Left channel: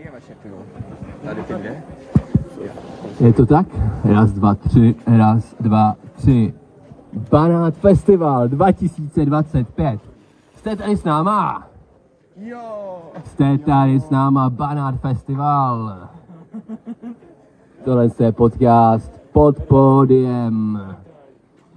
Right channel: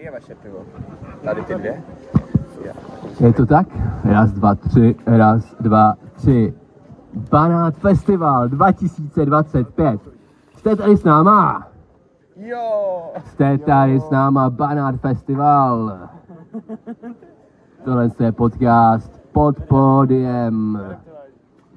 Který je vaše pivo? Tady ty dvě? Je to tak? Raz, dva, tři, raz, dva, tři. Banát Festival 2025. Jste tady s náma? Jo! Jste tady s náma, Banát Festival. Tohle je podcast pod pódiem.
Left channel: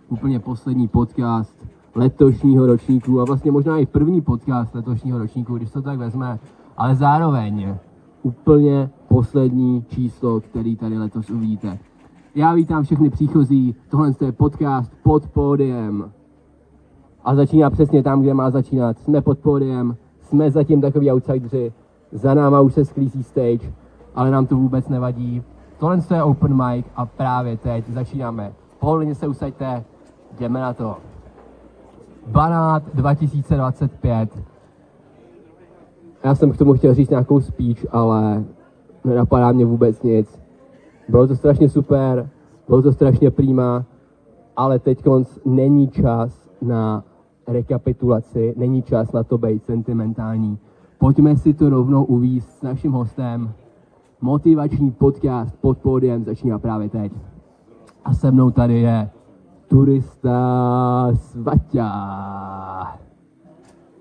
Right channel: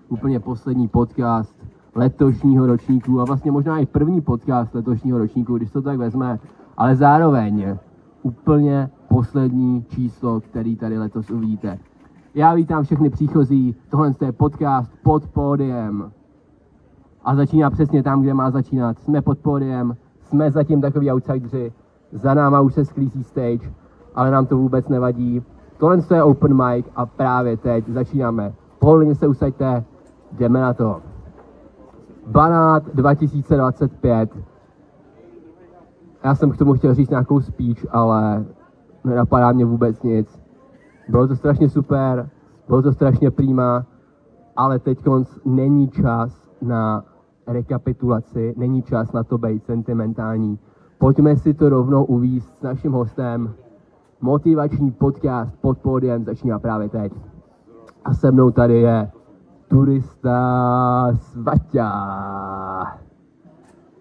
Úplně poslední podcast letošního ročníku a vlastně možná i první podcast letošního ročníku, když to tak vezme, ale zároveň úplně poslední číslo, který tady letos uvidíte. Já vítám všechny příchozí, tohle je podcast pod pódiem. A začíná přesně tam, kde má začínat. Jsme pod pódiem, jsme zatím takový outsideri, za náma už se sklízí stage, ale nám to vůbec nevadí. Tohle je open mic a právě teď začínáme. Pohodlně se usaďte, jdeme na to. Banát 2025. Já jsem k tomu chtěl říct nějakou speech, ale nenapadá mě vůbec nic. Bylo to strašně super, bylo to strašně prima, ale teď není čas na rekapitulaci, není čas na to být sentimentální. Pojďme si to rovnou uvízt s naším hostem. Motivační podcast pod pódiem začíná právě teď. A se mnou tady je Turista Svaťa.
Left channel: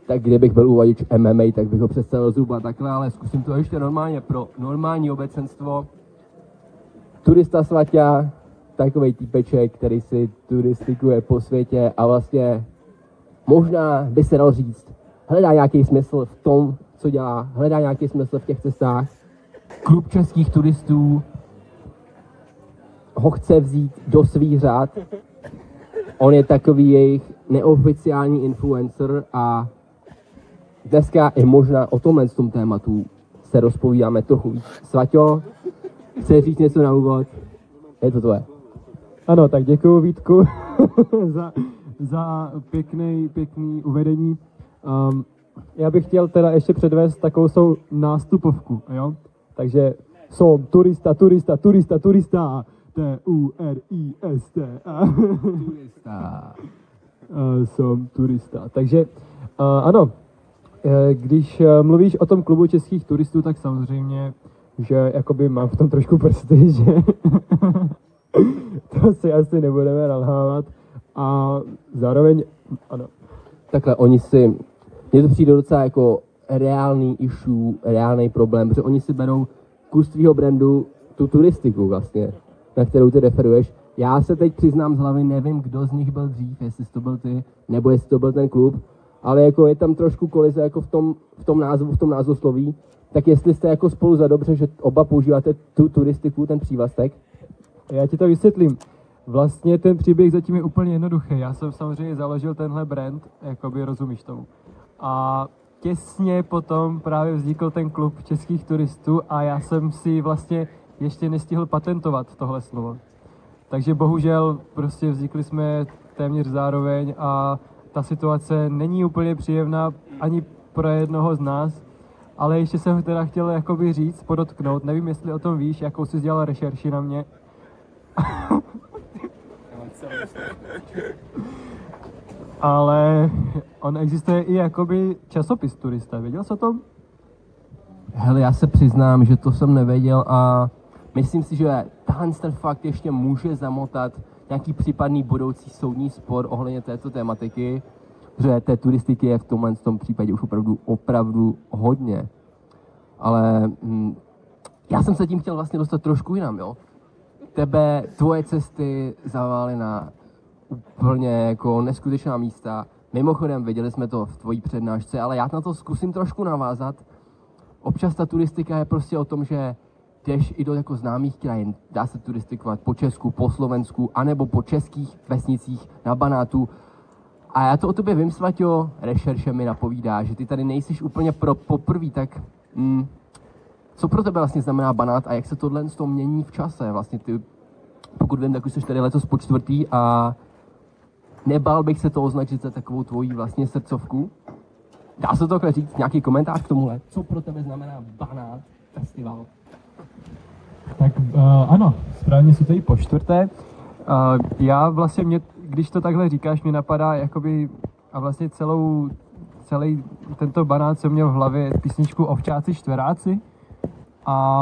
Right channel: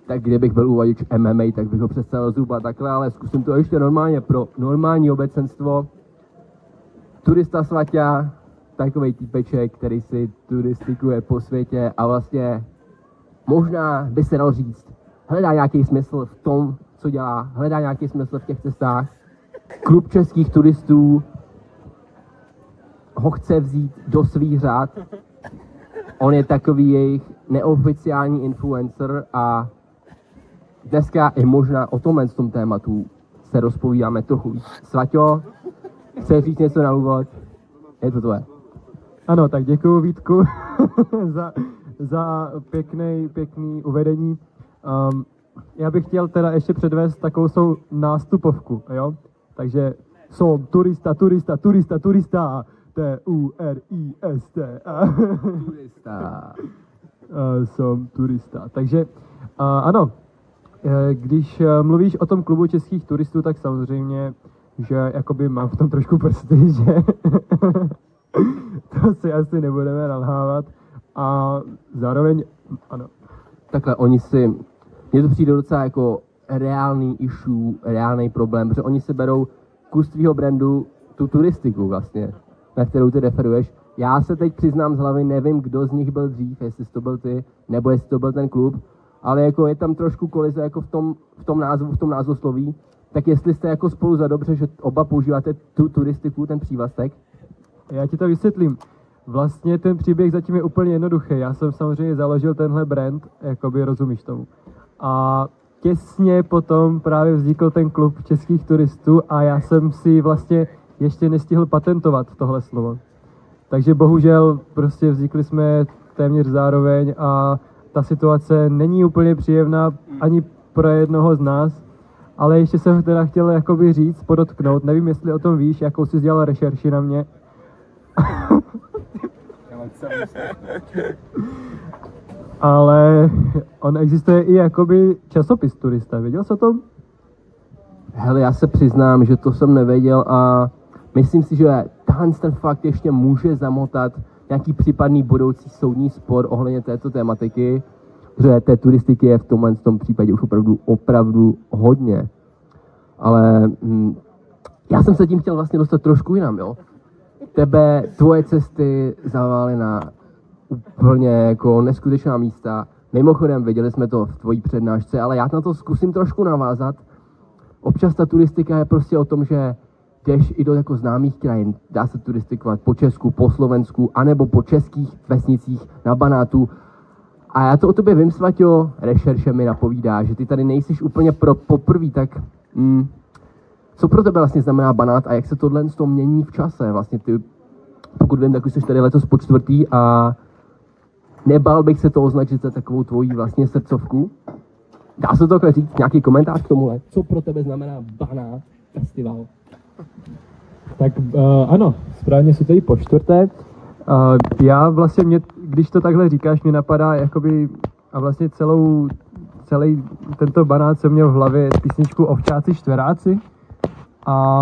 Tak kdybych byl uvaděč MMA, tak bych ho představil zhruba takhle, ale zkusím to ještě normálně pro normální obecenstvo. Turista Svaťa, takovej týpeček, který si turistikuje po světě a vlastně možná by se dal říct, hledá nějaký smysl v tom, co dělá, hledá nějaký smysl v těch cestách. Klub českých turistů ho chce vzít do svých řad. On je takový jejich neoficiální influencer a dneska i možná o tomhle tom tématu se rozpovídáme trochu víc. Svaťo, chceš říct něco na úvod? Je to tvoje. Ano, tak děkuju Vítku za pěkný uvedení. Já bych chtěl teda ještě předvést takovou nástupovku, jo? Takže jsem turista. T-U-R-I-S-T-A. Turista. Jsem turista. Takže ano, když mluvíš o tom klubu českých turistů, tak samozřejmě, že jakoby mám v tom trošku prsty, že to si asi nebudeme nalhávat. A zároveň, ano. Takhle, mně to přijde docela jako reálný issue, reálný problém, protože oni si berou kus tvýho brandu, tu turistiku vlastně, na kterou ty referuješ. Já se teď přiznám z hlavy, nevím, kdo z nich byl dřív, jestli to byl ty, nebo jestli to byl ten klub, ale jako je tam trošku kolize jako v tom názvosloví, tak jestli jste jako spolu za dobře, že oba používáte tu turistiku, ten přívlastek. Já ti to vysvětlím. Vlastně ten příběh zatím je úplně jednoduchý. Já jsem samozřejmě založil tenhle brand, jakoby rozumíš tomu. A těsně potom právě vznikl ten klub českých turistů a já jsem si vlastně ještě nestihl patentovat tohle slovo. Takže bohužel prostě vznikli jsme téměř zároveň a ta situace není úplně příjemná ani pro jednoho z nás, ale ještě jsem teda chtěl jakoby říct, podotknout, nevím, jestli o tom víš, jakou jsi dělal rešerši na mě. Ale on existuje i jakoby časopis Turista, věděl jsi o tom? Hele, já se přiznám, že to jsem nevěděl a myslím si, že ten fakt ještě může zamotat nějaký případný budoucí soudní spor ohledně této tematiky, že té turistiky je v tom případě už opravdu hodně. Ale já jsem se tím chtěl vlastně dostat trošku jinam, jo. Tvoje cesty zavály na úplně jako neskutečná místa. Mimochodem, viděli jsme to v tvojí přednášce, ale já na to zkusím trošku navázat. Občas ta turistika je prostě o tom, že jdeš i do jako známých krajin. Dá se turistikovat po Česku, po Slovensku, anebo po českých vesnicích na Banátu. A já to o tobě vím, Svaťo, rešerše mi napovídá, že ty tady nejsiš úplně poprvý, tak co pro tebe vlastně znamená Banát a jak se tohle z toho mění v čase? Vlastně ty, pokud vím, tak už jsi tady letos po čtvrtý a nebál bych se to označit za takovou tvojí vlastně srdcovku. Dá se to říct, nějaký komentář k tomuhle? Co pro tebe znamená Banát Festival? Tak ano, správně si to i po čtvrté. Já vlastně, když to takhle říkáš, mě napadá jakoby, a vlastně celý tento Banát jsem měl v hlavě písničku Ovčáci štveráci. A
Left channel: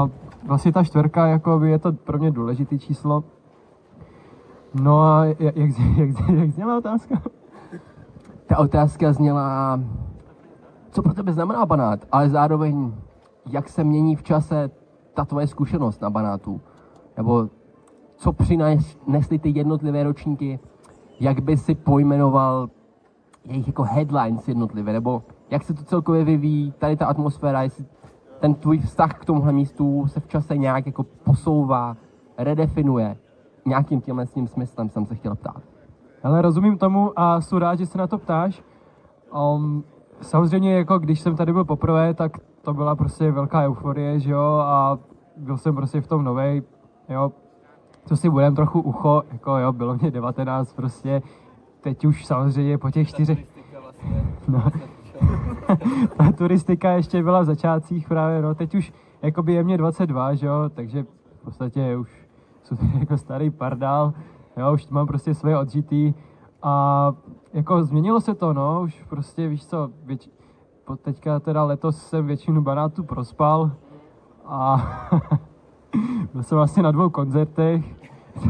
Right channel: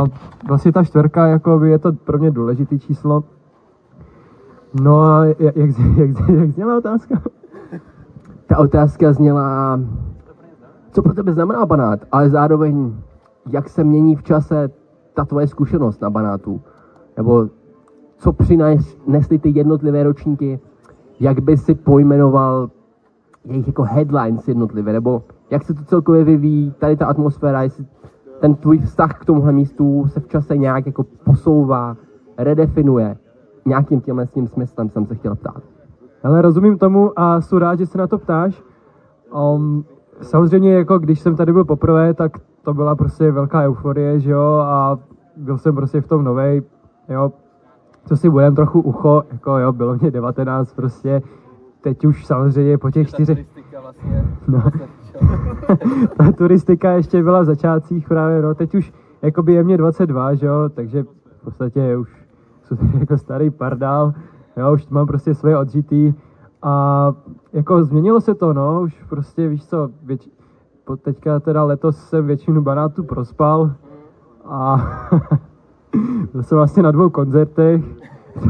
vlastně ta 4 jako je to pro mě důležitý číslo. No a jak zněla otázka? Ta otázka zněla, co pro tebe znamená Banát, ale zároveň, jak se mění v čase ta tvoje zkušenost na Banátu? Nebo co přinesly ty jednotlivé ročníky, jak by si pojmenoval jejich jako headlines jednotlivé, nebo jak se to celkově vyvíjí, tady ta atmosféra, jestli ten tvůj vztah k tomuhle místu se v čase nějak jako posouvá, redefinuje. Nějakým tímhle s tím smyslem jsem se chtěl ptát. Ale rozumím tomu a jsem rád, že se na to ptáš. Samozřejmě, jako když jsem tady byl poprvé, tak to byla prostě velká euforie, že jo, a byl jsem prostě v tom novej, jo, co si budem trochu ucho, jako jo, bylo mě 19 prostě, teď už samozřejmě po těch 4... No, ta turistika ještě byla v začátcích právě, no, teď už jakoby je mě 22, že jo, takže v podstatě už jsem jako starý pardál, jo, už mám prostě svoje odžitý a jako změnilo se to, no, už prostě víš co, teďka teda letos jsem většinu Banátu prospal a byl jsem vlastně na 2 koncertech,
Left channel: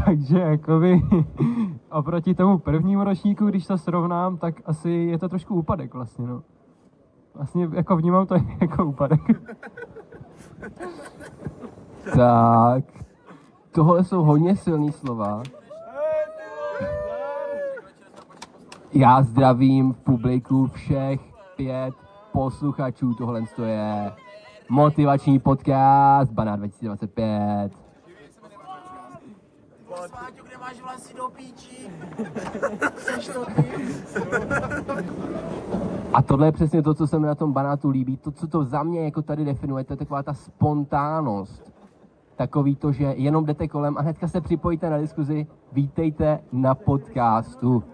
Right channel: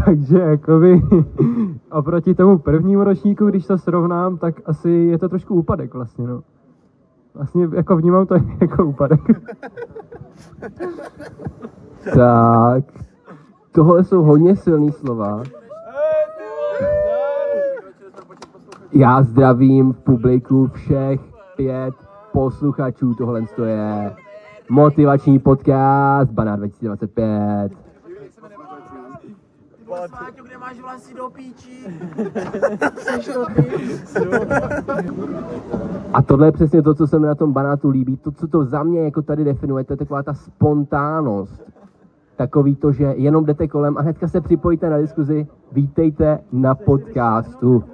takže jakoby oproti tomu prvnímu ročníku, když to srovnám, tak asi je to trošku úpadek vlastně, no. Vlastně jako vnímám to jako úpadek. Tak, tohle jsou hodně silný slova. Já zdravím v publiku všech 5 posluchačů, tohle je motivační podcast Banát 2025. Sváťo, kde máš vlasy do píči? A tohle je přesně to, co se mi na tom Banátu líbí. To, co to za mě jako tady definuje, to je taková ta spontánnost. Takový to, že jenom jdete kolem a hnedka se připojíte na diskuzi. Vítejte na podcastu.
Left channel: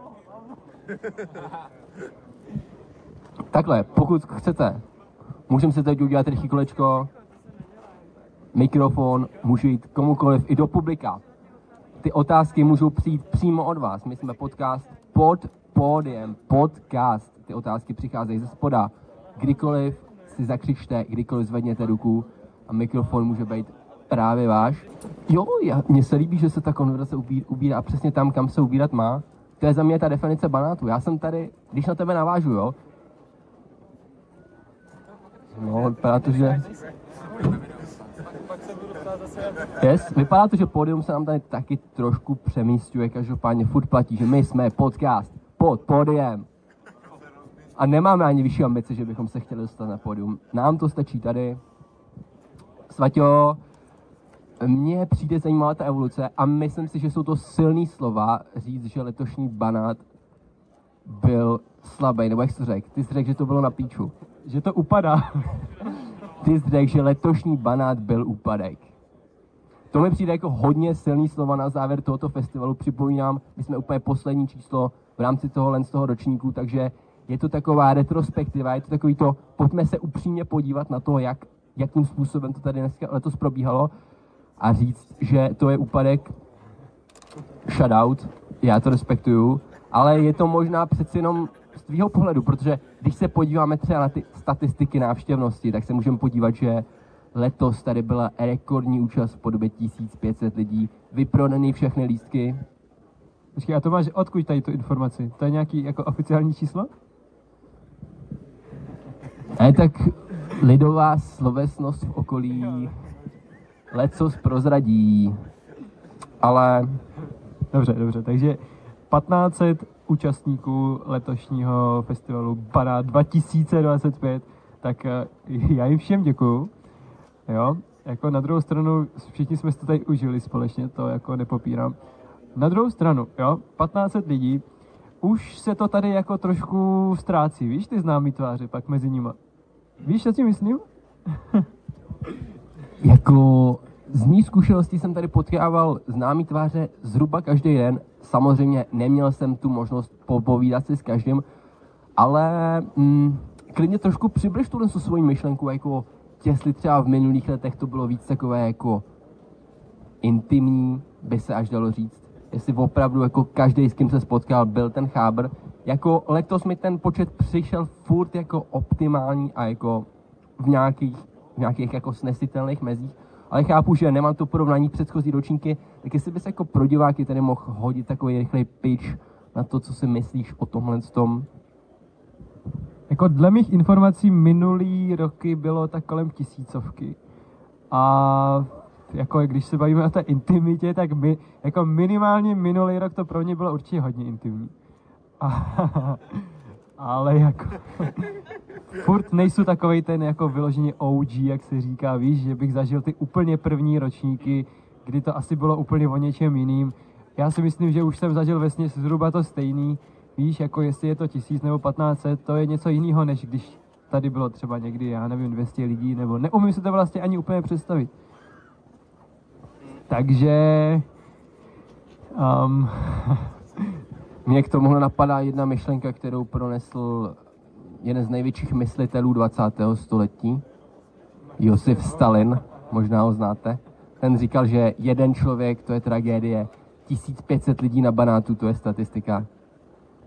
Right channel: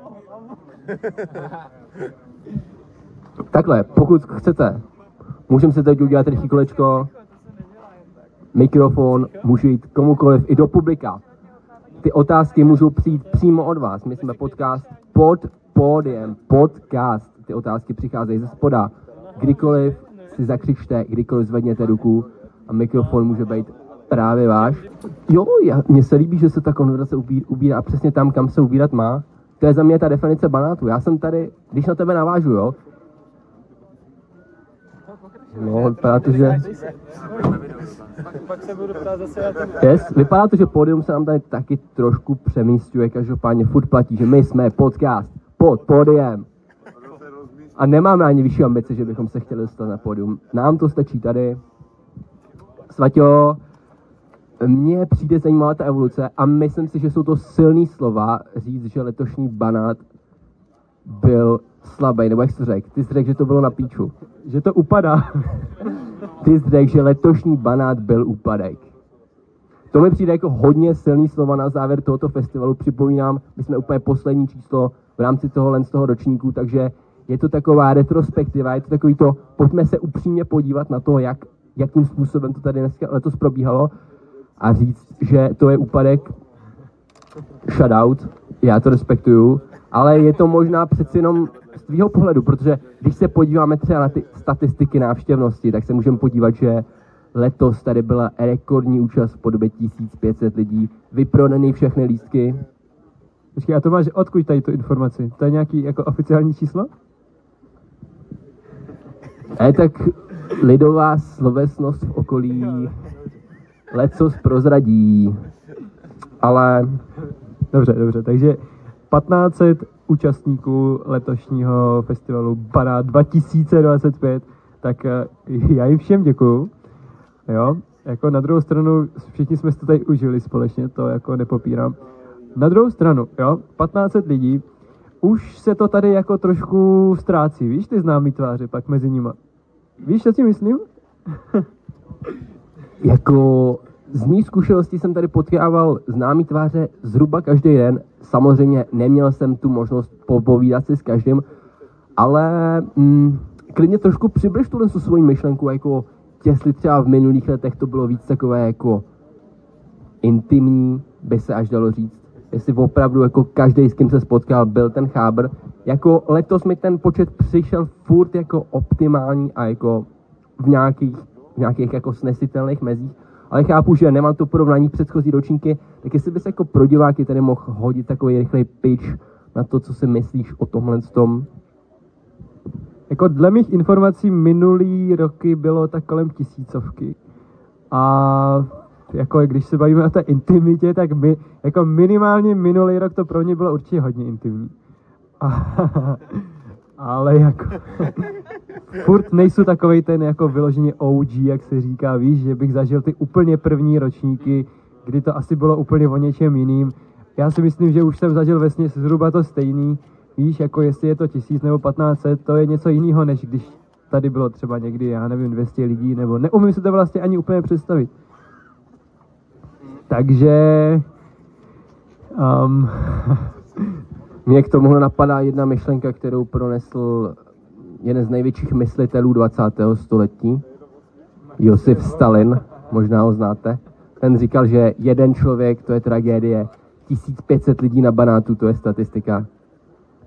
Takhle, pokud chcete, můžeme se teď udělat rychlý kolečko. Mikrofon může jít komukoliv i do publika. Ty otázky můžou přijít přímo od vás. My jsme podcast pod pódiem, podcast. Ty otázky přicházejí ze spoda. Kdykoliv si zakřičte, kdykoliv zvedněte ruku a mikrofon může být právě váš. Jo, mně se líbí, že se ta konverzace ubírá přesně tam, kam se ubírat má. To je za mě ta definice Banátu. Já jsem tady, když na tebe navážu, jo. No, vypadá to, že... Yes, vypadá to, že pódium se nám tady taky trošku přemístuje, každopádně furt platí, že my jsme podcast pod pódiem. A nemáme ani vyšší ambice, že bychom se chtěli dostat na pódium. Nám to stačí tady. Svaťo, mně přijde zajímavá ta evoluce a myslím si, že jsou to silný slova říct, že letošní Banát byl slabý, nebo jak jsi řekl? Ty jsi řekl, že to bylo na píču. Že to upadá. Ty jsi řekl, že letošní Banát byl úpadek. To mi přijde jako hodně silný slova na závěr tohoto festivalu. Připomínám, my jsme úplně poslední číslo v rámci toho ročníku, takže je to taková retrospektiva, je to takový to, pojďme se upřímně podívat na to, jakým způsobem to tady dneska letos probíhalo a říct, že to je úpadek, shoutout, já to respektuju, ale je to možná přeci jenom z tvýho pohledu, protože když se podíváme třeba na ty statistiky návštěvnosti, tak se můžeme podívat, že letos tady byla rekordní účast v podobě 1500 lidí, vyprodaný všechny lístky. Počkej, a to máš odkud tady tu informaci? To je nějaký jako oficiální číslo? Tak lidová slovesnost v okolí lecos prozradí, ale... Dobře, takže 1500 účastníků letošního festivalu Banát 2025, tak já jim všem děkuju, jo, jako na druhou stranu všichni jsme si to tady užili společně, to jako nepopírám. Na druhou stranu, jo, 1500 lidí, už se to tady jako trošku ztrácí, víš, ty známý tváře pak mezi nima. Víš, co ti myslím? Jako z mý zkušenosti jsem tady potkával známý tváře zhruba každý den. Samozřejmě neměl jsem tu možnost popovídat si s každým, ale klidně trošku přibliž tuhle svoji myšlenku, jako jestli třeba v minulých letech to bylo víc takové jako intimní, by se až dalo říct. Jestli opravdu jako každý, s kým se spotkal, byl ten chábr. Jako letos mi ten počet přišel furt jako optimální a jako v nějakých v nějakých jako snesitelných mezích, ale chápu, že nemám to porovnání předchozí ročníky, tak jestli bys jako pro diváky tady mohl hodit takový rychlej pitch na to, co si myslíš o tomhle tom. Jako dle mých informací minulý roky bylo tak kolem 1000. A jako když se bavíme o té intimitě, tak jako minimálně minulý rok to pro mě bylo určitě hodně intimní. Ale jako furt nejsou takovej ten jako vyloženě OG, jak se říká, víš, že bych zažil ty úplně první ročníky, kdy to asi bylo úplně o něčem jiným. Já si myslím, že už jsem zažil vesměs zhruba to stejný, víš, jako jestli je to 1000 nebo 1500, to je něco jiného, než když tady bylo třeba někdy, já nevím, 200 lidí, nebo neumím si to vlastně ani úplně představit. Takže Mě k tomuhle napadá jedna myšlenka, kterou pronesl jeden z největších myslitelů 20. století, Josef Stalin, možná ho znáte. Ten říkal, že jeden člověk, to je tragédie, 1500 lidí na banátu, to je statistika.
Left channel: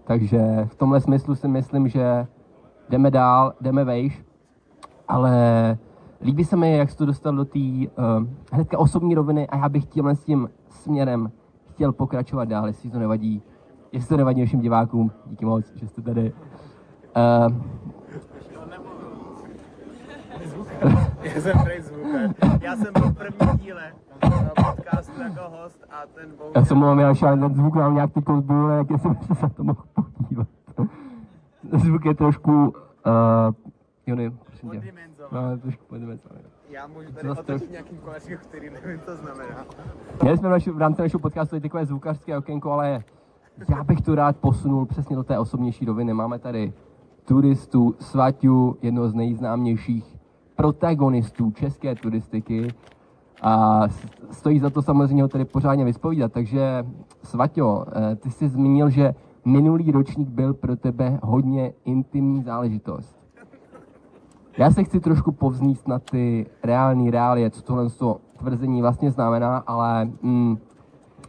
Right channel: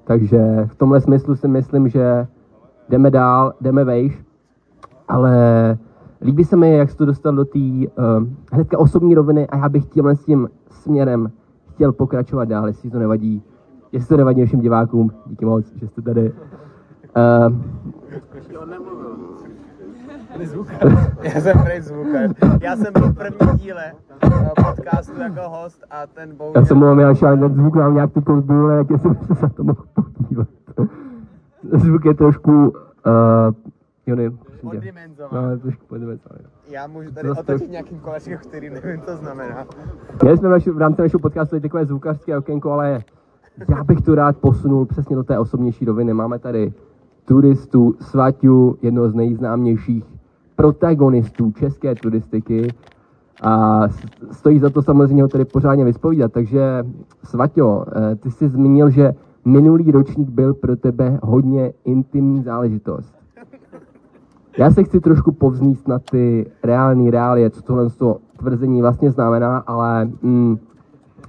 Takže v tomhle smyslu si myslím, že jdeme dál, jdeme vejš, ale líbí se mi, jak jsi to dostal do té hnedka osobní roviny a já bych tímhle s tím směrem chtěl pokračovat dál, jestli to nevadí. Jestli to nevadí všem divákům, díky moc, že jste tady. Já jsem Prince Zvukař. Já jsem byl v prvním díle podcastu jako host a ten bohužel... Já jsem mluvil, já šel zvuk nám nějak ty kozbůle, jak jsem se na to mohl podívat. Zvuk je trošku... Jony, Poddimenzovaný. no, trošku poddimenzovaný. Já můžu tady otočit nějakým kolečkem, který nevím, co znamená. Měli jsme v rámci našeho podcastu takové zvukařské okénko, ale já bych to rád posunul přesně do té osobnější roviny. Máme tady turistu Svaťu, jednoho z nejznámějších protagonistů české turistiky a stojí za to samozřejmě ho tady pořádně vyspovídat. Takže Svaťo, ty jsi zmínil, že minulý ročník byl pro tebe hodně intimní záležitost. Já se chci trošku povznést na ty reálie, co tohle tvrzení vlastně znamená, ale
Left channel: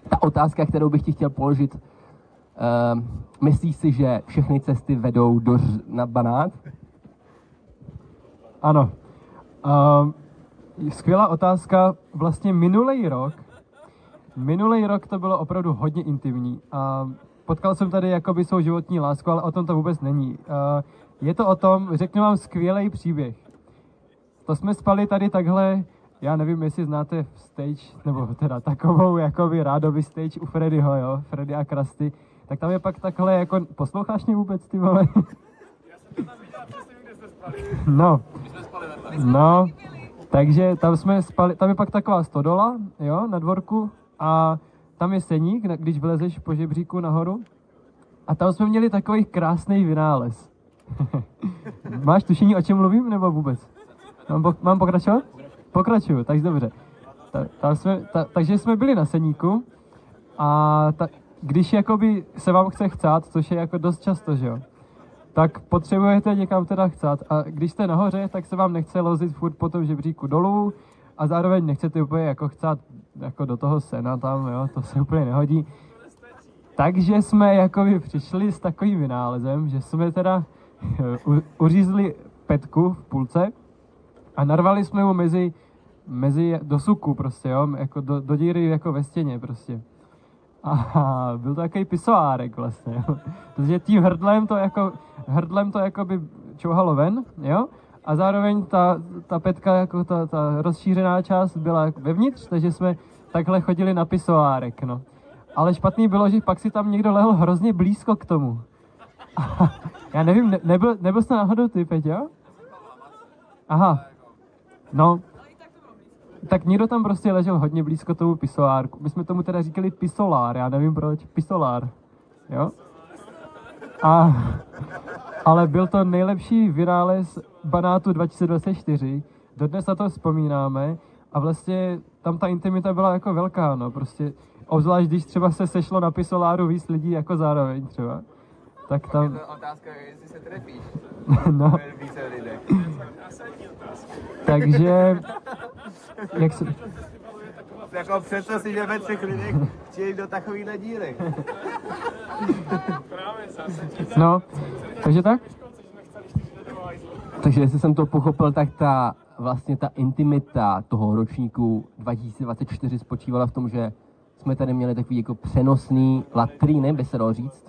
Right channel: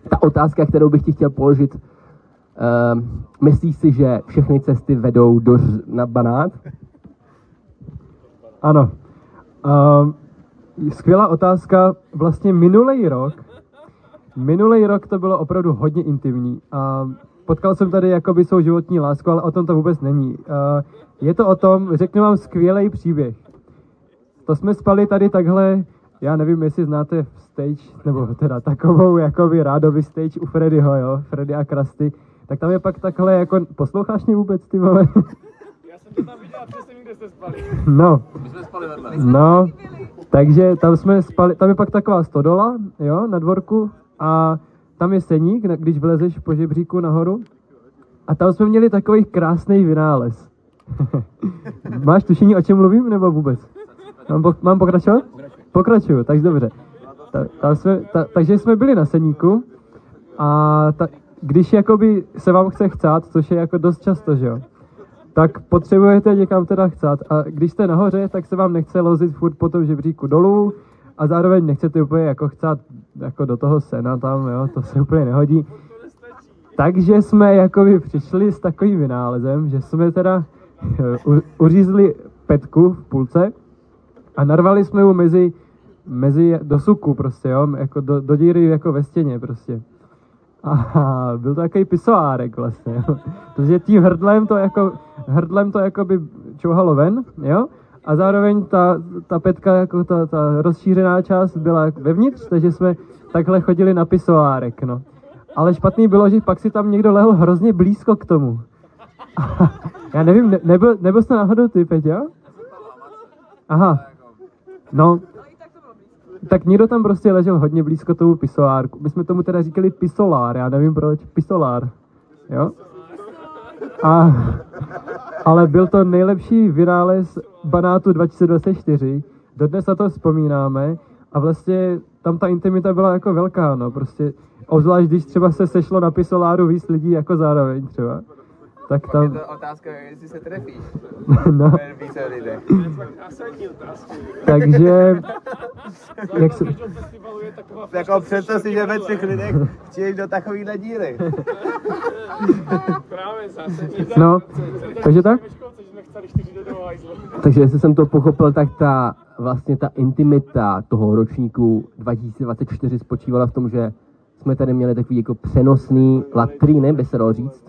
ta otázka, kterou bych ti chtěl položit, myslíš si, že všechny cesty vedou na Banát? ano. Skvělá otázka. Vlastně minulý rok to bylo opravdu hodně intimní. Potkal jsem tady jakoby svou životní lásku, ale o tom to vůbec není. Je to o tom, řeknu vám skvělý příběh. To jsme spali tady takhle, já nevím, jestli znáte stage, nebo teda takovou jakoby rádoby stage u Freddyho, jo, Freddy a Krusty. Tak tam je pak takhle jako, posloucháš mě vůbec, ty vole? Já jsem to tam viděl, přesně vím, kde jste spali. No, takže tam jsme spali, tam je pak taková stodola, jo, na dvorku a tam je seník, když vlezeš po žebříku nahoru a tam jsme měli takový krásný vynález. Máš tušení, o čem mluvím, nebo vůbec? Mám pokračovat? Pokračuju, tak dobře. Takže jsme byli na seníku a když jakoby se vám chce chcát, což je jako dost často, že jo, tak potřebujete někam teda chcát a když jste nahoře, tak se vám nechce lozit furt po tom žebříku dolů a zároveň nechcete úplně jako chcát jako do toho sena tam, jo, to se úplně nehodí. Takže jsme jakoby přišli s takovým vynálezem, že jsme teda uřízli petku v půlce a narvali jsme ho mezi do suku prostě, jo, jako do díry jako ve stěně prostě. A byl to takový pisoárek vlastně, jo. Protože tím hrdlem to jako by čouhalo ven, jo. A zároveň ta petka, jako ta rozšířená část byla vevnitř, takže jsme takhle chodili na pisoárek, no. Ale špatný bylo, že pak si tam někdo lehl hrozně blízko k tomu. Já nevím, nebyl jsi náhodou ty, Peťa? Aha, no. Tak někdo tam prostě ležel hodně blízko tomu pisoárku. My jsme tomu teda říkali pisolár, já nevím proč, pisolár, jo? Ale byl to nejlepší vynález Banátu 2024, dodnes na to vzpomínáme a vlastně tam ta intimita byla jako velká, no, prostě obzvlášť, když třeba se sešlo na pisoláru víc lidí jako zároveň třeba. Tak tam... Je to otázka, jestli se trefíš. No. Takže... Jak se... Jako představ si, že ve 3 lidech přijdeš do takovýhle díry. No, takže tak? Takže jestli jsem to pochopil, tak ta vlastně ta intimita toho ročníku 2024 spočívala v tom, že jsme tady měli takový jako přenosný latríny, by se dalo říct.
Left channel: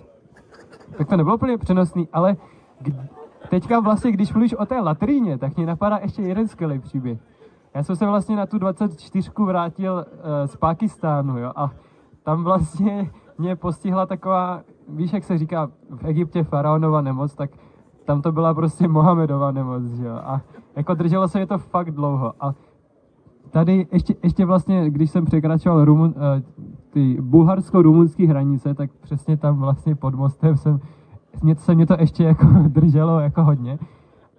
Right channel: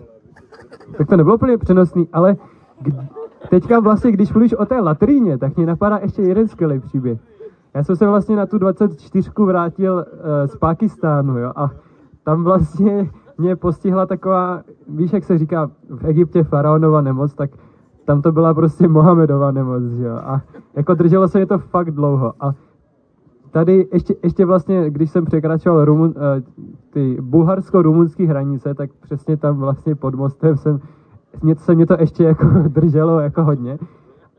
Tak to nebylo úplně přenosný, ale teďka vlastně, když mluvíš o té latríně, tak mě napadá ještě jeden skvělý příběh. Já jsem se vlastně na tu 24 vrátil z Pákistánu, jo, a tam vlastně mě postihla taková, víš, jak se říká v Egyptě faraonova nemoc, tak tam to byla prostě Mohamedova nemoc, jo, a jako drželo se mě to fakt dlouho. A tady ještě vlastně, když jsem překračoval ty bulharsko-rumunské hranice, tak přesně tam vlastně pod mostem mě to ještě jako drželo jako hodně.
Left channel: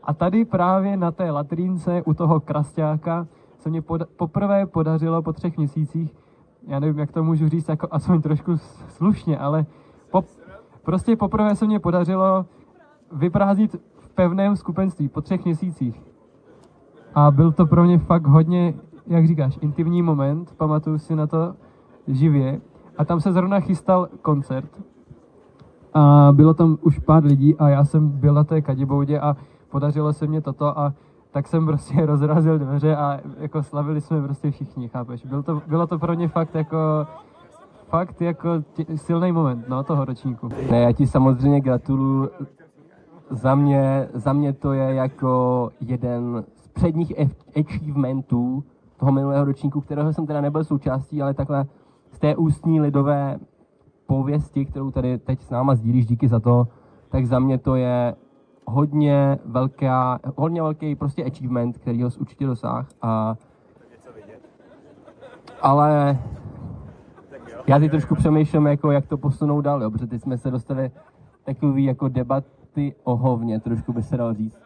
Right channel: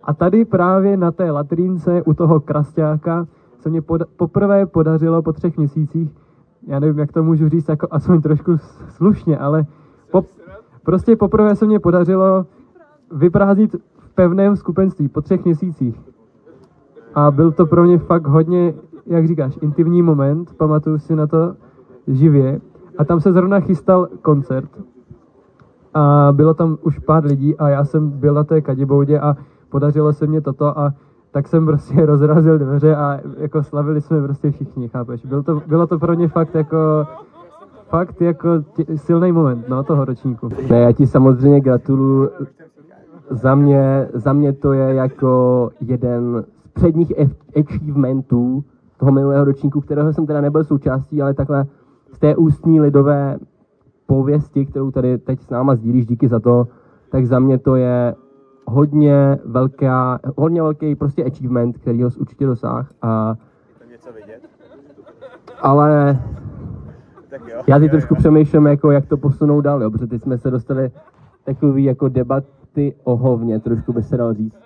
A tady právě na té latrínce u toho krasťáka se mě poprvé podařilo po 3 měsících, já nevím, jak to můžu říct, jako aspoň trošku slušně, ale prostě poprvé se mě podařilo vyprázdnit v pevném skupenství po 3 měsících. A byl to pro mě fakt hodně, jak říkáš, intimní moment, pamatuju si na to živě. A tam se zrovna chystal koncert. A bylo tam už pár lidí a já jsem byl na té kadiboudě a podařilo se mě toto a tak jsem prostě rozrazil dveře a jako slavili jsme prostě všichni, chápeš? Bylo to pro mě fakt jako silný moment, no, toho ročníku. Ne, já ti samozřejmě gratuluju. Za mě to je jako jeden z předních achievementů toho minulého ročníku, kterého jsem teda nebyl součástí, ale takhle z té ústní lidové pověsti, kterou tady teď s náma sdílíš, díky za to, tak za mě to je hodně velký prostě achievement, který ho určitě dosáhl. Ale já teď trošku přemýšlím, jako jak to posunout dál, jo, protože teď jsme se dostali takový jako debaty o hovně, trošku by se dalo říct.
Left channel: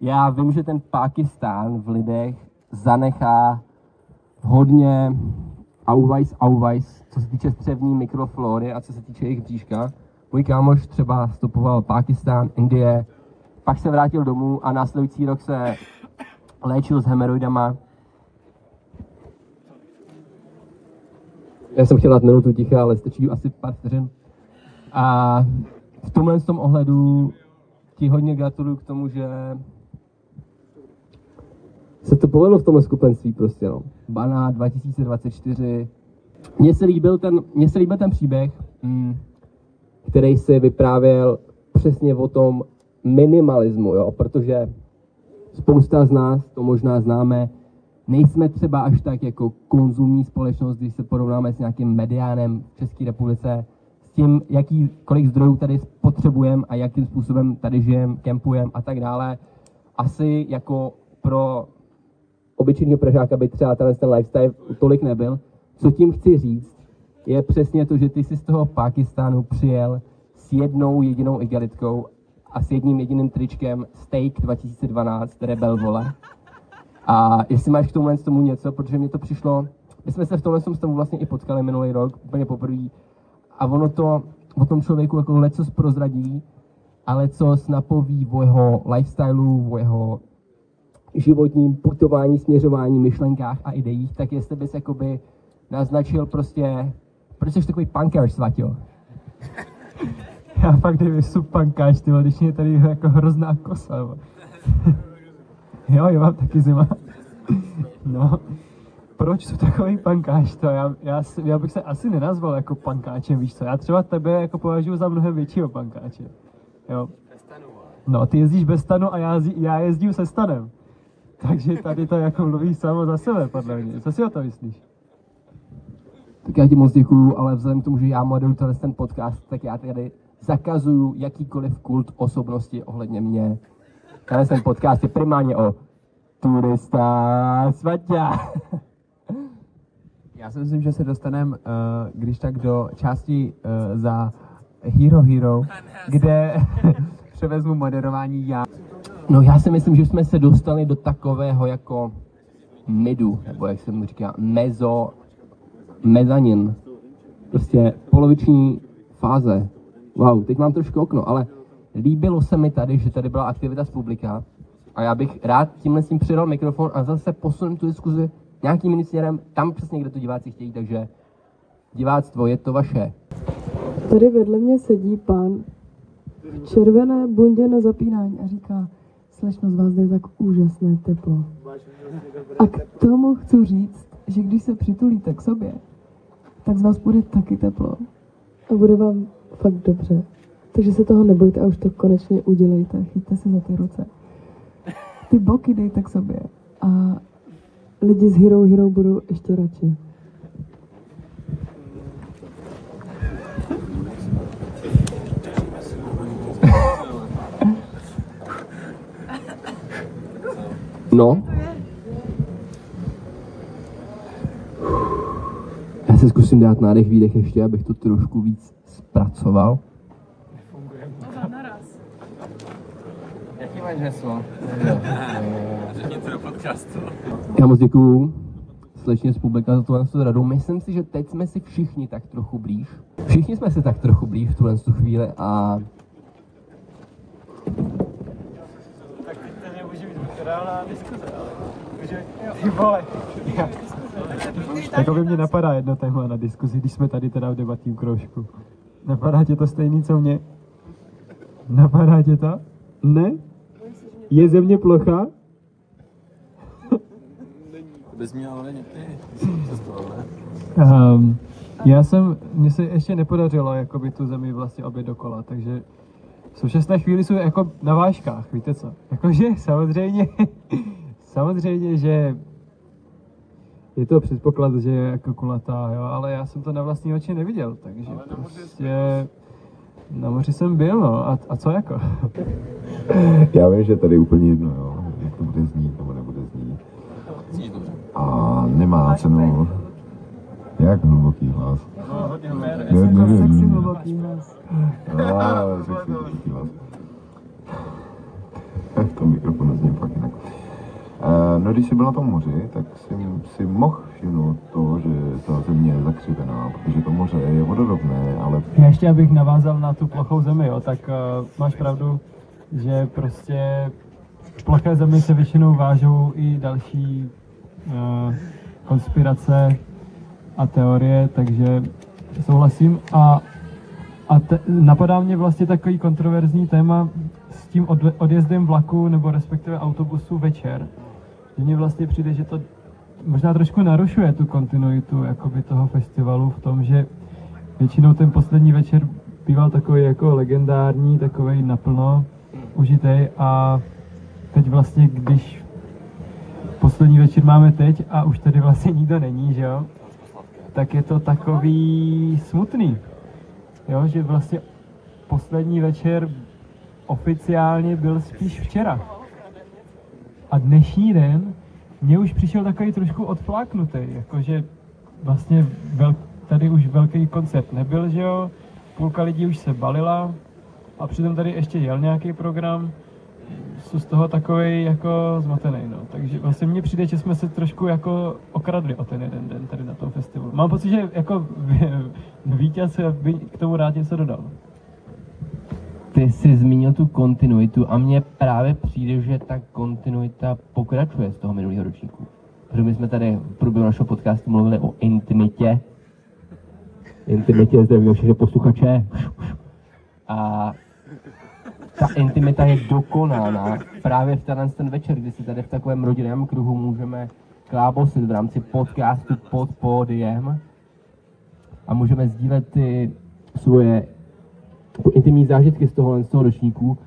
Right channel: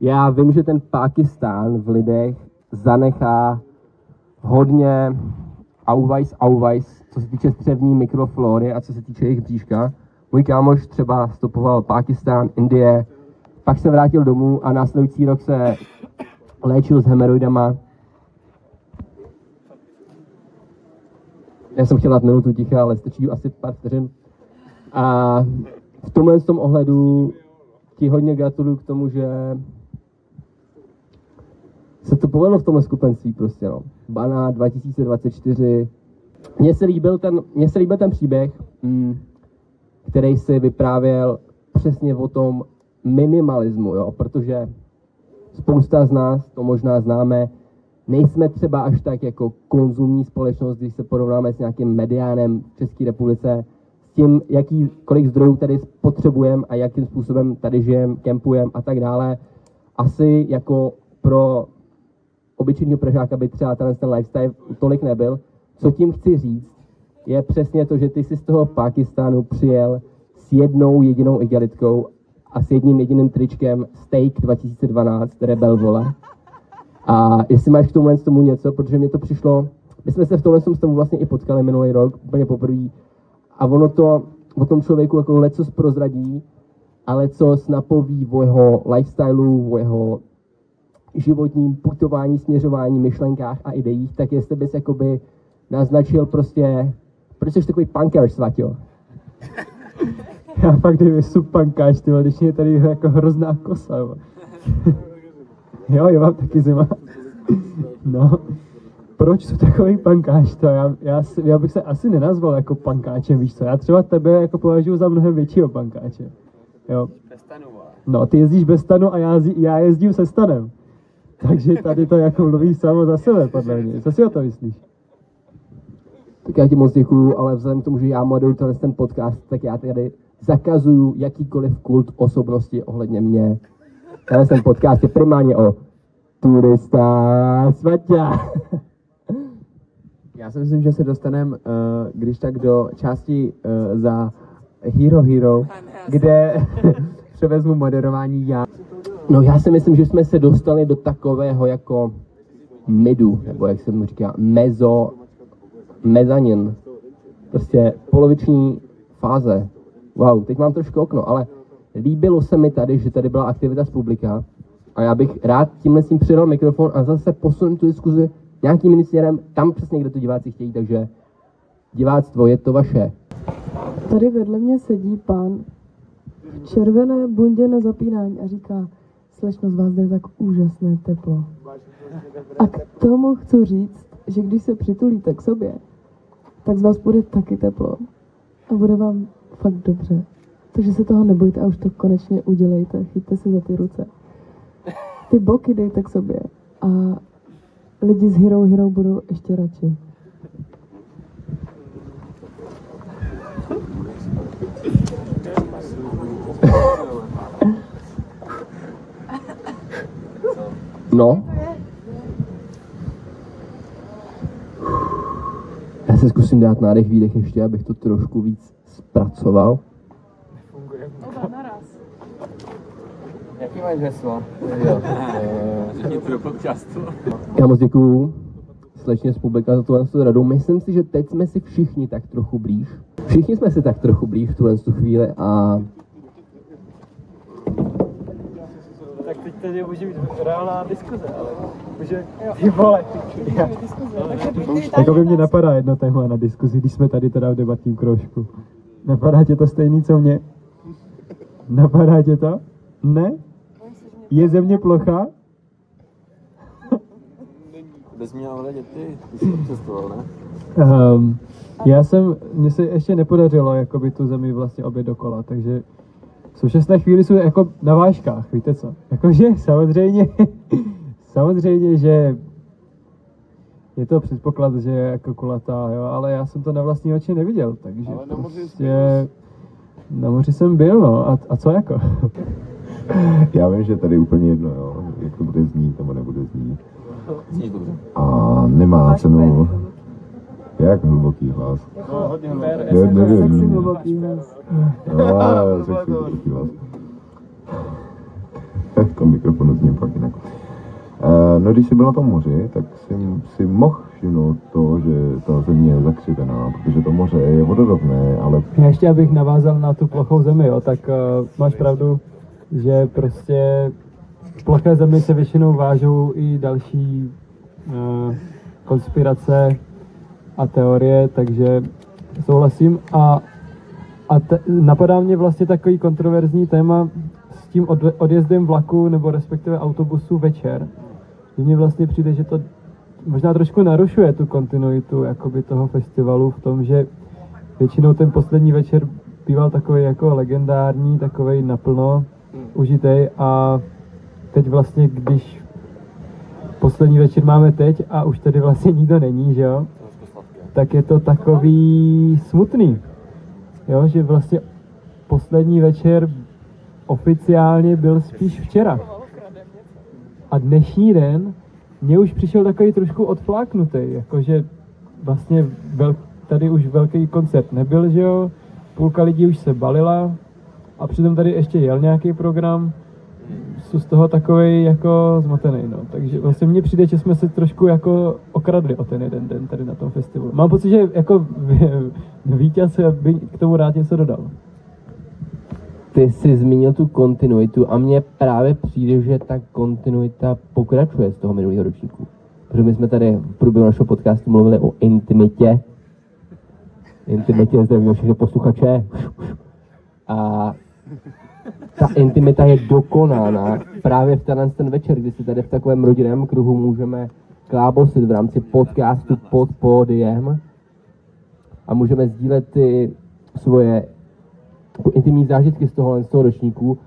Já vím, že ten Pákistán v lidech zanechá hodně auweis, co se týče střevní mikroflóry a co se týče jejich bříška. Můj kámoš třeba stopoval Pákistán, Indie, pak se vrátil domů a následující rok se léčil s hemoroidama. Já jsem chtěl dát minutu ticha, ale stačí asi pár vteřin. A v tomhle ohledu ti hodně gratuluju k tomu, že se to povedlo v tomhle skupenství prostě, no. Bana 2024. Mně se líbil ten příběh, který si vyprávěl přesně o tom minimalismu, jo, protože spousta z nás to možná známe, nejsme třeba až tak jako konzumní společnost, když se porovnáme s nějakým mediánem v České republice, s tím, kolik zdrojů tady potřebujeme a jakým způsobem tady žijeme, kempujeme a tak dále. Asi jako pro obyčejného Pražáka by třeba ten lifestyle tolik nebyl. Co tím chci říct, je přesně to, že ty jsi z toho Pákistánu přijel s jednou jedinou igelitkou a s jedním jediným tričkem Steak 2012, Rebel vole. A jestli máš k tomu něco, protože mě to přišlo, my jsme se v tomhle stavu vlastně i potkali minulý rok, úplně poprvé. A ono to o tom člověku jako lecos prozradí, a lecos napoví o jeho lifestylu, o jeho životním putování, směřování, myšlenkách a ideích, tak jestli bys jakoby naznačil prostě, proč jsi takový punkář, Svaťo? Já fakt nejsem punkář, tyhle, když mě tady jako hrozná kosa. Jo, já mám taky zima. No, proč jsi takový punkář? Já bych se asi nenazval jako punkáčem, víš co? Já třeba tebe jako považuji za mnohem většího punkáče. Jo. No, ty jezdíš bez stanu a já jezdím se stanem. Takže tady to jako mluví samo za sebe, podle mě. Co si o to myslíš? Tak já ti moc děkuju, ale vzhledem k tomu, že já moderuju ten podcast, tak já tady zakazuju jakýkoliv kult osobnosti ohledně mě. Ten podcast je primárně o turista Svaťa. Já si myslím, že se dostaneme, když tak do části za Hero, kde převezmu moderování já. No já si myslím, že jsme se dostali do takového jako midu, nebo jak se mu říká, mezanin. Prostě poloviční fáze. Wow, teď mám trošku okno, ale líbilo se mi tady, že tady byla aktivita z publika a já bych rád tímhle s tím přidal mikrofon a zase posunul tu diskuzi nějakým jiným směrem, tam přesně, kde to diváci chtějí, takže diváctvo, je to vaše. Tady vedle mě sedí pán v červené bundě na zapínání a říká: slečno, z vás jde tak úžasné teplo. A k tomu chci říct, že když se přitulíte k sobě, tak z vás bude taky teplo. A bude vám fakt dobře. Takže se toho nebojte a už to konečně udělejte. Chyťte se za ty ruce. Ty boky dejte k sobě. A lidi z Hero budou ještě radši. No. Já se zkusím dát nádech, výdech ještě, abych to trošku víc zpracoval. Jaký máš heslo? Řekněte do podcastu. Já moc děkuju slečně z publika za tuhle radu. Myslím si, že teď jsme si všichni tak trochu blíž. Všichni jsme si tak trochu blíž v tuhle chvíli a... Tak teď tady může být reálná diskuze, ale že ty vole. Jako by mě napadá jedno téma na diskuzi, když jsme tady teda v debatním kroužku. Napadá tě to stejný, co mě? Napadá tě to? Ne? Je země plochá? Bys měl vědět ty jsi to přestoval, ne? Mně se ještě nepodařilo jakoby tu zemi vlastně obět dokola, takže v současné chvíli jsou jako na vážkách, víte co? Jakože samozřejmě, že je to předpoklad, že je jako kulatá, jo, ale já jsem to na vlastní oči neviděl, takže prostě na moři jsem byl, no, a co jako? Já vím, že tady je úplně jedno, jo, jak to bude znít nebo nebude znít. Zní dobře. A nemá cenu, jak hluboký hlas. Nevím. Hluboký hlas. V tom mikrofonu zním fakt jinak. No, když jsi byl na tom moři, tak jsem si mohl všimnout to, že ta země je zakřivená, protože to moře je vodorovné, ale... Ještě abych navázal na tu plochou zemi, jo, tak máš pravdu, že prostě v ploché zemi se většinou vážou i další konspirace a teorie, takže souhlasím. A napadá mě vlastně takový kontroverzní téma s tím odjezdem vlaku nebo respektive autobusu večer. Mně vlastně přijde, že to možná trošku narušuje tu kontinuitu jakoby toho festivalu v tom, že většinou ten poslední večer býval takový jako legendární, takovej naplno užitej a teď vlastně, když poslední večer máme teď a už tady vlastně nikdo není, že jo, tak je to takový smutný, jo, že vlastně poslední večer oficiálně byl spíš včera. A dnešní den mě už přišel takový trošku odfláknutý, jakože vlastně tady už velký koncert nebyl, že jo, půlka lidí už se balila a přitom tady ještě jel nějaký program, jsou z toho takovej jako zmatený, no. Takže vlastně mně přijde, že jsme se trošku jako okradli o ten jeden den tady na tom festivalu. Mám pocit, že jako vítěz by k tomu rád něco dodal. Ty jsi zmínil tu kontinuitu a mně právě přijde, že ta kontinuita pokračuje z toho minulého ročníku. Protože my jsme tady v průběhu našeho podcastu mluvili o intimitě. Zdravím všechny posluchače. A ta intimita je dokonána právě v ten večer, kdy si tady v takovém rodinném kruhu můžeme klábosit v rámci podcastu Pod pódiem a můžeme sdílet ty svoje intimní zážitky z toho ročníku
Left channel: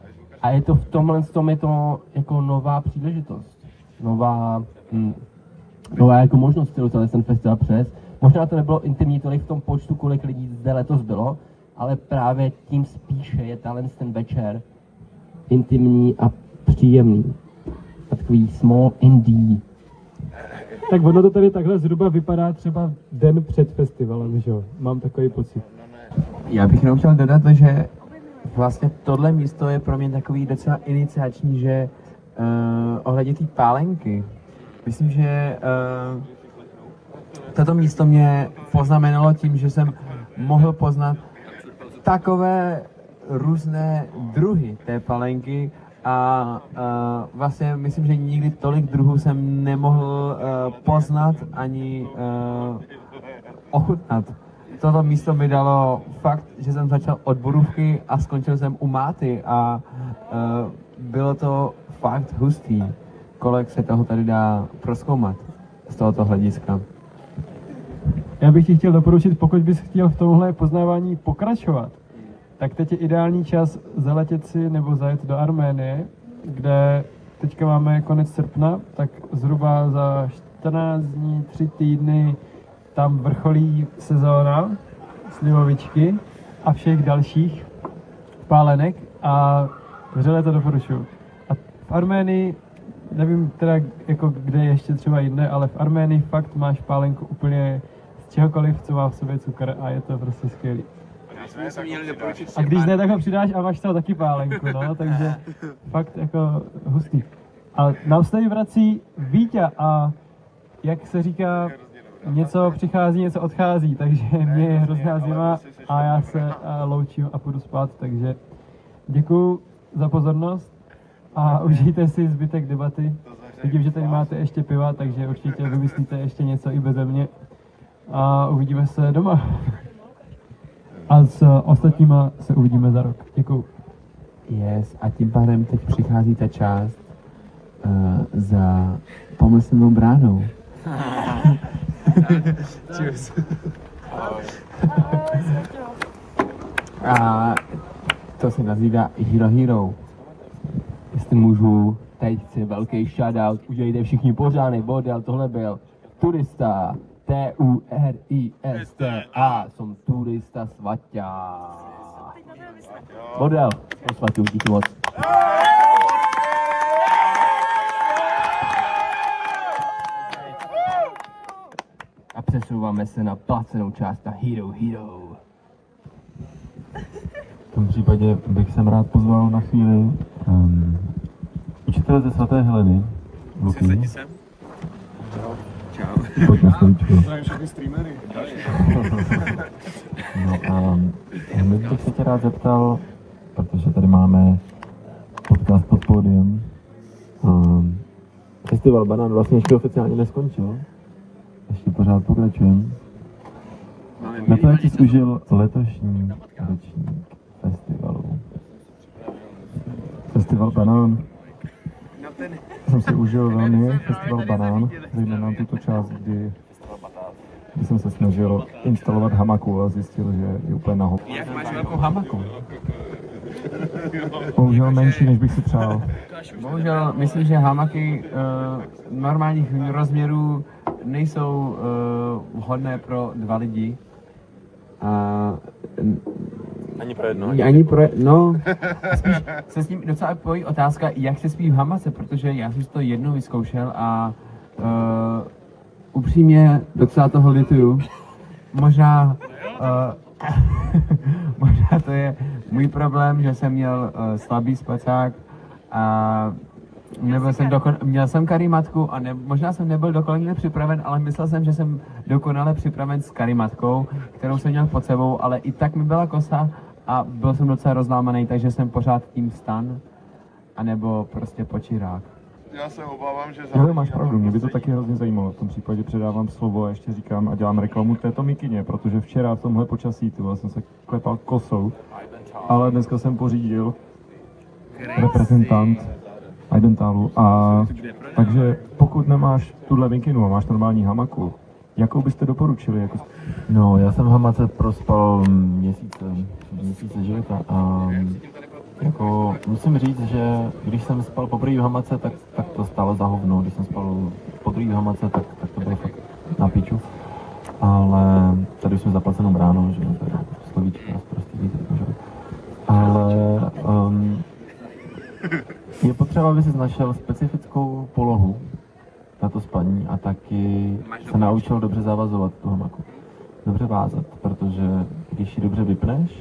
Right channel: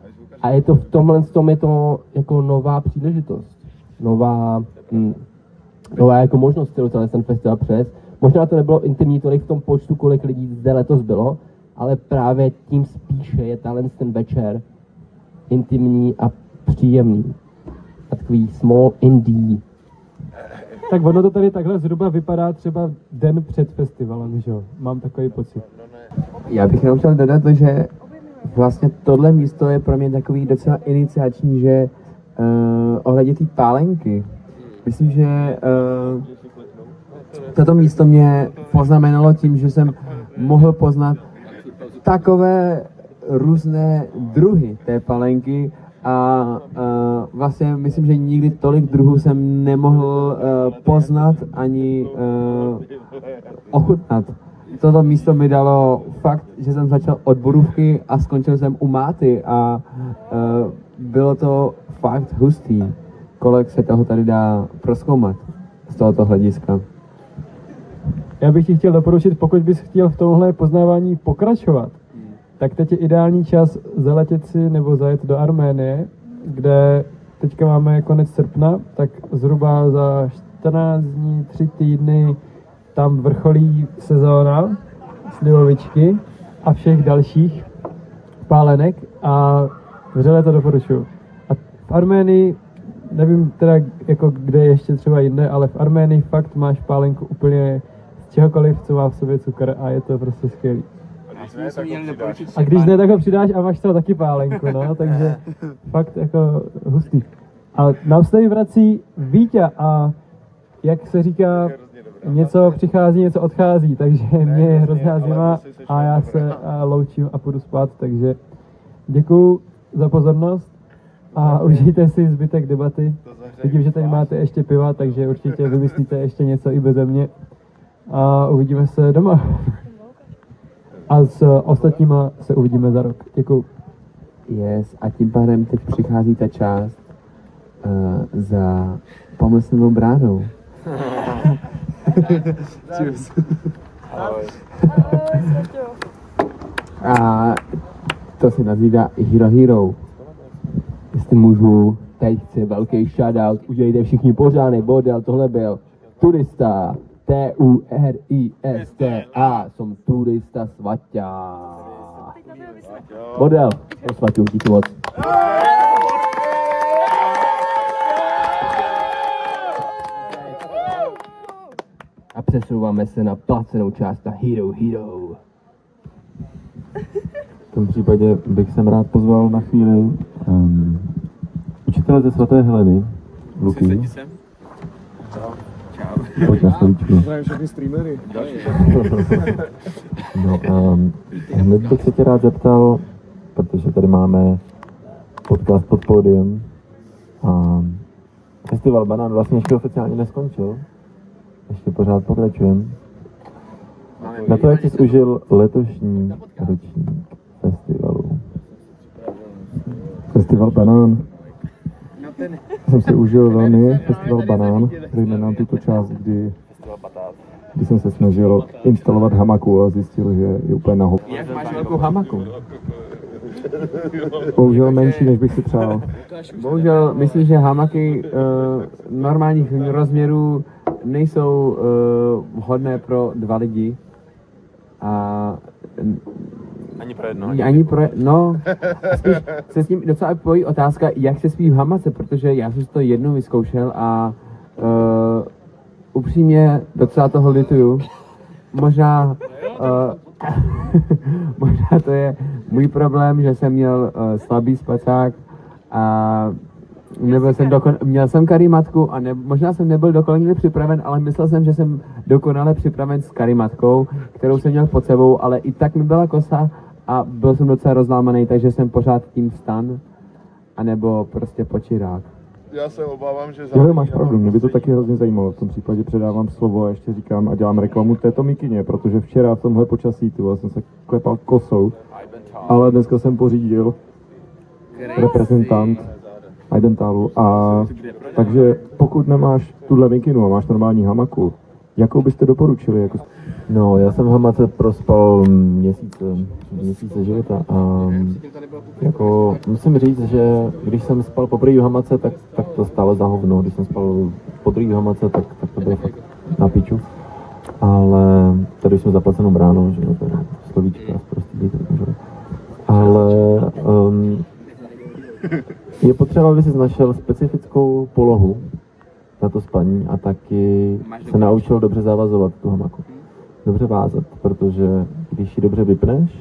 a je to v tomhle je to jako nová příležitost, nová jako možnost, kterou ten festival přes. Možná to nebylo intimní tolik v tom počtu, kolik lidí zde letos bylo, ale právě tím spíše je ten večer intimní a příjemný. A takový small indie. Tak ono to tady takhle zhruba vypadá třeba den před festivalem, že jo? Mám takový pocit. Já bych jenom chtěl dodat, že vlastně tohle místo je pro mě takový docela iniciační, že ohledně té pálenky. Myslím, že toto místo mě poznamenalo tím, že jsem mohl poznat takové různé druhy té palenky a vlastně myslím, že nikdy tolik druhů jsem nemohl poznat ani ochutnat. Toto místo mi dalo fakt, že jsem začal od borůvky a skončil jsem u máty a bylo to fakt hustý, kolik se toho tady dá prozkoumat z tohoto hlediska. Já bych ti chtěl doporučit, pokud bys chtěl v tomhle poznávání pokračovat, tak teď je ideální čas zaletět si nebo zajet do Arménie, kde teďka máme konec srpna, tak zhruba za 14 dní, 3 týdny tam vrcholí sezóna slivovičky a všech dalších pálenek a vřele to doporučuji. A v Arménii, nevím teda jako kde ještě třeba jinde, ale v Arménii fakt máš pálenku úplně z čehokoliv, co má v sobě cukr a je to prostě skvělý. A když ne, tak ho přidáš a máš toho taky pálenku, no, takže fakt jako hustý. A nám se tady vrací Vítě a jak se říká, něco přichází, něco odchází, takže mě je hrozná zima a já se loučím a půjdu spát, takže děkuju za pozornost a užijte si zbytek debaty. Vidím, že tady máte ještě piva, takže určitě vymyslíte ještě něco i beze mě a uvidíme se doma. A s ostatníma se uvidíme za rok. Děkuju. Yes, a tím pádem teď přichází ta část za pomyslnou bránou. A to se nazývá Hero Hero. Jestli můžu, teď chci velký shoutout, udělejte všichni pořádný bordel, tohle byl Turista, Turista, jsem turista svatá. Bordel, to svatů, díky moc. A přesouváme se na placenou část na Hero Hero. V tom případě bych sem rád pozval na chvíli učitele ze svaté Heleny, Luky. Pojď na stoličku. Všechny streamery. No, hned bych se tě rád zeptal, protože tady máme podcast pod pódiem a festival Banán vlastně ještě oficiálně neskončil. Ještě pořád pokračujeme. Na to, jak jsi užil letošní ročník festivalu. Festival Banán. Jsem si užil velmi festival Banán, zejména tuto část, kdy jsem se snažil instalovat hamaku a zjistil, že je úplně naho. Jak máš velkou hamaku? Bohužel menší, než bych si přál. Bohužel myslím, že hamaky normálních rozměrů nejsou vhodné pro 2 lidi. A ani pro no, spíš se s tím docela pojí otázka, jak se spí v hamace, protože já jsem to jednou vyzkoušel a upřímně docela toho lituju. Možná možná to je můj problém, že jsem měl slabý spacák a měl jsem karimatku a možná jsem nebyl dokonale připraven, ale myslel jsem, že jsem dokonale připraven s karimatkou, kterou jsem měl pod sebou, ale i tak mi byla kosa a byl jsem docela rozlámaný, takže jsem pořád tím vstan, anebo prostě počirák. Já se obávám, že... Jo, máš pravdu, mě by to taky hrozně zajímalo. V tom případě předávám slovo a ještě říkám a dělám reklamu této mikině, protože včera v tomhle počasí jsem se klepal kosou, ale dneska jsem pořídil reprezentant Identalu a takže pokud nemáš tuhle mikinu a máš normální hamaku, jakou byste doporučili? Jako... No, já jsem v hamace prospal měsíce života a jako musím říct, že když jsem spal poprvé v hamace, tak to stálo za hovno. Když jsem spal poprvé v hamace, tak to bylo fakt na piču. Ale tady jsme zaplacenou bránou, že no, to je slovíčka, prostě že? Ale je potřeba, aby si našel specifickou polohu na to spaní a taky se naučil dobře zavazovat tu hamaku. Dobře vázat, protože když ji dobře vypneš,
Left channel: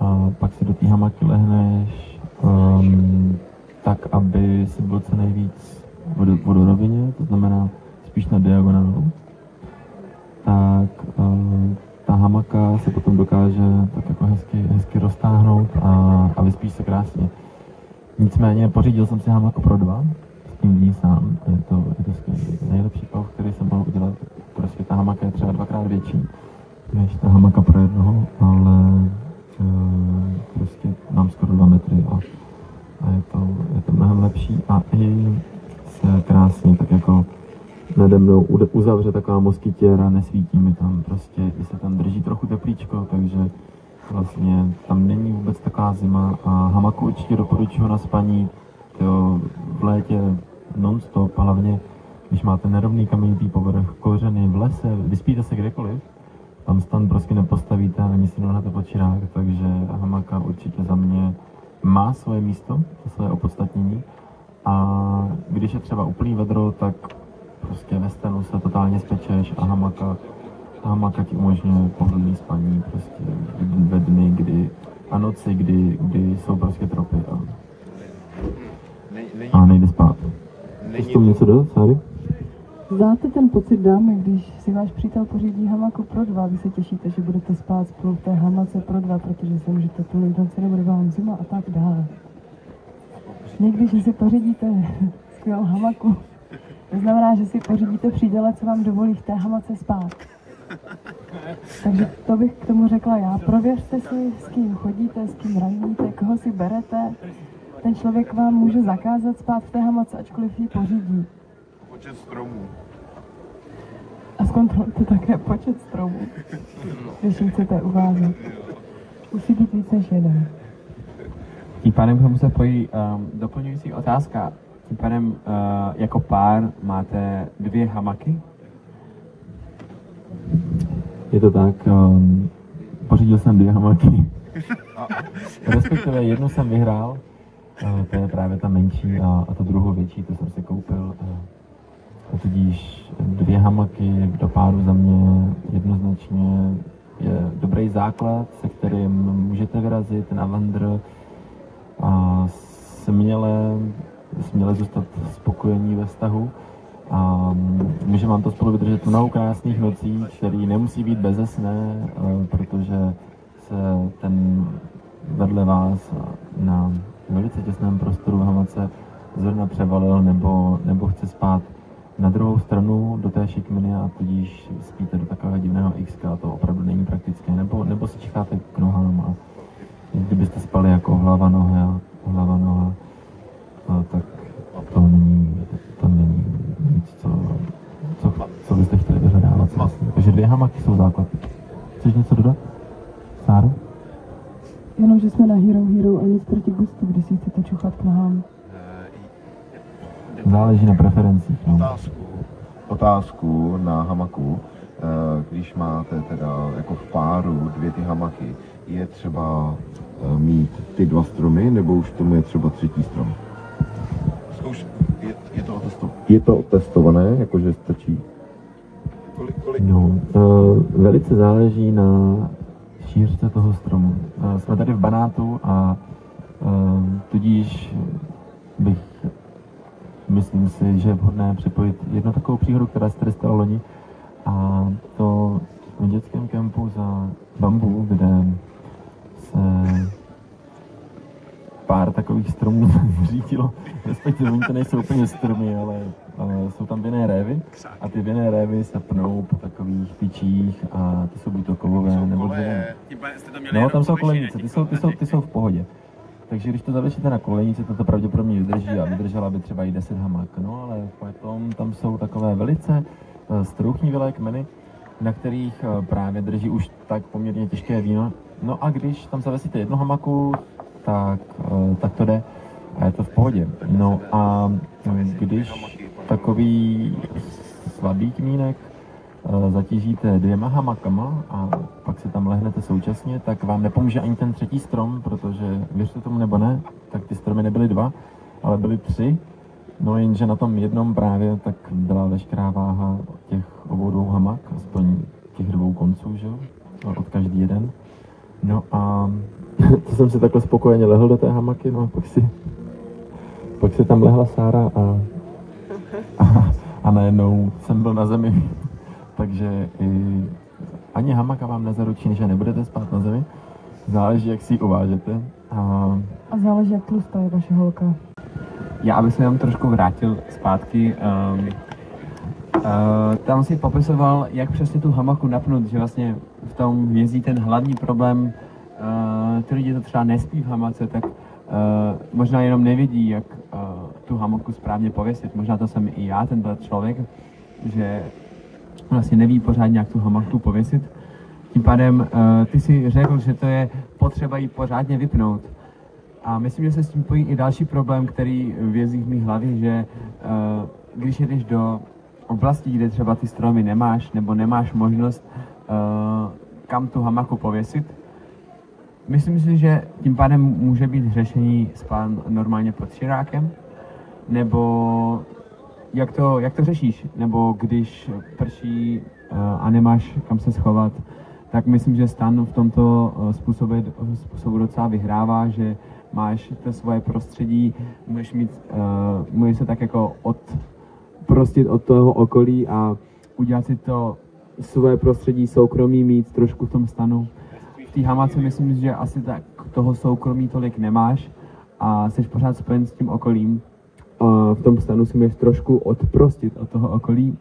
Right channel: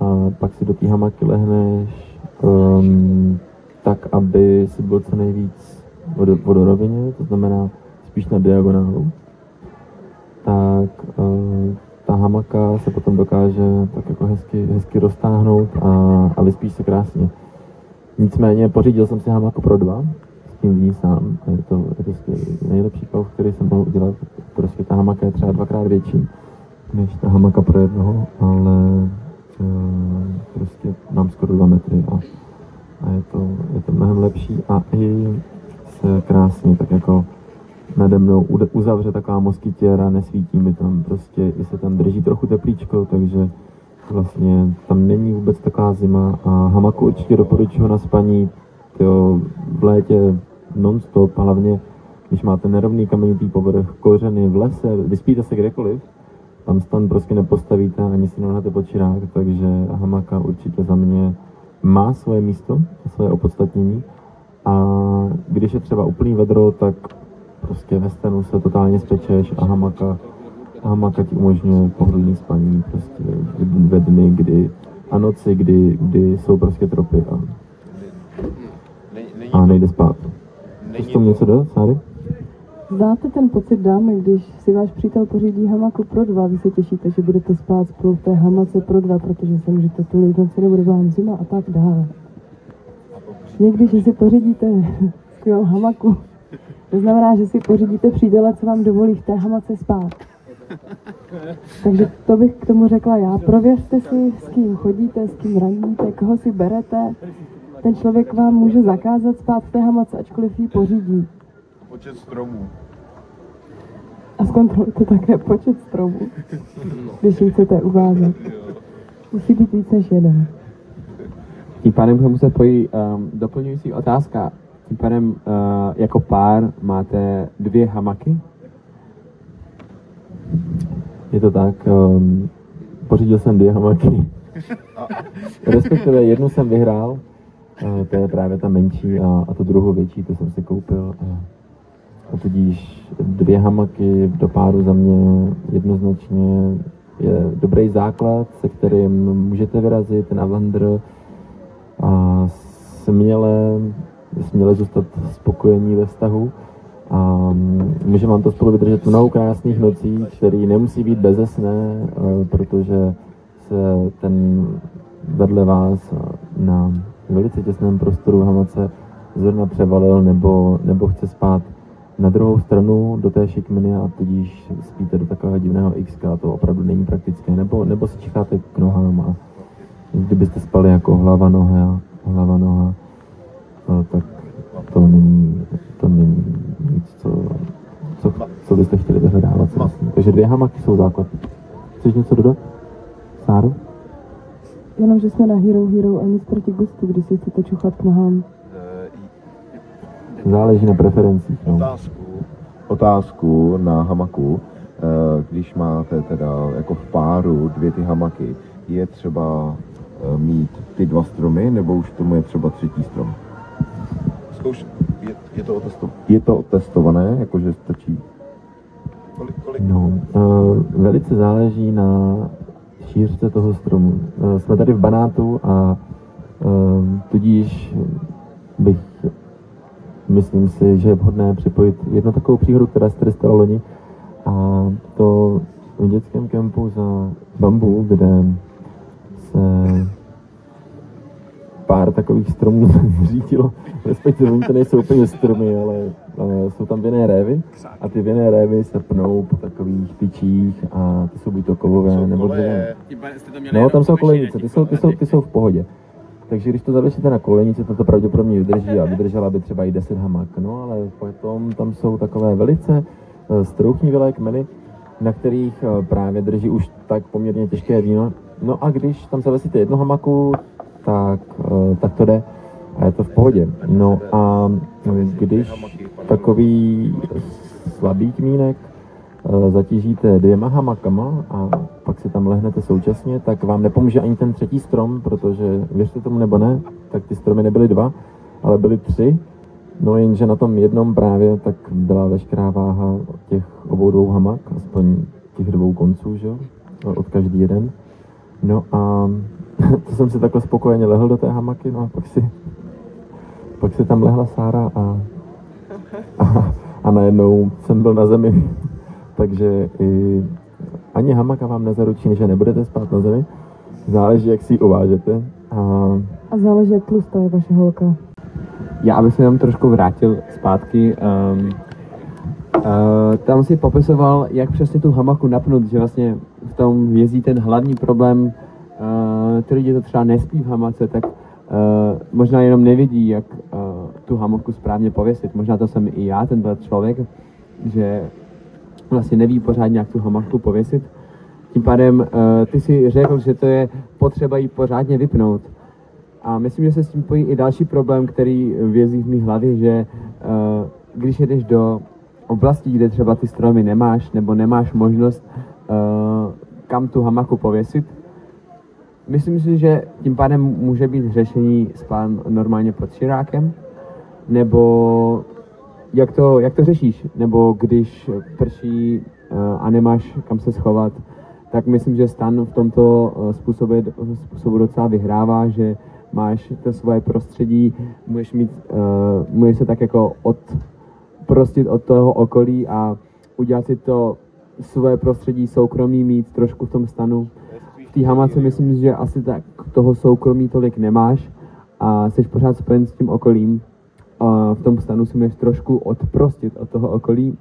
a pak si do té hamaky lehneš, tak aby si byl co nejvíc vodorovině, to znamená spíš na diagonálu, tak ta hamaka se potom dokáže tak jako hezky roztáhnout a vyspíš se krásně. Nicméně pořídil jsem si hamaku pro 2, s tím dní sám, a je to nejlepší kov, který jsem mohl udělat, prostě ta hamaka je třeba 2x větší než ta hamaka pro 1, ale prostě mám skoro 2 metry a je to mnohem lepší a i se krásně tak jako nade mnou uzavře taková moskytěra, nesvítí mi tam, prostě i se tam drží trochu teplíčko, takže vlastně tam není vůbec taková zima a hamaku určitě doporučuji na spaní v létě non-stop, hlavně když máte nerovný kamenitý povrch, kořeny v lese, vyspíte se kdekoliv, tam stan prostě nepostavíte, ani si nehnete pod čirák, takže hamaka určitě za mě má svoje místo, svoje opodstatnění a když je třeba úplný vedro, tak prostě ve stanu se totálně spečeš a hamaka ti umožňuje pohodlný spaní prostě ve dny, a noci, kdy jsou prostě tropy a nejde spát. Chceš tomu něco dát, Sáry? Znáte ten pocit, dámy, když si váš přítel pořídí hamaku pro dva, vy se těšíte, že budete spát spolu v té hamace pro dva, protože se můžete tulit, noci nebude vám zima a tak dále. Někdy, že si pořídíte skvělou hamaku, to znamená, že si pořídíte přítele, co vám dovolí v té hamace spát. Takže to bych k tomu řekla já. Prověřte si, s kým chodíte, s kým radíte, koho si berete. Ten člověk vám může zakázat spát v té hamace, ačkoliv ji pořídí. Počet stromů. A zkontrolujte také počet stromů, když ji chcete uvázat. Musí být víc než jeden. Tím pádem k tomu se pojí doplňující otázka. Tím pádem jako pár máte 2 hamaky? Je to tak, pořídil jsem 2 hamaky. Respektive jednu jsem vyhrál, to je právě ta menší a tu druhou větší, to jsem si koupil. A tudíž 2 hamaky do páru za mě jednoznačně je dobrý základ, se kterým můžete vyrazit na vandr a směle zůstat spokojení ve vztahu. A může vám to spolu vydržet mnoho krásných nocí, který nemusí být bezesné, protože se ten vedle vás na velice těsném prostoru hamace zrovna převalil nebo chce spát na druhou stranu do té šikminy a tudíž spíte do takového divného X, to opravdu není praktické, nebo si čicháte k nohám a kdybyste spali jako hlava noha, tak to není nic, co byste chtěli vyhledávat. Takže 2 hamaky jsou základ. Chceš něco dodat, Sáru? Jenom, že jsme na Hero a nic proti gustu, když si chcete čuchat k nohám. Záleží na preferencích. No. Otázku na hamaku. Když máte teda jako v páru 2 ty hamaky, je třeba mít ty 2 stromy, nebo už tomu je třeba 3. strom? Je to otestované, jakože stačí? No, velice záleží na šířce toho stromu. Jsme tady v Banátu a tudíž myslím si, že je vhodné připojit jednu takovou příhodu, která se tady stala loni, a to v dětském kempu za Bambu, kde se pár takových stromů zřítilo, respektive oni to nejsou úplně stromy, ale jsou tam vinné révy a ty vinné révy se pnou po takových tyčích a ty jsou buď to kovové nebo dřevěné. No, tam jsou kolejnice, ty jsou v pohodě. Takže když to zavěšíte na kolejnici, to pravděpodobně vydrží a vydržela by třeba i 10 hamak. No, ale potom tam jsou takové velice strouchnivělé kmeny, na kterých právě drží už tak poměrně těžké víno. No a když tam zavěsíte jednu hamaku, tak to jde a je to v pohodě. No a když takový slabý kmínek zatížíte 2 hamakama a pak si tam lehnete současně, tak vám nepomůže ani ten 3. strom, protože věřte tomu nebo ne, tak ty stromy nebyly 2, ale byly 3. No jenže na tom jednom právě tak byla veškerá váha těch obou 2 hamak, aspoň těch 2 konců, že jo, od každý jeden. No a to jsem si takhle spokojeně lehl do té hamaky, no a pak si tam lehla Sára a najednou jsem byl na zemi. Takže ani hamaka vám nezaručí, že nebudete spát na zemi. Záleží, jak si ji uvážete. A záleží, jak tlustá je vaše holka. Já bych se tam trošku vrátil zpátky. Tam si popisoval, jak přesně tu hamaku napnout, že vlastně v tom vězí ten hlavní problém, ty lidi to třeba nespí v hamace, tak možná jenom nevědí, jak tu hamaku správně pověsit. Možná to jsem i já, tenhle člověk, že vlastně neví pořádně, jak tu hamaku pověsit. Tím pádem ty si řekl, že to je potřeba ji pořádně vypnout. A myslím, že se s tím pojí i další problém, který vězí v mých hlavě, že když jedeš do oblastí, kde třeba ty stromy nemáš, nebo nemáš možnost kam tu hamaku pověsit, myslím si, že tím pádem může být řešení spát normálně pod širákem, nebo jak to řešíš, nebo když prší a nemáš kam se schovat, tak myslím, že stan v tomto způsobu docela vyhrává, že máš to svoje prostředí, můžeš se tak jako odprostit od toho okolí a udělat si to svoje prostředí soukromí, mít trošku v tom stanu. V té hamace myslím, že asi tak toho soukromí tolik nemáš a jsi pořád spojen s tím okolím a v tom stanu si můžeš trošku odprostit od toho okolí.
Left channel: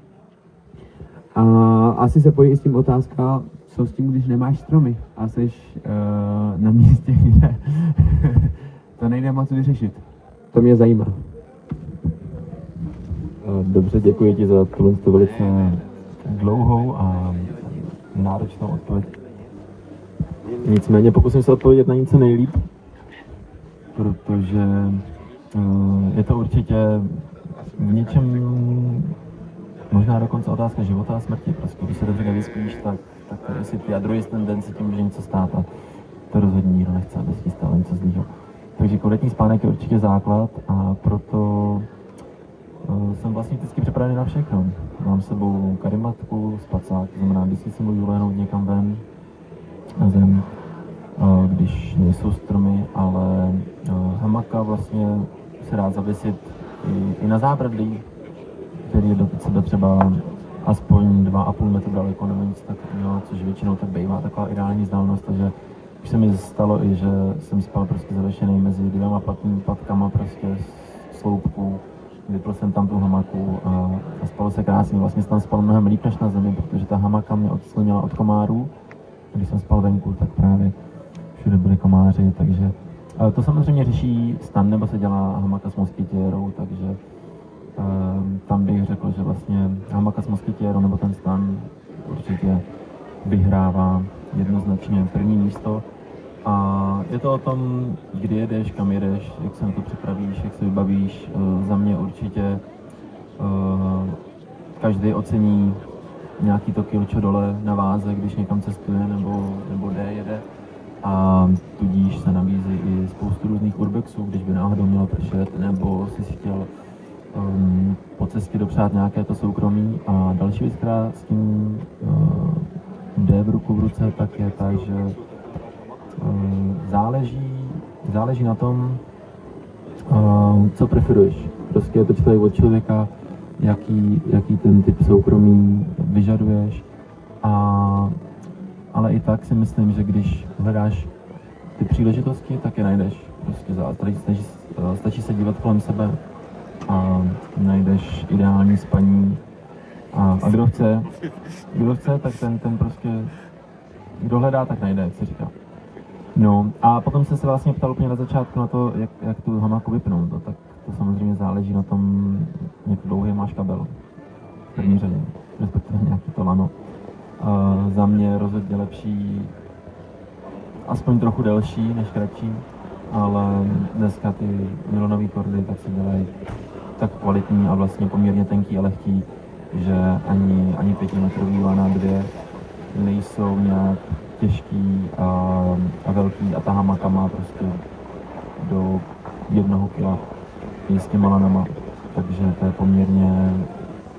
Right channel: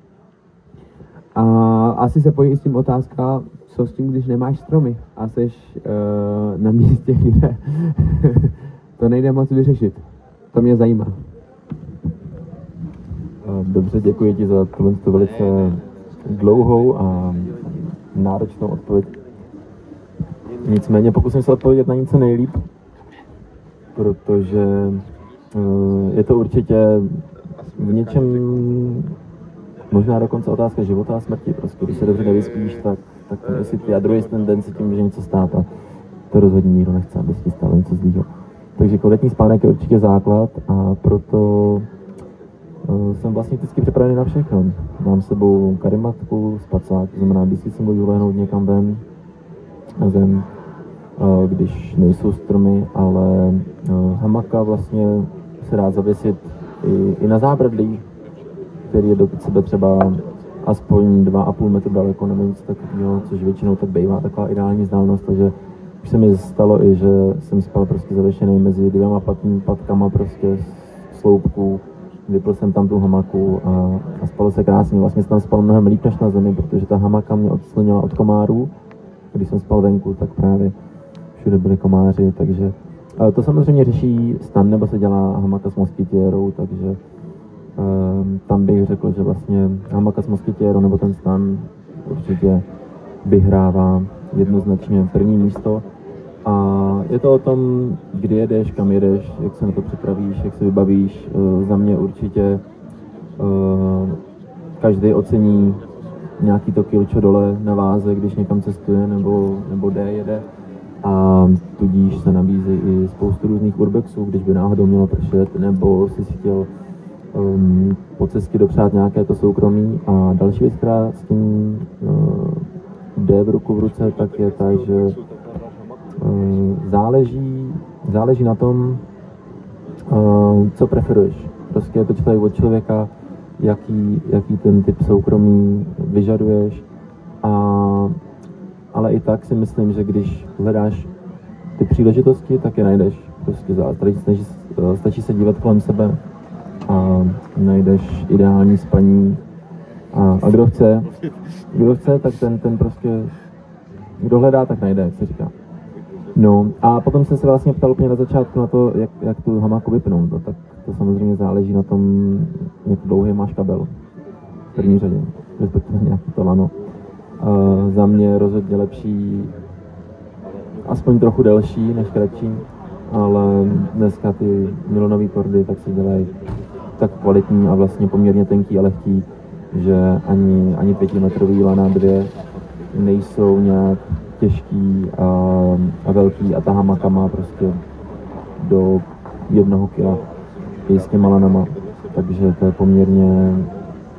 A asi se pojí s tím otázka, co s tím, když nemáš stromy a jsi na místě, kde to nejde moc vyřešit. To mě zajímá. Dobře, děkuji ti za tohle velice dlouhou a náročnou odpověď. Nicméně pokusím se odpovědět na něco nejlíp, protože je to určitě v něčem možná dokonce otázka života a smrti. Prostě když se dobře nevyspíš, tak jestli ty a druhý den se tím může něco stát a to rozhodně nikdo nechce, aby si stalo něco zlýho. Takže kvalitní spánek je určitě základ a proto jsem vlastně vždycky připravený na všechno. Mám s sebou karimatku, spacák, to znamená, vždycky jsem můžu lehnout někam ven na zem, když nejsou stromy, ale hamaka vlastně se dá zavěsit i na zábradlí, který je do sebe třeba aspoň 2,5 metru daleko nebo nic takového, což většinou tak bývá taková ideální vzdálenost, takže už se mi stalo i, že jsem spal prostě zavěšený mezi dvěma patkama prostě sloupku, vypl jsem tam tu hamaku a spalo se krásně. Vlastně jsem tam spal mnohem líp než na zemi, protože ta hamaka mě odslonila od komárů. Když jsem spal venku, tak právě všude byli komáři, takže to samozřejmě řeší stan, nebo se dělá hamaka s moskytěrou, takže tam bych řekl, že vlastně hamaka s moskytěrou nebo ten stan určitě vyhrává jednoznačně první místo. A je to o tom, kdy jedeš, kam jedeš, jak se na to připravíš, jak se vybavíš. Za mě určitě každý ocení nějaký to kilčo dole na váze, když někam cestuje nebo jede. A tudíž se nabízí i spoustu různých urbexů, když by náhodou mělo pršet, nebo si chtěl po cestě dopřát nějaké to soukromí. A další věc, která s tím jde v ruku v ruce, tak je ta, že záleží na tom, co preferuješ. Prostě je to člověk od člověka, jaký ten typ soukromí vyžaduješ. Ale i tak si myslím, že když hledáš ty příležitosti, tak je najdeš. Prostě stačí se dívat kolem sebe a najdeš ideální spaní. A kdo chce, tak ten prostě, kdo hledá, tak najde, jak se říká. No a potom jsem se vlastně ptal úplně na začátku na to, jak tu hamaku vypnout. No, tak to samozřejmě záleží na tom, jak dlouhý máš kabel v první řadě, respektive nějaký to lano. Za mě rozhodně lepší, aspoň trochu delší než kratší, ale dneska ty nylonové kordy tak se dělají tak kvalitní a vlastně poměrně tenký a lehký, že ani 5metrový lana 2 nejsou nějak těžký a velký a ta hamaka má prostě do 1 kila i s těma lanama, takže to je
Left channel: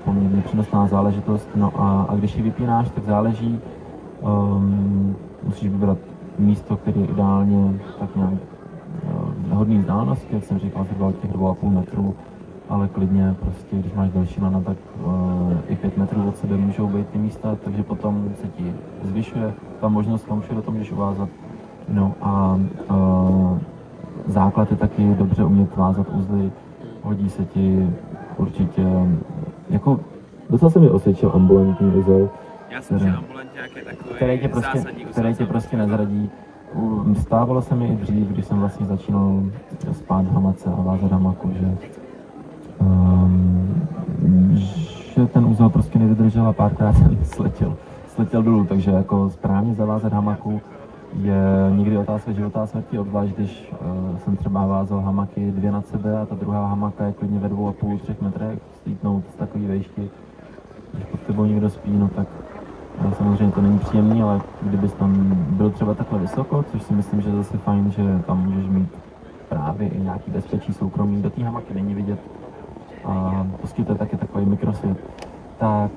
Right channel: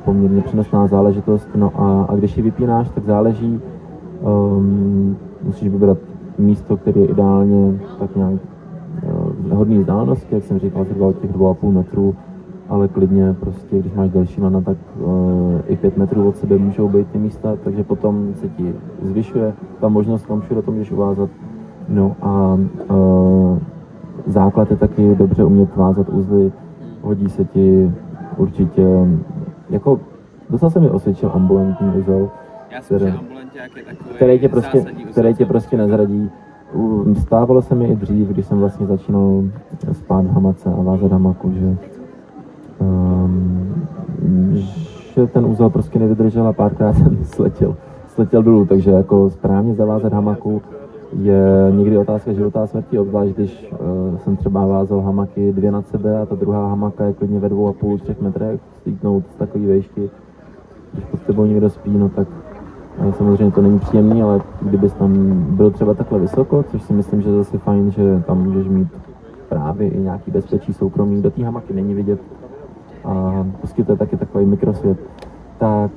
poměrně přenosná záležitost. No a když ji vypínáš, tak záleží, musíš vybrat místo, které je ideálně tak nějak hodný vzdálenosti, jak jsem říkal, zhruba od těch 2,5 metrů, ale klidně prostě, když máš delší lana, tak i 5 metrů od sebe můžou být ty místa, takže potom se ti zvyšuje ta možnost, kam všude to můžeš uvázat. No a základ je taky dobře umět vázat uzly, hodí se ti určitě, jako docela se mi osvědčil ambulantní uzel, který tě prostě nezradí stávalo se mi i dřív, když jsem vlastně začínal spát v hamace a vázat hamaku, že ten úzel prostě nevydržel a párkrát jsem sletěl dolů, takže jako správně zavázat hamaku je někdy otázka života a smrti, obzvlášť když jsem třeba vázal hamaky 2 nad sebe a ta druhá hamaka je klidně ve 2,5–3 metrech, slítnout z takové výšky, když pod tebou někdo spí, no tak samozřejmě to není příjemný, ale kdybys tam byl třeba takhle vysoko, což si myslím, že je zase fajn, že tam můžeš mít právě i nějaký bezpečí soukromí, do té hamaky není vidět a poskytuje taky takový mikrosvět, tak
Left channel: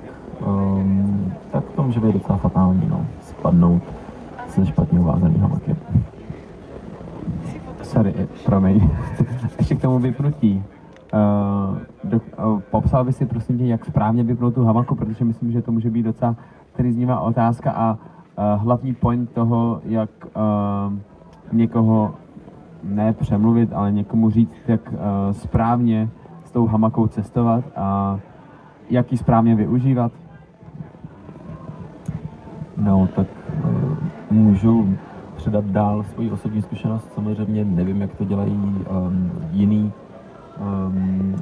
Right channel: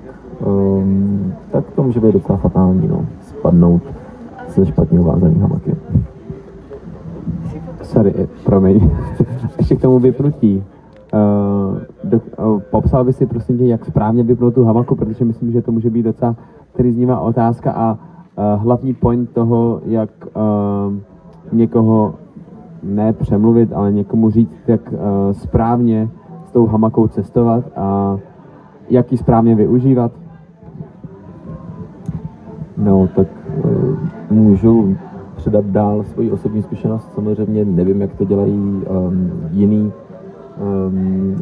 to může být docela fatální, no, spadnout se špatně uvázaný hamaky. Sorry, promiň. Ještě k tomu vypnutí. Popsal by si prosím tě, jak správně vypnout tu hamaku, protože myslím, že to může být docela trýznivá otázka a hlavní point toho, jak někoho ne přemluvit, ale někomu říct, jak správně s tou hamakou cestovat a jak ji správně využívat. No, tak můžu předat dál svoji osobní zkušenost. Samozřejmě nevím, jak to dělají jiný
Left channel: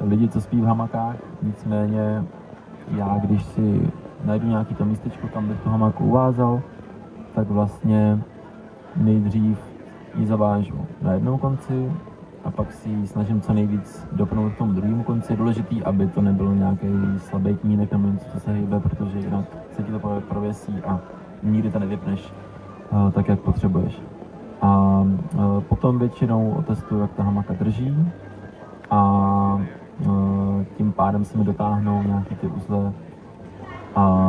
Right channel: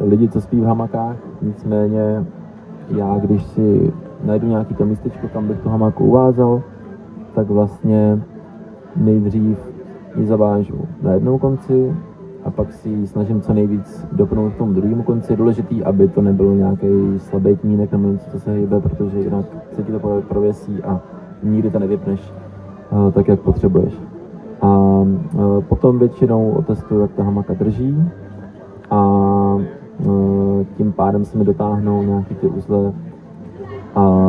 lidi, co spí v hamakách. Nicméně já, když si najdu nějaký to místečko, kam bych tu hamaku uvázal, tak vlastně nejdřív ji zavážu na jednou konci a pak si ji snažím co nejvíc dopnout k tomu druhému konci. Je důležitý, aby to nebyl nějaký slabý kmínek nebo něco, co se hýbe, protože jinak se ti to prověsí a nikdy to nevypneš tak, jak potřebuješ. A potom většinou otestuju, jak ta hamaka drží a tím pádem se mi dotáhnou nějaký ty uzle a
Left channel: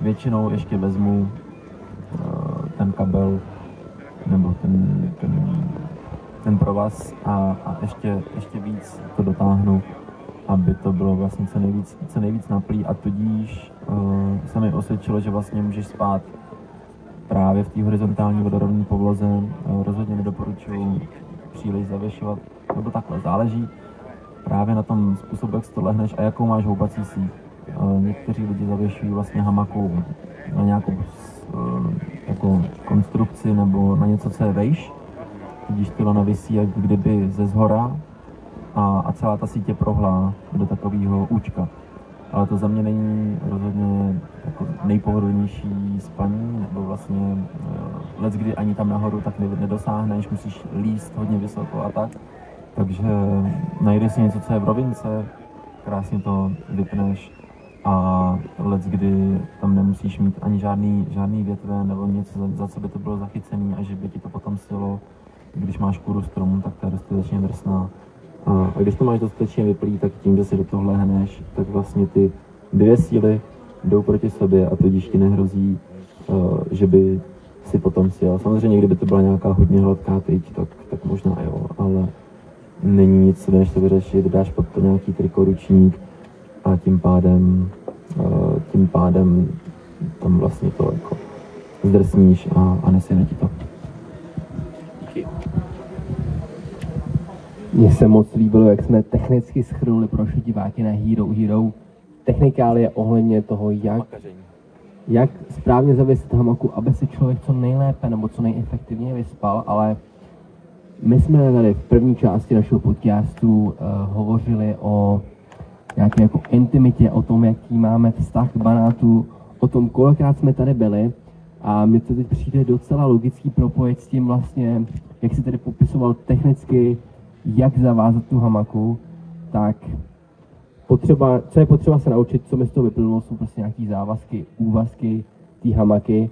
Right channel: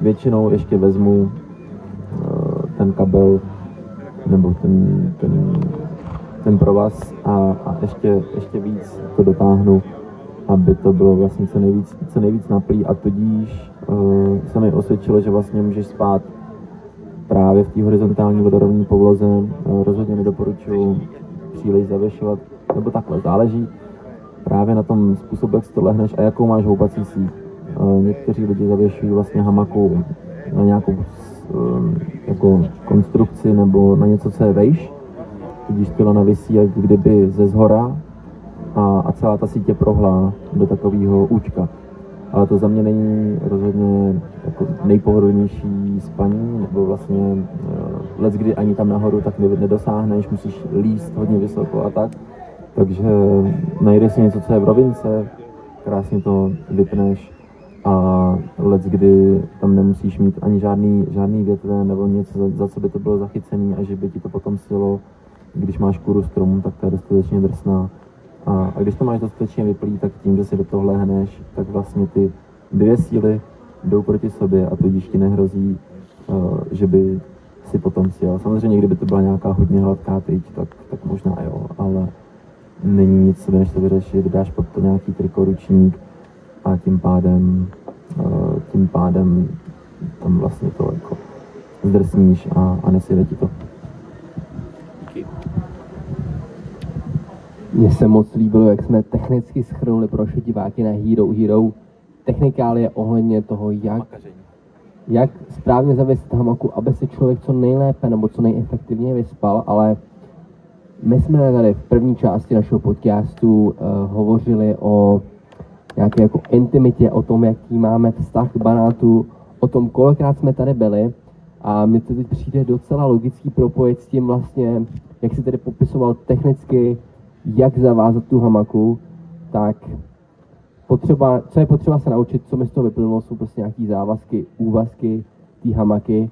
většinou ještě vezmu ten kabel nebo ten provaz a ještě víc to dotáhnu, aby to bylo vlastně co nejvíc naplý a tudíž se mi osvědčilo, že vlastně můžeš spát právě v té horizontální vodorovné povloze. Rozhodně nedoporučuji příliš zavěšovat, nebo takhle, záleží právě na tom způsobu, jak si to lehneš a jakou máš houpací síť. Někteří lidi zavěšují vlastně hamaku na nějakou jako konstrukci nebo na něco, co je vejš, tudíž tělo navisí jak kdyby ze zhora a celá ta síť je prohlá do takového účka. Ale to za mě není rozhodně jako nejpohodlnější spaní, nebo vlastně leckdy ani tam nahoru tak nedosáhneš, musíš líst hodně vysoko a tak. Takže najdeš si něco, co je v rovince, krásně to vypneš a leckdy tam nemusíš mít ani žádný větve nebo něco, za co by to bylo zachycený a že by ti to potom silo, když máš kůru stromu, tak to je dostatečně drsná. A když to máš dostatečně vyplý, tak tím, že si do toho lehneš, tak vlastně ty dvě síly jdou proti sobě a tudíž ti nehrozí, že by si potom sjel. Samozřejmě, kdyby to byla nějaká hodně hladká tyč, tak možná jo, ale není nic, co než to vyřešit, dáš pod to nějaký trikoručník a tím pádem tam vlastně to jako zdrsníš a nesjede ti to. Mně se moc líbilo, jak jsme technicky shrnuli pro naše diváky na Hero technikálie ohledně toho, jak správně zavést hamaku, aby se člověk co nejlépe nebo co nejefektivněji vyspal, ale my jsme tady v první části našeho podcastu hovořili o nějaké jako intimitě, o tom, jaký máme vztah k banátu, o tom, kolikrát jsme tady byli a mně to teď přijde docela logický propojit s tím vlastně, jak si tady popisoval technicky, jak zavázat tu hamaku, tak co je potřeba se naučit, co mi z toho vyplynulo, jsou prostě nějaký závazky, úvazky té hamaky,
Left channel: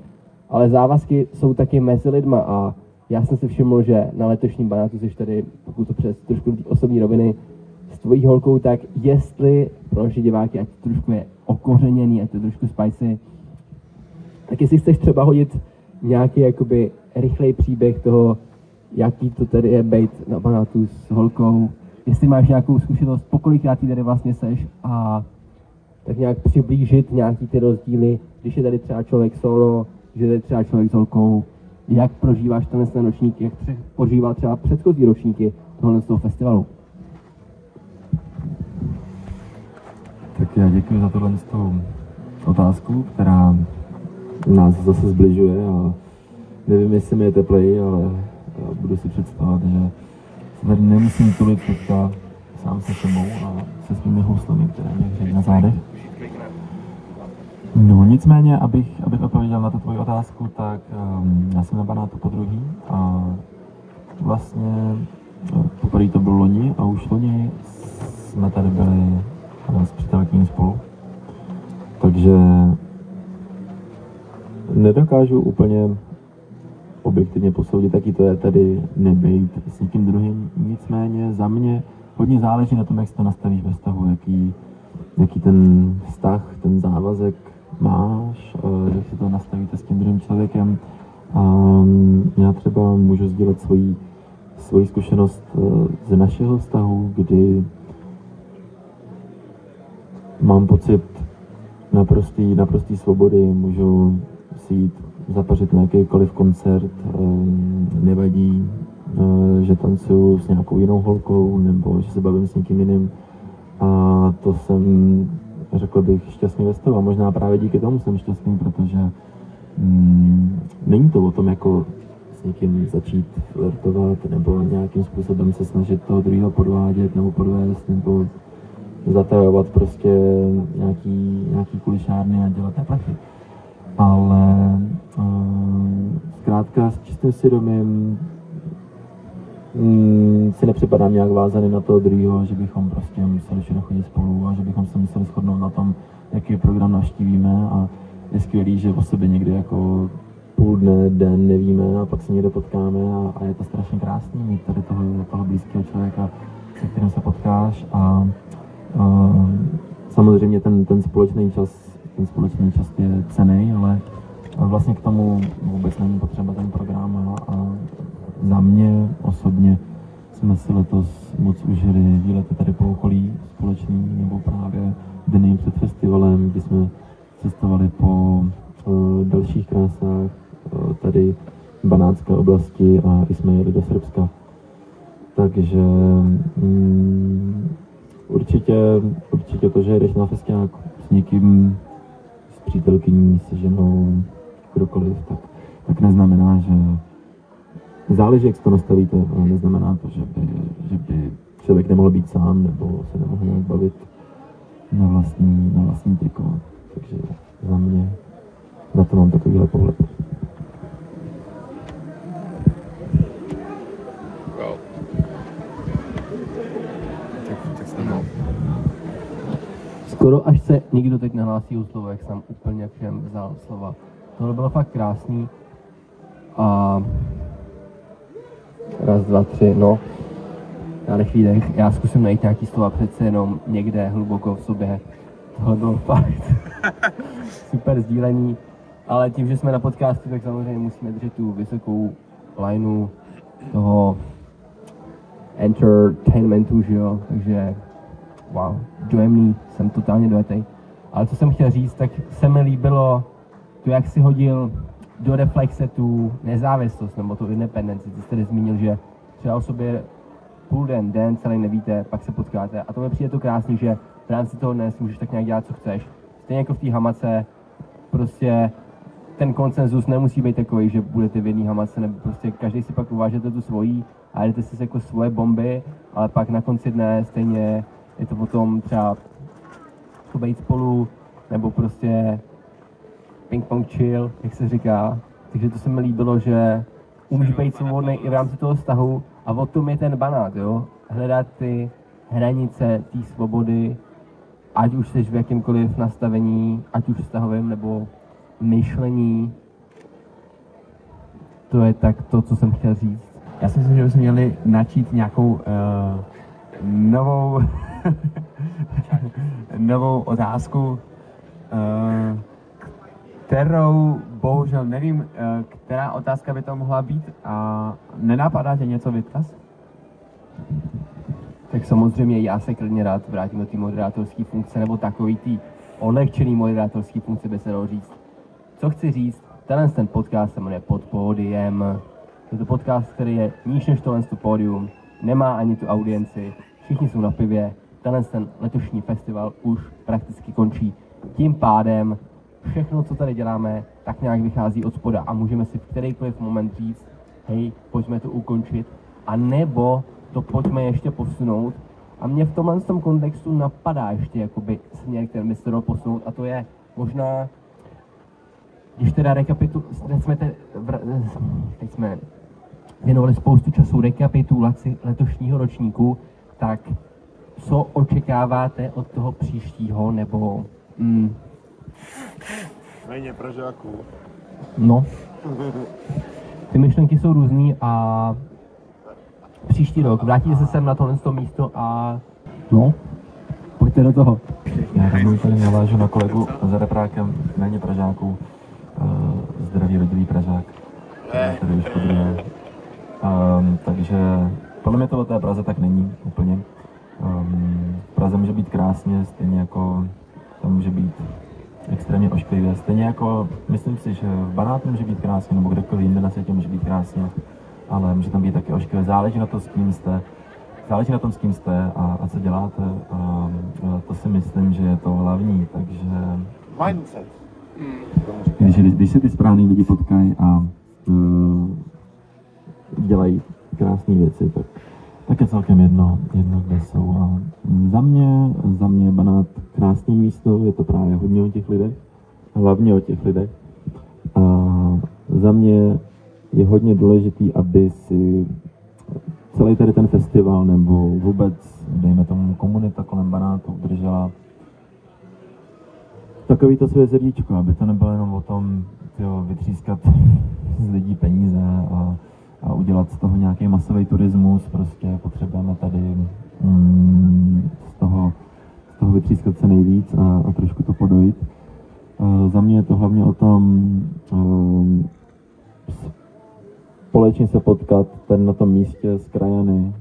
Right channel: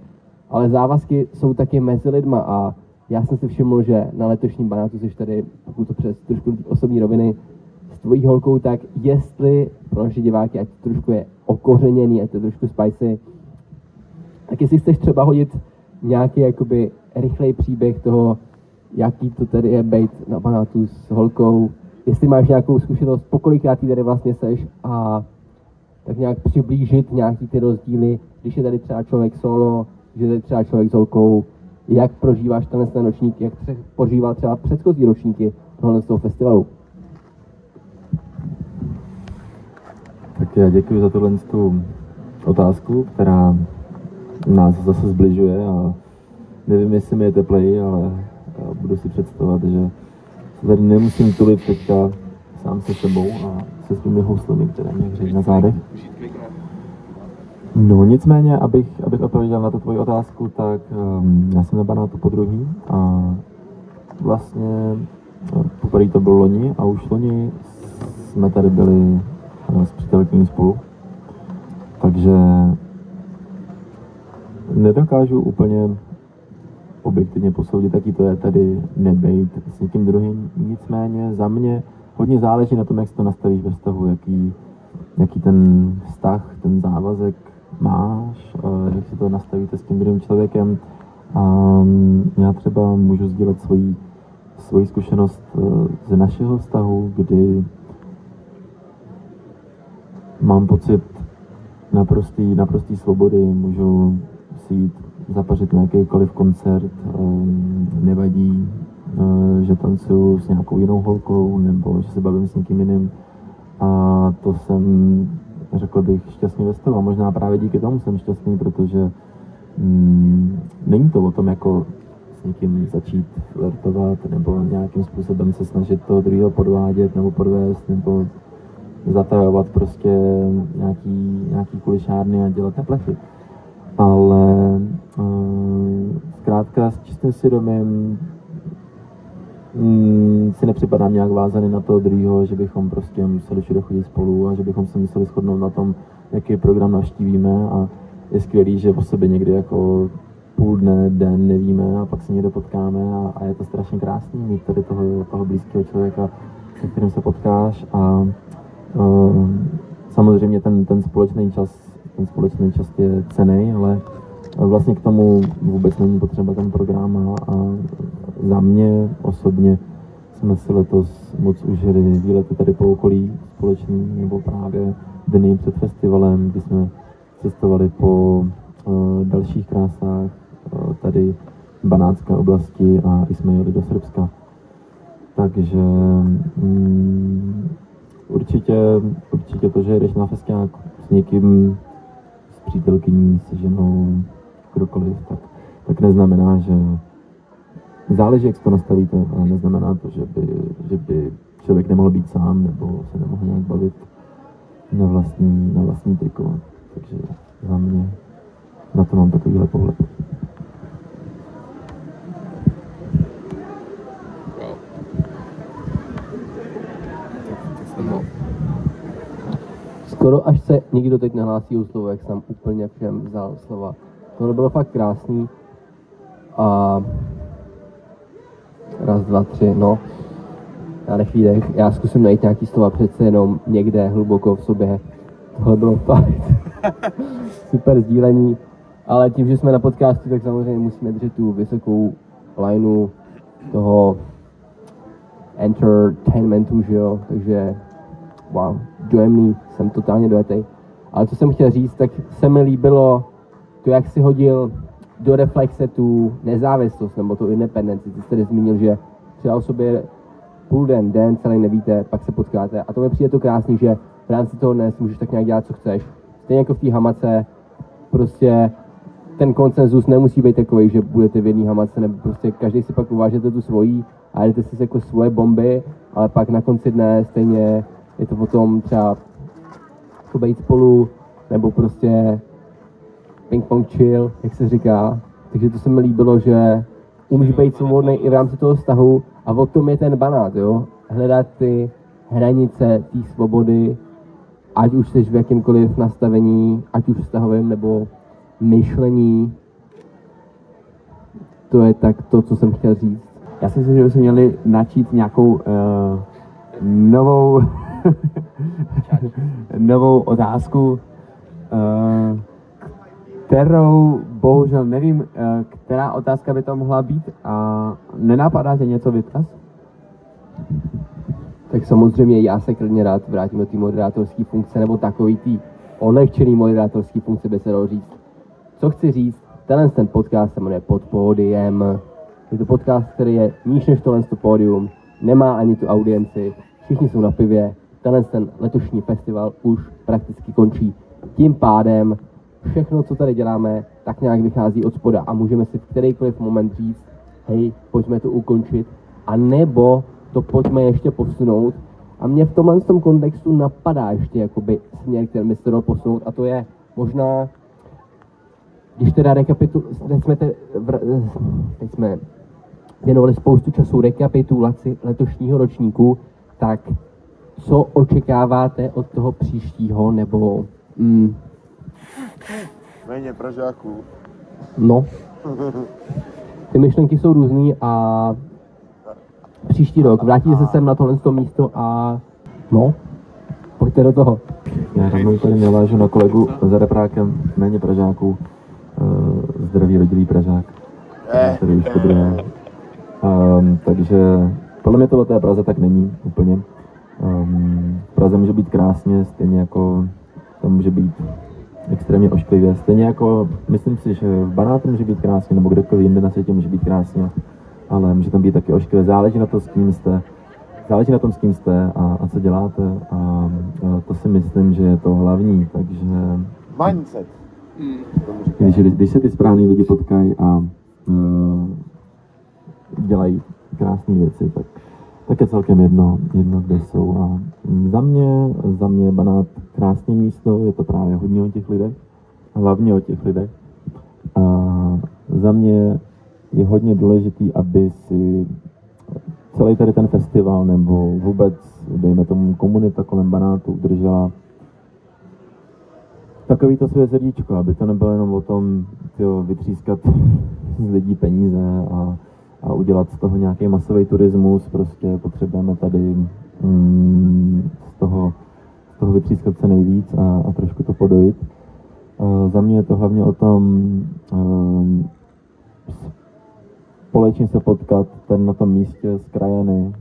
ale závazky jsou taky mezi lidma a já jsem si všiml, že na letošním banátu jsi tady, pokud to přes trošku ty osobní roviny, s tvojí holkou, tak jestli pro naše diváky, ať to trošku je okořeněný, ať to trošku spicy, tak jestli chceš třeba hodit nějaký jakoby rychlej příběh toho, jaký to tady je být na banátu s holkou, jestli máš nějakou zkušenost, pokolikrát tady vlastně seš a tak nějak přiblížit nějaký ty rozdíly, když je tady třeba člověk solo, že je tady třeba člověk s holkou, jak prožíváš ten ročník, jak prožíval třeba předchozí ročníky tohle z toho festivalu. Tak já děkuji za tohle otázku, která nás zase zbližuje a nevím, jestli mi je tepleji, ale budu si představovat, že se tady nemusím tulit teďka sám se sebou a se svými houslemi, které mě hřejí na zádech. No nicméně, abych odpověděl na tu tvoji otázku, tak já jsem na Banátu podruhý a vlastně poprvé to bylo loni a už loni jsme tady byli s přítelkyní spolu. Takže nedokážu úplně objektivně posoudit, jaký to je tady nebejt s někým druhým. Nicméně za mě hodně záleží na tom, jak si to nastavíš ve vztahu, jaký ten vztah, ten závazek máš, jak si to nastavíte s tím druhým člověkem. Já třeba můžu sdílet svoji zkušenost ze našeho vztahu, kdy mám pocit naprostý svobody, můžu si jít zapařit na jakýkoliv koncert, nevadí, že tancuju s nějakou jinou holkou nebo že se bavím s někým jiným. A to jsem, řekl bych, šťastný ve stavu. A možná právě díky tomu jsem šťastný, protože není to o tom, jako s někým začít flirtovat nebo nějakým způsobem se snažit toho druhého podvádět nebo podvést nebo zatajovat prostě nějaký kulišárny a dělat neplechy. Ale zkrátka s čistým svědomím si nepřipadám nějak vázaný na toho druhého, že bychom prostě museli všude chodit spolu a že bychom se museli shodnout na tom, jaký program navštívíme a je skvělý, že o sebe někdy jako půl dne, den nevíme a pak se někde potkáme a je to strašně krásný mít tady toho blízkého člověka, se kterým se potkáš a samozřejmě ten společný čas je cenný, ale vlastně k tomu vůbec není potřeba ten program a za mě osobně jsme si letos moc užili výlety tady po okolí společný nebo právě dny před festivalem, kdy jsme cestovali po dalších krásách tady v Banátské oblasti a i jsme jeli do Srbska. Takže určitě to, že jdeš na festiák s někým, s přítelkyní, se ženou, kdokoliv, tak neznamená, že záleží, jak si to nastavíte, ale neznamená to, že by člověk nemohl být sám nebo se nemohl nějak bavit na vlastní triko. Takže za mě na to mám takovýhle pohled. Skoro až se někdo teď nahlásí o slovo, jak jsem úplně všem vzal slova. Tohle bylo fakt krásný. A raz, dva, tři, no. Já nechvídech, já zkusím najít nějaký slova přece jenom někde hluboko v sobě. Tohle bylo fakt super sdílení. Ale tím, že jsme na podcastu, tak samozřejmě musíme držet tu vysokou lineu toho entertainmentu, že jo, takže wow, dojemný, jsem totálně dojetej. Ale co jsem chtěl říct, tak se mi líbilo to, jak si hodil do reflexe tu nezávislost, nebo tu independenci. Ty jsi tady zmínil, že třeba o sobě půl den, celý nevíte, pak se potkáte. A to mi přijde to krásný, že v rámci toho dnes můžeš tak nějak dělat, co chceš. Stejně jako v té hamace, prostě ten konsenzus nemusí být takový, že budete v jedné hamace, nebo prostě každý si pak uvážete tu svojí a jdete si jako svoje bomby, ale pak na konci dne stejně je to potom třeba jako být spolu, nebo prostě ping-pong chill, jak se říká. Takže to se mi líbilo, že umíš být svobodný i v rámci toho vztahu a o tom je ten Banát, jo. Hledat ty hranice té svobody, ať už jsi v jakýmkoliv nastavení, ať už vztahovém nebo myšlení. To je tak to, co jsem chtěl říct. Já si myslím, že bychom měli načít nějakou novou otázku, kterou bohužel nevím, která otázka by to mohla být. Nenapadá tě něco, Vytkaz? Tak samozřejmě já se klidně rád vrátím do té moderátorské funkce, nebo takový tý odlehčený moderátorský funkce by se dalo říct. Co chci říct, ten podcast se jmenuje Pod pódiem. Je to podcast, který je níž než tohle pódium, nemá ani tu audienci, všichni jsou na pivě, ten letošní festival už prakticky končí. Tím pádem všechno, co tady děláme, tak nějak vychází od spoda a můžeme si v kterýkoliv moment říct, hej, pojďme to ukončit, a nebo to pojďme ještě posunout. A mě v tomhle kontextu napadá ještě jakoby směr, který by se dal posunout, a to je možná, když teda teď jsme věnovali spoustu času rekapitulaci letošního ročníku, tak co očekáváte od toho příštího, nebo... Méně Pražáků. No. Ty myšlenky jsou různý a příští rok vrátíte se sem na tohle místo a... No, pojďte do toho. Já tady navážu na kolegu za reprákem, méně Pražáků, zdravý rodilý Pražák, který už to druhé. Takže podle mě to o té Praze tak není úplně. V Praze může být krásně, stejně jako to může být extrémně ošklivě. Stejně jako, myslím si, že v Banátu může být krásně, nebo kdekoliv jinde na světě může být krásně, ale může tam být taky ošklivě. Záleží na to, s kým jste. Záleží na tom, s kým jste a co děláte. A to si myslím, že je to hlavní, takže... Mindset. Když se ty správný lidi potkají a dělají krásné věci, tak je celkem jedno, kde jsou. A za mě je Banát krásné místo, je to právě hodně o těch lidech, a hlavně o těch lidech. A za mě je hodně důležitý, aby si celý tady ten festival, nebo vůbec, dejme tomu, komunita kolem Banátu udržela takový to své srdíčko, aby to nebylo jenom o tom vytřískat z lidí peníze a udělat z toho nějaký masový turismus. Prostě potřebujeme tady z toho vytřískat se nejvíc a trošku to podojit. Za mě je to hlavně o tom společně se potkat tady na tom místě s krajany,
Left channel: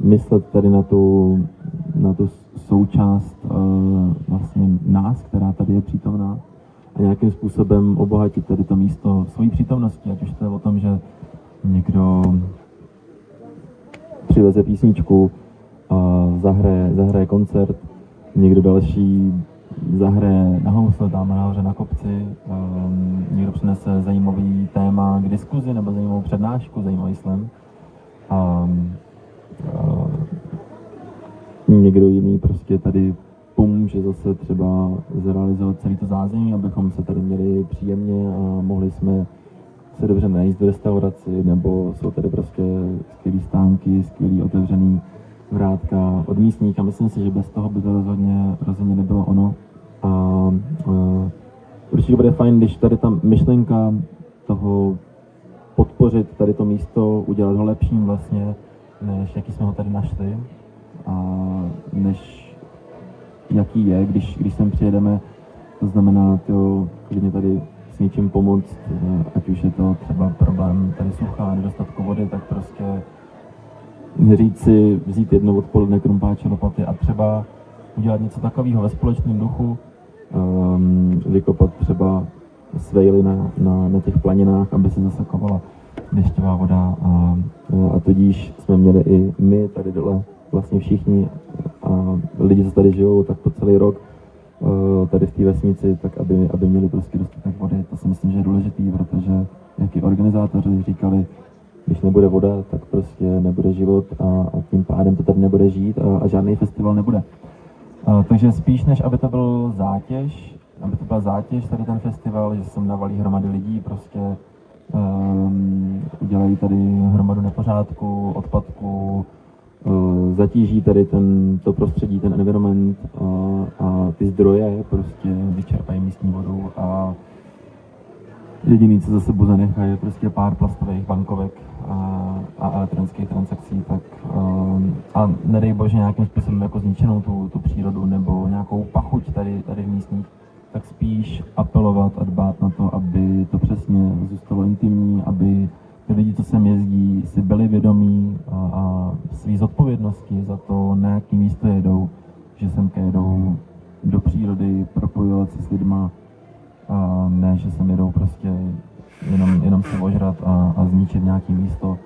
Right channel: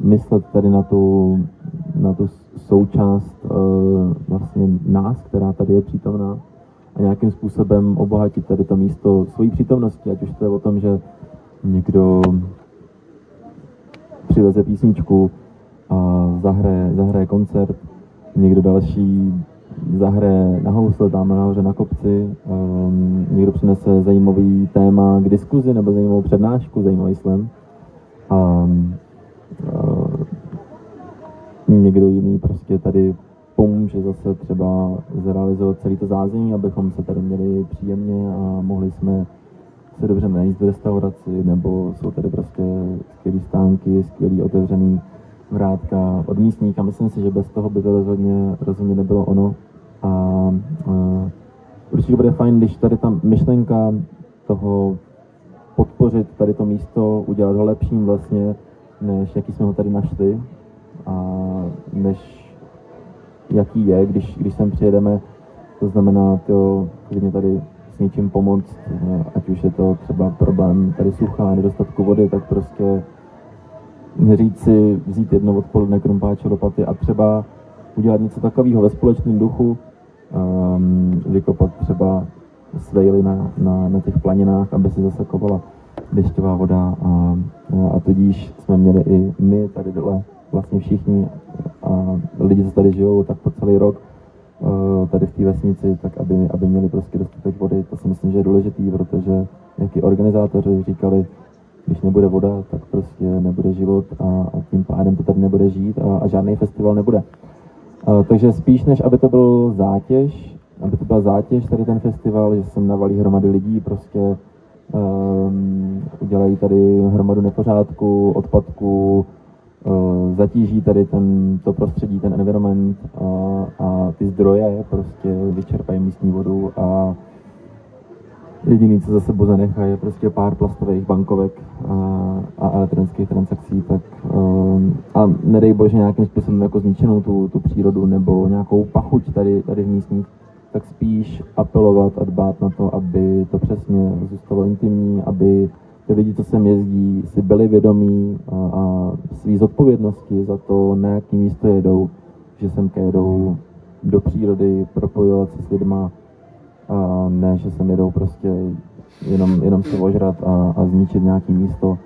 myslet tady na tu součást vlastně nás, která tady je přítomná, a nějakým způsobem obohatit tady to místo svojí přítomností, ať už to je o tom, že někdo přiveze písničku a zahraje koncert, někdo další zahraje na housle tam nahoře na kopci, někdo přinese zajímavý téma k diskuzi nebo zajímavou přednášku, zajímavý slam. Někdo jiný prostě tady pomůže zase třeba zrealizovat celý to zázemí, abychom se tady měli příjemně a mohli jsme se dobře najíst v restauraci, nebo jsou tady prostě skvělý stánky, skvělý otevřený vrátka od místních, a myslím si, že bez toho by to rozhodně nebylo ono. A určitě bude fajn, když tady ta myšlenka toho podpořit tady to místo, udělat ho lepším vlastně, než jaký jsme ho tady našli, a než jaký je, když sem přijedeme. To znamená to klidně tady s něčím pomoct, ať už je to třeba problém tady sucha, nedostatku vody, tak prostě říct si, vzít jedno odpoledne krumpáče, lopaty a třeba udělat něco takového ve společném duchu, vykopat třeba svejly na těch planinách, aby se zasakovala dešťová voda, a tudíž jsme měli i my tady dole vlastně všichni a lidi, co tady žijou, tak po celý rok tady v té vesnici, tak aby měli prostě dostatek vody. To si myslím, že je důležitý, protože jak i organizátoři říkali, když nebude voda, tak prostě nebude život a tím pádem to tady nebude žít a žádný festival nebude. Takže spíš než aby to byla zátěž tady ten festival, že sem navalí hromady lidí, prostě udělají tady hromadu nepořádku, odpadku, zatíží tady to prostředí, ten environment a ty zdroje, prostě vyčerpají místní vodu a jediný, co za sebou zanechají, je prostě pár plastových bankovek a elektronických transakcí, tak a nedej bože nějakým způsobem jako zničenou tu přírodu nebo nějakou pachuť tady v místních, tak spíš apelovat a dbát na to, aby to přesně zůstalo intimní, aby ty lidi, co sem jezdí, si byli vědomí a svý zodpovědnosti za to, na jaký místo jedou, že semka jedou do přírody, propojovat se s lidma, a ne, že sem jedou prostě jenom si ožrat a zničit nějaké místo,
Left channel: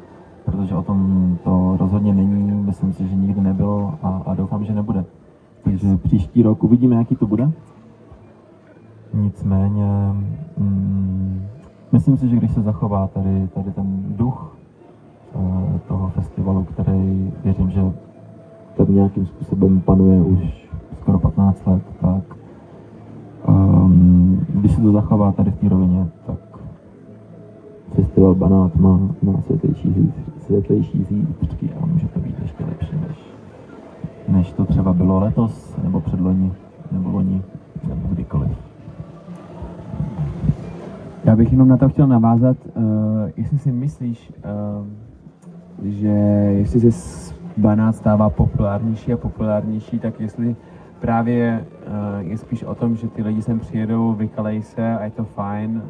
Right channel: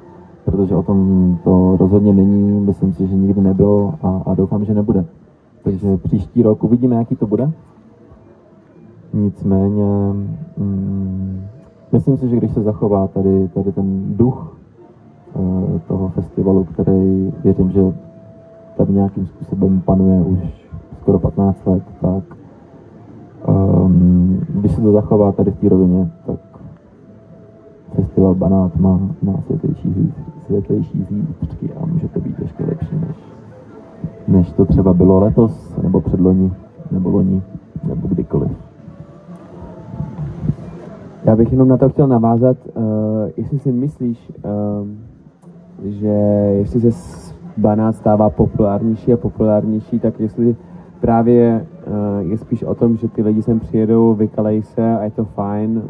protože o tom to rozhodně není, myslím si, že nikdy nebylo a doufám, že nebude. Takže příští rok uvidíme, jaký to bude. Nicméně myslím si, že když se zachová tady ten duch toho festivalu, který věřím, že tady nějakým způsobem panuje už skoro 15 let, tak když se to zachová tady v té rovině, tak festival Banát má světlejší zítřky a může to být ještě lepší, než to třeba bylo letos, nebo předloni, nebo loni, nebo kdykoliv. Já bych jenom na to chtěl navázat, jestli si myslíš, že jestli se Banát stává populárnější a populárnější, tak jestli právě je spíš o tom, že ty lidi sem přijedou, vykalejí se a je to fajn,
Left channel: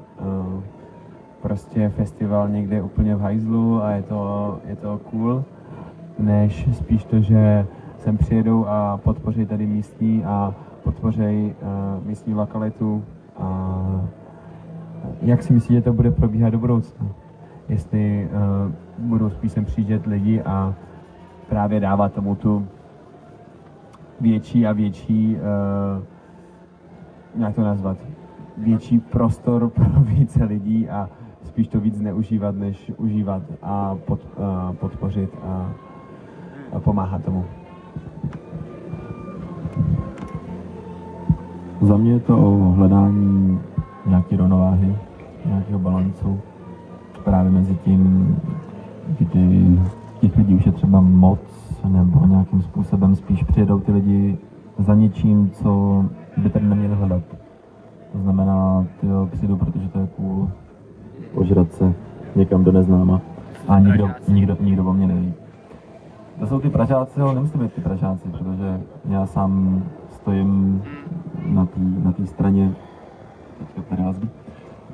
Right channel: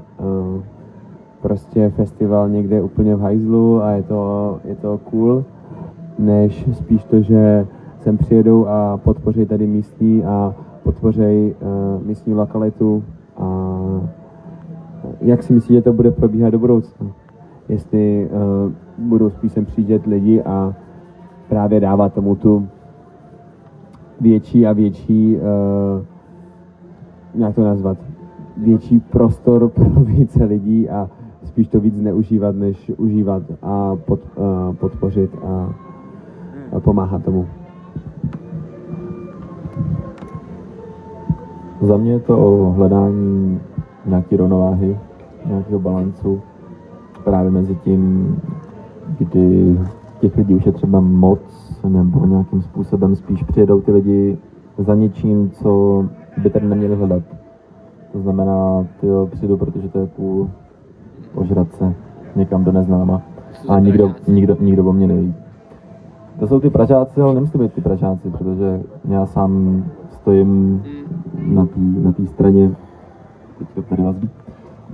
prostě festival někde úplně v hajzlu a je to cool, než spíš to, že sem přijedou a podpoří tady místní a podpoří místní lokalitu. A jak si myslíte, že to bude probíhat do budoucna? Jestli budou spíš sem přijíždět lidi a právě dávat tomu tu větší a větší, jak to nazvat, větší prostor pro více lidí a spíš to víc neužívat, než užívat a podpořit a pomáhat tomu. Za mě je to o hledání nějaké rovnováhy, nějakého balancu právě mezi tím, kdy těch lidí už je třeba moc, nebo nějakým způsobem spíš přijedou ty lidi za něčím, co by tady neměli hledat. To znamená, přijdu, protože to je cool, ožrat se někam do neznáma a nikdo o mě neví. To jsou ty Pražáci, ale nemusí být ty Pražáci, protože já sám stojím na té straně,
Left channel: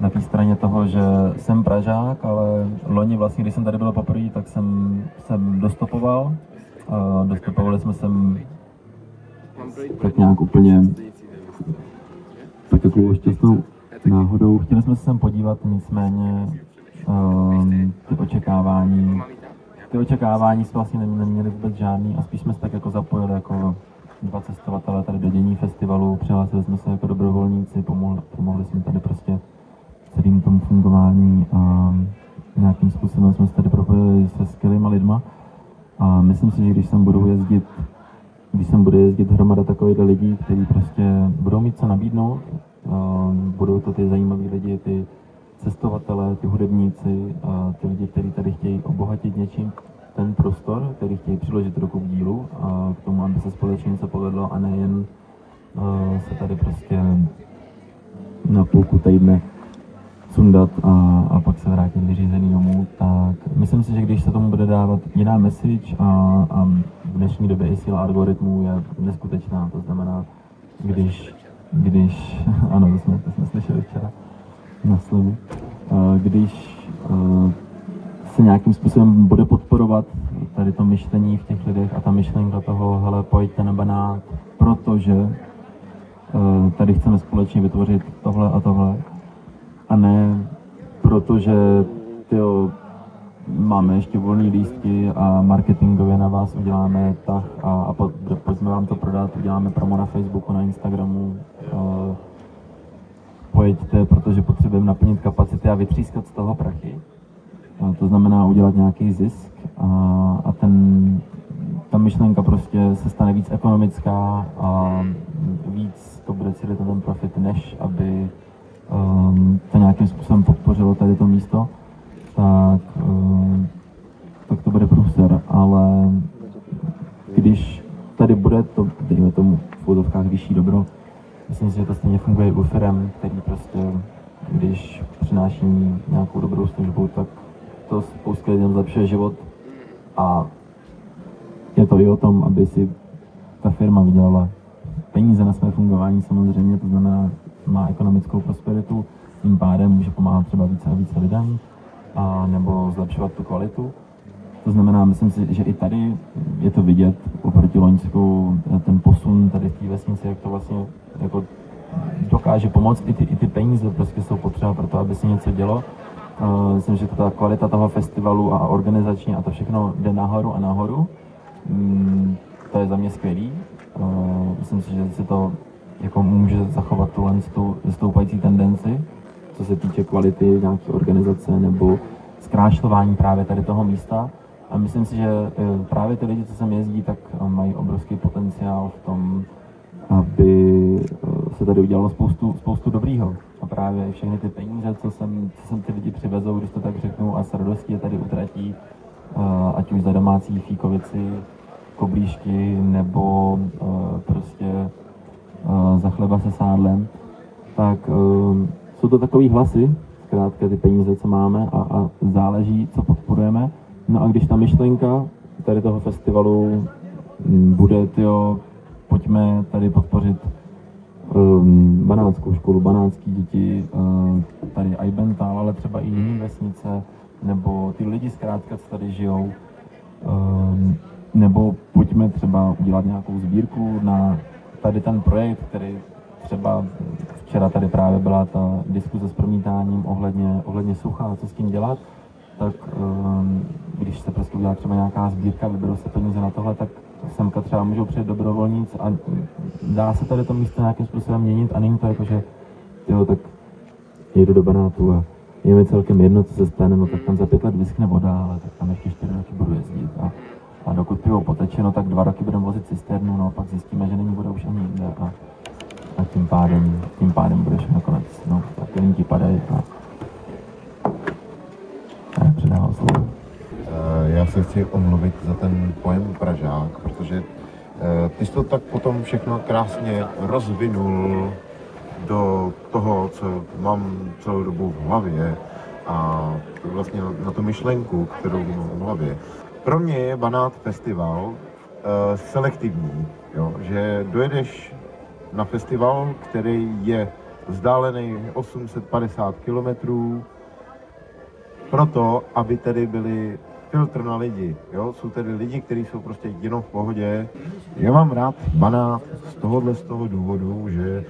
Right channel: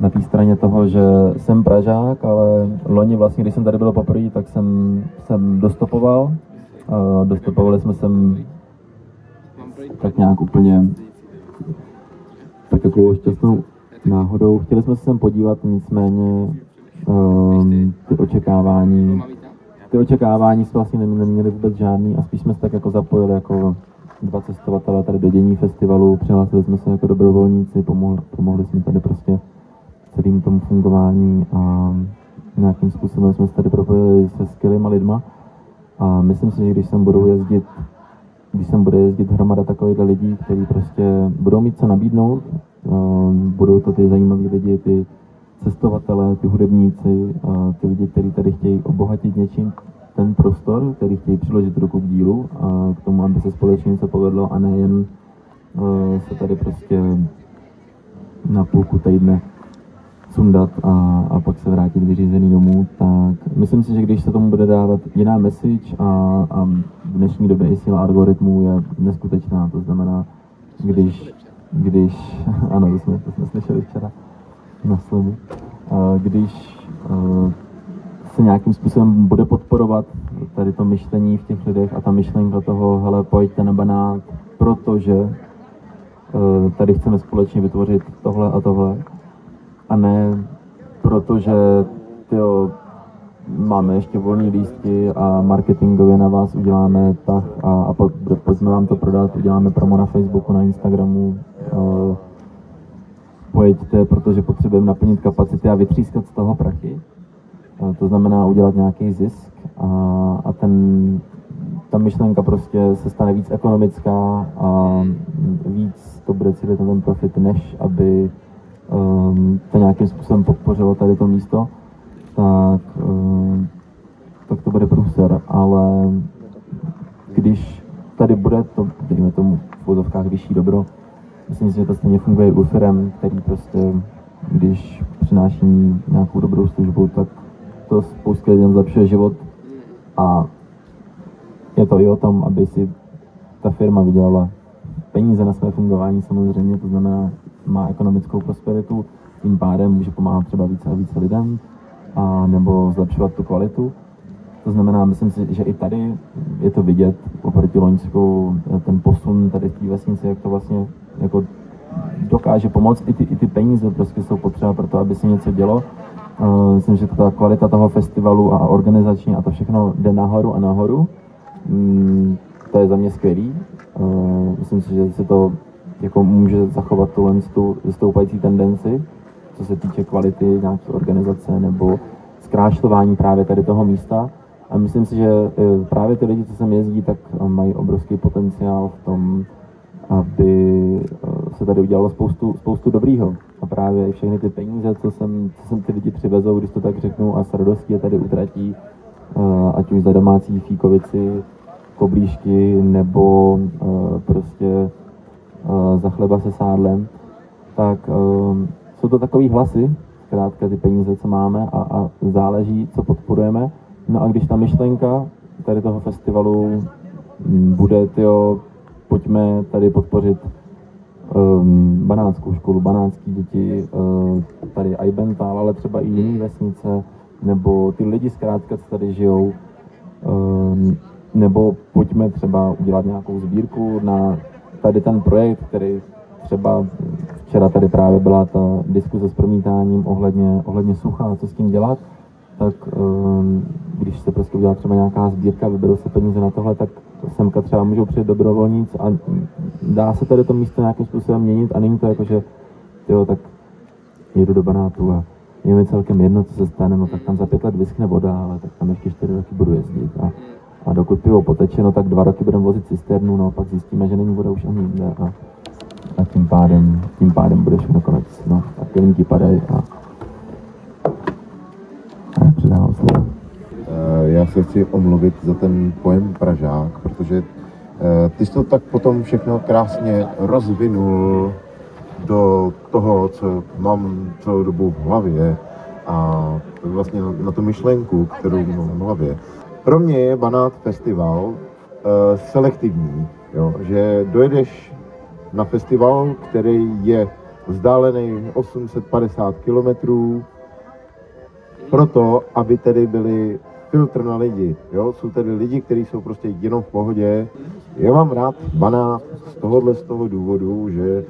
na té straně toho, že jsem Pražák, ale loni vlastně, když jsem tady byl poprvé, tak jsem dostopoval. Dostopovali jsme sem tak nějak úplně tak takovou šťastnou náhodou. Chtěli jsme se sem podívat, nicméně ty očekávání jsme vlastně neměli vůbec žádný a spíš jsme se tak jako zapojili jako dva cestovatelé tady do dění festivalu, přihlásili jsme se jako dobrovolníci, pomohli jsme tady prostě celým tomu fungování a nějakým způsobem jsme se tady propojili se skvělýma lidma a myslím si, že když sem bude jezdit hromada takových lidí, kteří prostě budou mít co nabídnout, budou to ty zajímaví lidi, ty cestovatelé, ty hudebníci, ty lidi, kteří tady chtějí obohatit něčím ten prostor, který chtějí přiložit ruku k dílu a k tomu, aby se společně něco povedlo a nejen se tady prostě na půlku týdne sundat a pak se vrátit vyřízený domů, tak myslím si, že když se tomu bude dávat jiná message a v dnešní době i síla algoritmů je neskutečná, to znamená, když ano, to jsme slyšeli včera na slevu, když se nějakým způsobem bude podporovat tady to myšlení v těch lidech a ta myšlenka toho, hele, pojďte na Banát, protože tady chceme společně vytvořit tohle a tohle, a ne protože máme ještě volné lístky a marketingově na vás uděláme tak a pojďme vám to prodat, uděláme promo na Facebooku, na Instagramu, pojďte, protože potřebujeme naplnit kapacity a vytřískat z toho prachy. To znamená udělat nějaký zisk a ta myšlenka prostě se stane víc ekonomická a víc to bude cílit na ten profit, než aby to nějakým způsobem podpořilo tady to místo, tak to bude průser, ale když tady bude to, dejme tomu v úzovkách vyšší dobro, myslím si, že to stejně funguje i u firem, který prostě, když přináší nějakou dobrou službu, tak to spoustě lidem zlepšuje život a je to i o tom, aby si ta firma vydělala peníze na své fungování samozřejmě, to znamená, má ekonomickou prosperitu, tím pádem může pomáhat třeba více a více lidem, a nebo zlepšovat tu kvalitu. To znamená, myslím si, že i tady je to vidět oproti Loňsku, ten posun tady v té vesnici, jak to vlastně jako dokáže pomoct. I ty peníze prostě jsou potřeba pro to, aby se něco dělo. Myslím, že ta kvalita toho festivalu a organizační a to všechno jde nahoru a nahoru. To je za mě skvělý. Myslím si, že se to jako může zachovat tu stoupající tendenci, co se týče kvality nějaké organizace nebo zkrášlování právě tady toho místa. A myslím si, že právě ty lidi, co sem jezdí, tak mají obrovský potenciál v tom, aby se tady udělalo spoustu dobrýho. A právě i všechny ty peníze, co sem ty lidi přivezou, když to tak řeknu, a s radostí je tady utratí, ať už za domácí fíkovici, koblížky, nebo prostě za chleba se sádlem, tak jsou to takový hlasy, zkrátka ty peníze, co máme, a záleží, co podporujeme. No a když ta myšlenka tady toho festivalu bude, pojďme tady podpořit banátskou školu, banátský děti, tady Eibenthal, ale třeba i jiné vesnice, nebo ty lidi zkrátka, co tady žijou, nebo pojďme třeba udělat nějakou sbírku na tady ten projekt, který třeba včera tady právě byla ta diskuze s promítáním ohledně sucha, co s tím dělat, tak když se prostě udělá třeba nějaká sbírka, vyberou se peníze na tohle, tak semka třeba můžou přijet dobrovolníci a dá se tady to místo nějakým způsobem měnit a není to jako, že tak jedu do Banátu a je mi celkem jedno, co se stane, no tak tam za 5 let vyschne voda, ale tak tam ještě 4 roky budu jezdit a dokud pivo poteče, no tak 2 roky budeme vozit cisternu, no pak zjistíme, že není voda už ani jinde a tím pádem bude všechno konec, no a pilníky padají a předávám slovo. Já se chci omluvit za ten pojem Pražák, protože ty jsi to tak potom všechno krásně rozvinul do toho, co mám celou dobu v hlavě a vlastně na tu myšlenku, kterou mám v hlavě. Pro mě je Banát festival selektivní, jo? Že dojedeš na festival, který je vzdálený 850 kilometrů, proto, aby tady byli filtr na lidi, jo? Jsou tady lidi, kteří jsou prostě jenom v pohodě. Já mám rád Banát z toho důvodu, že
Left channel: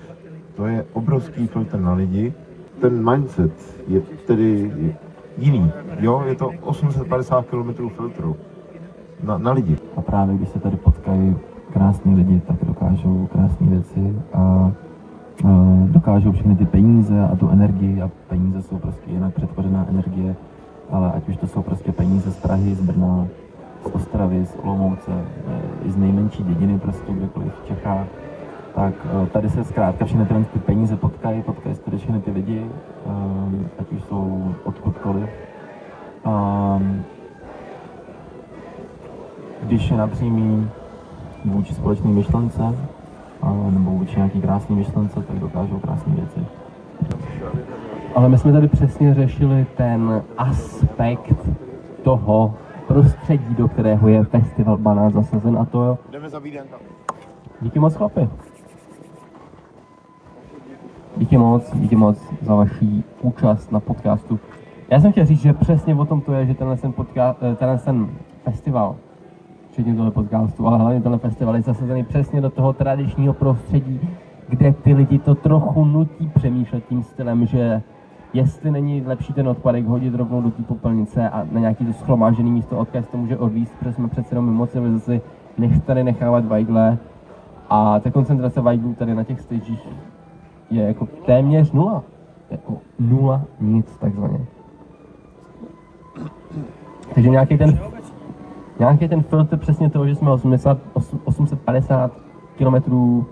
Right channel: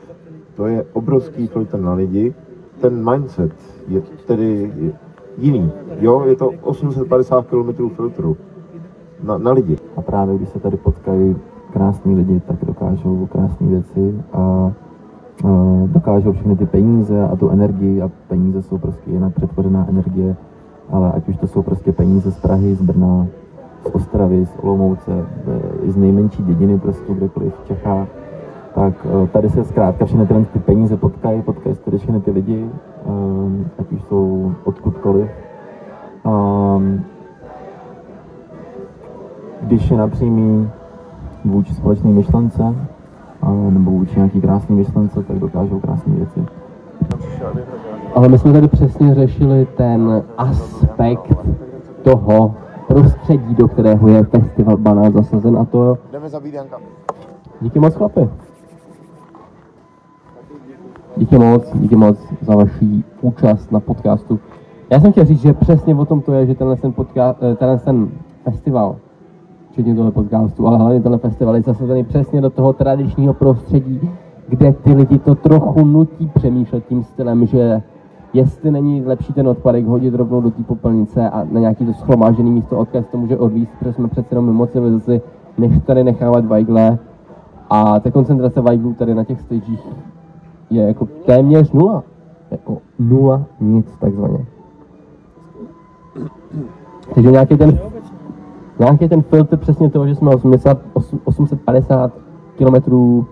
to je obrovský filtr na lidi. Ten mindset je tedy jiný, jo? Je to 850 km filtru na lidi. A právě když se tady potkají krásní lidi, tak dokážou krásné věci a dokážou všechny ty peníze a tu energii, a peníze jsou prostě jinak přetvořená energie, ale ať už to jsou prostě peníze z Prahy, z Brna, z Ostravy, z Olomouce, i z nejmenší dědiny prostě kdekoliv v Čechách, tak tady se zkrátka všechny ty peníze potkají se tady všechny ty lidi, ať už jsou odkudkoliv. Když je napřímý vůči společné myšlence, nebo vůči nějaký krásný myšlence, tak dokážou krásné věci. Ale my jsme tady přesně řešili ten aspekt toho prostředí, do kterého je festival Banát zasazen, a to jo. Jdeme za Vídenka. Díky moc, chlapi. Díky moc za vaši účast na podcastu. Já jsem chtěl říct, že přesně o tom to je, že tenhle festival, včetně tohle podcastu, ale hlavně tenhle festival je zasazený přesně do toho tradičního prostředí, kde ty lidi to trochu nutí přemýšlet tím stylem, že jestli není lepší ten odpadek hodit rovnou do té popelnice a na nějaký to schromážený místo, odkud to může odvízt, protože jsme přece jenom mimo civilizaci, než tady nechávat vajgle. A ta koncentrace vajglů tady na těch stagech je jako téměř nula. Jako nula, nic takzvaně. Takže nějaký ten filtr přesně toho, že jsme 850 kilometrů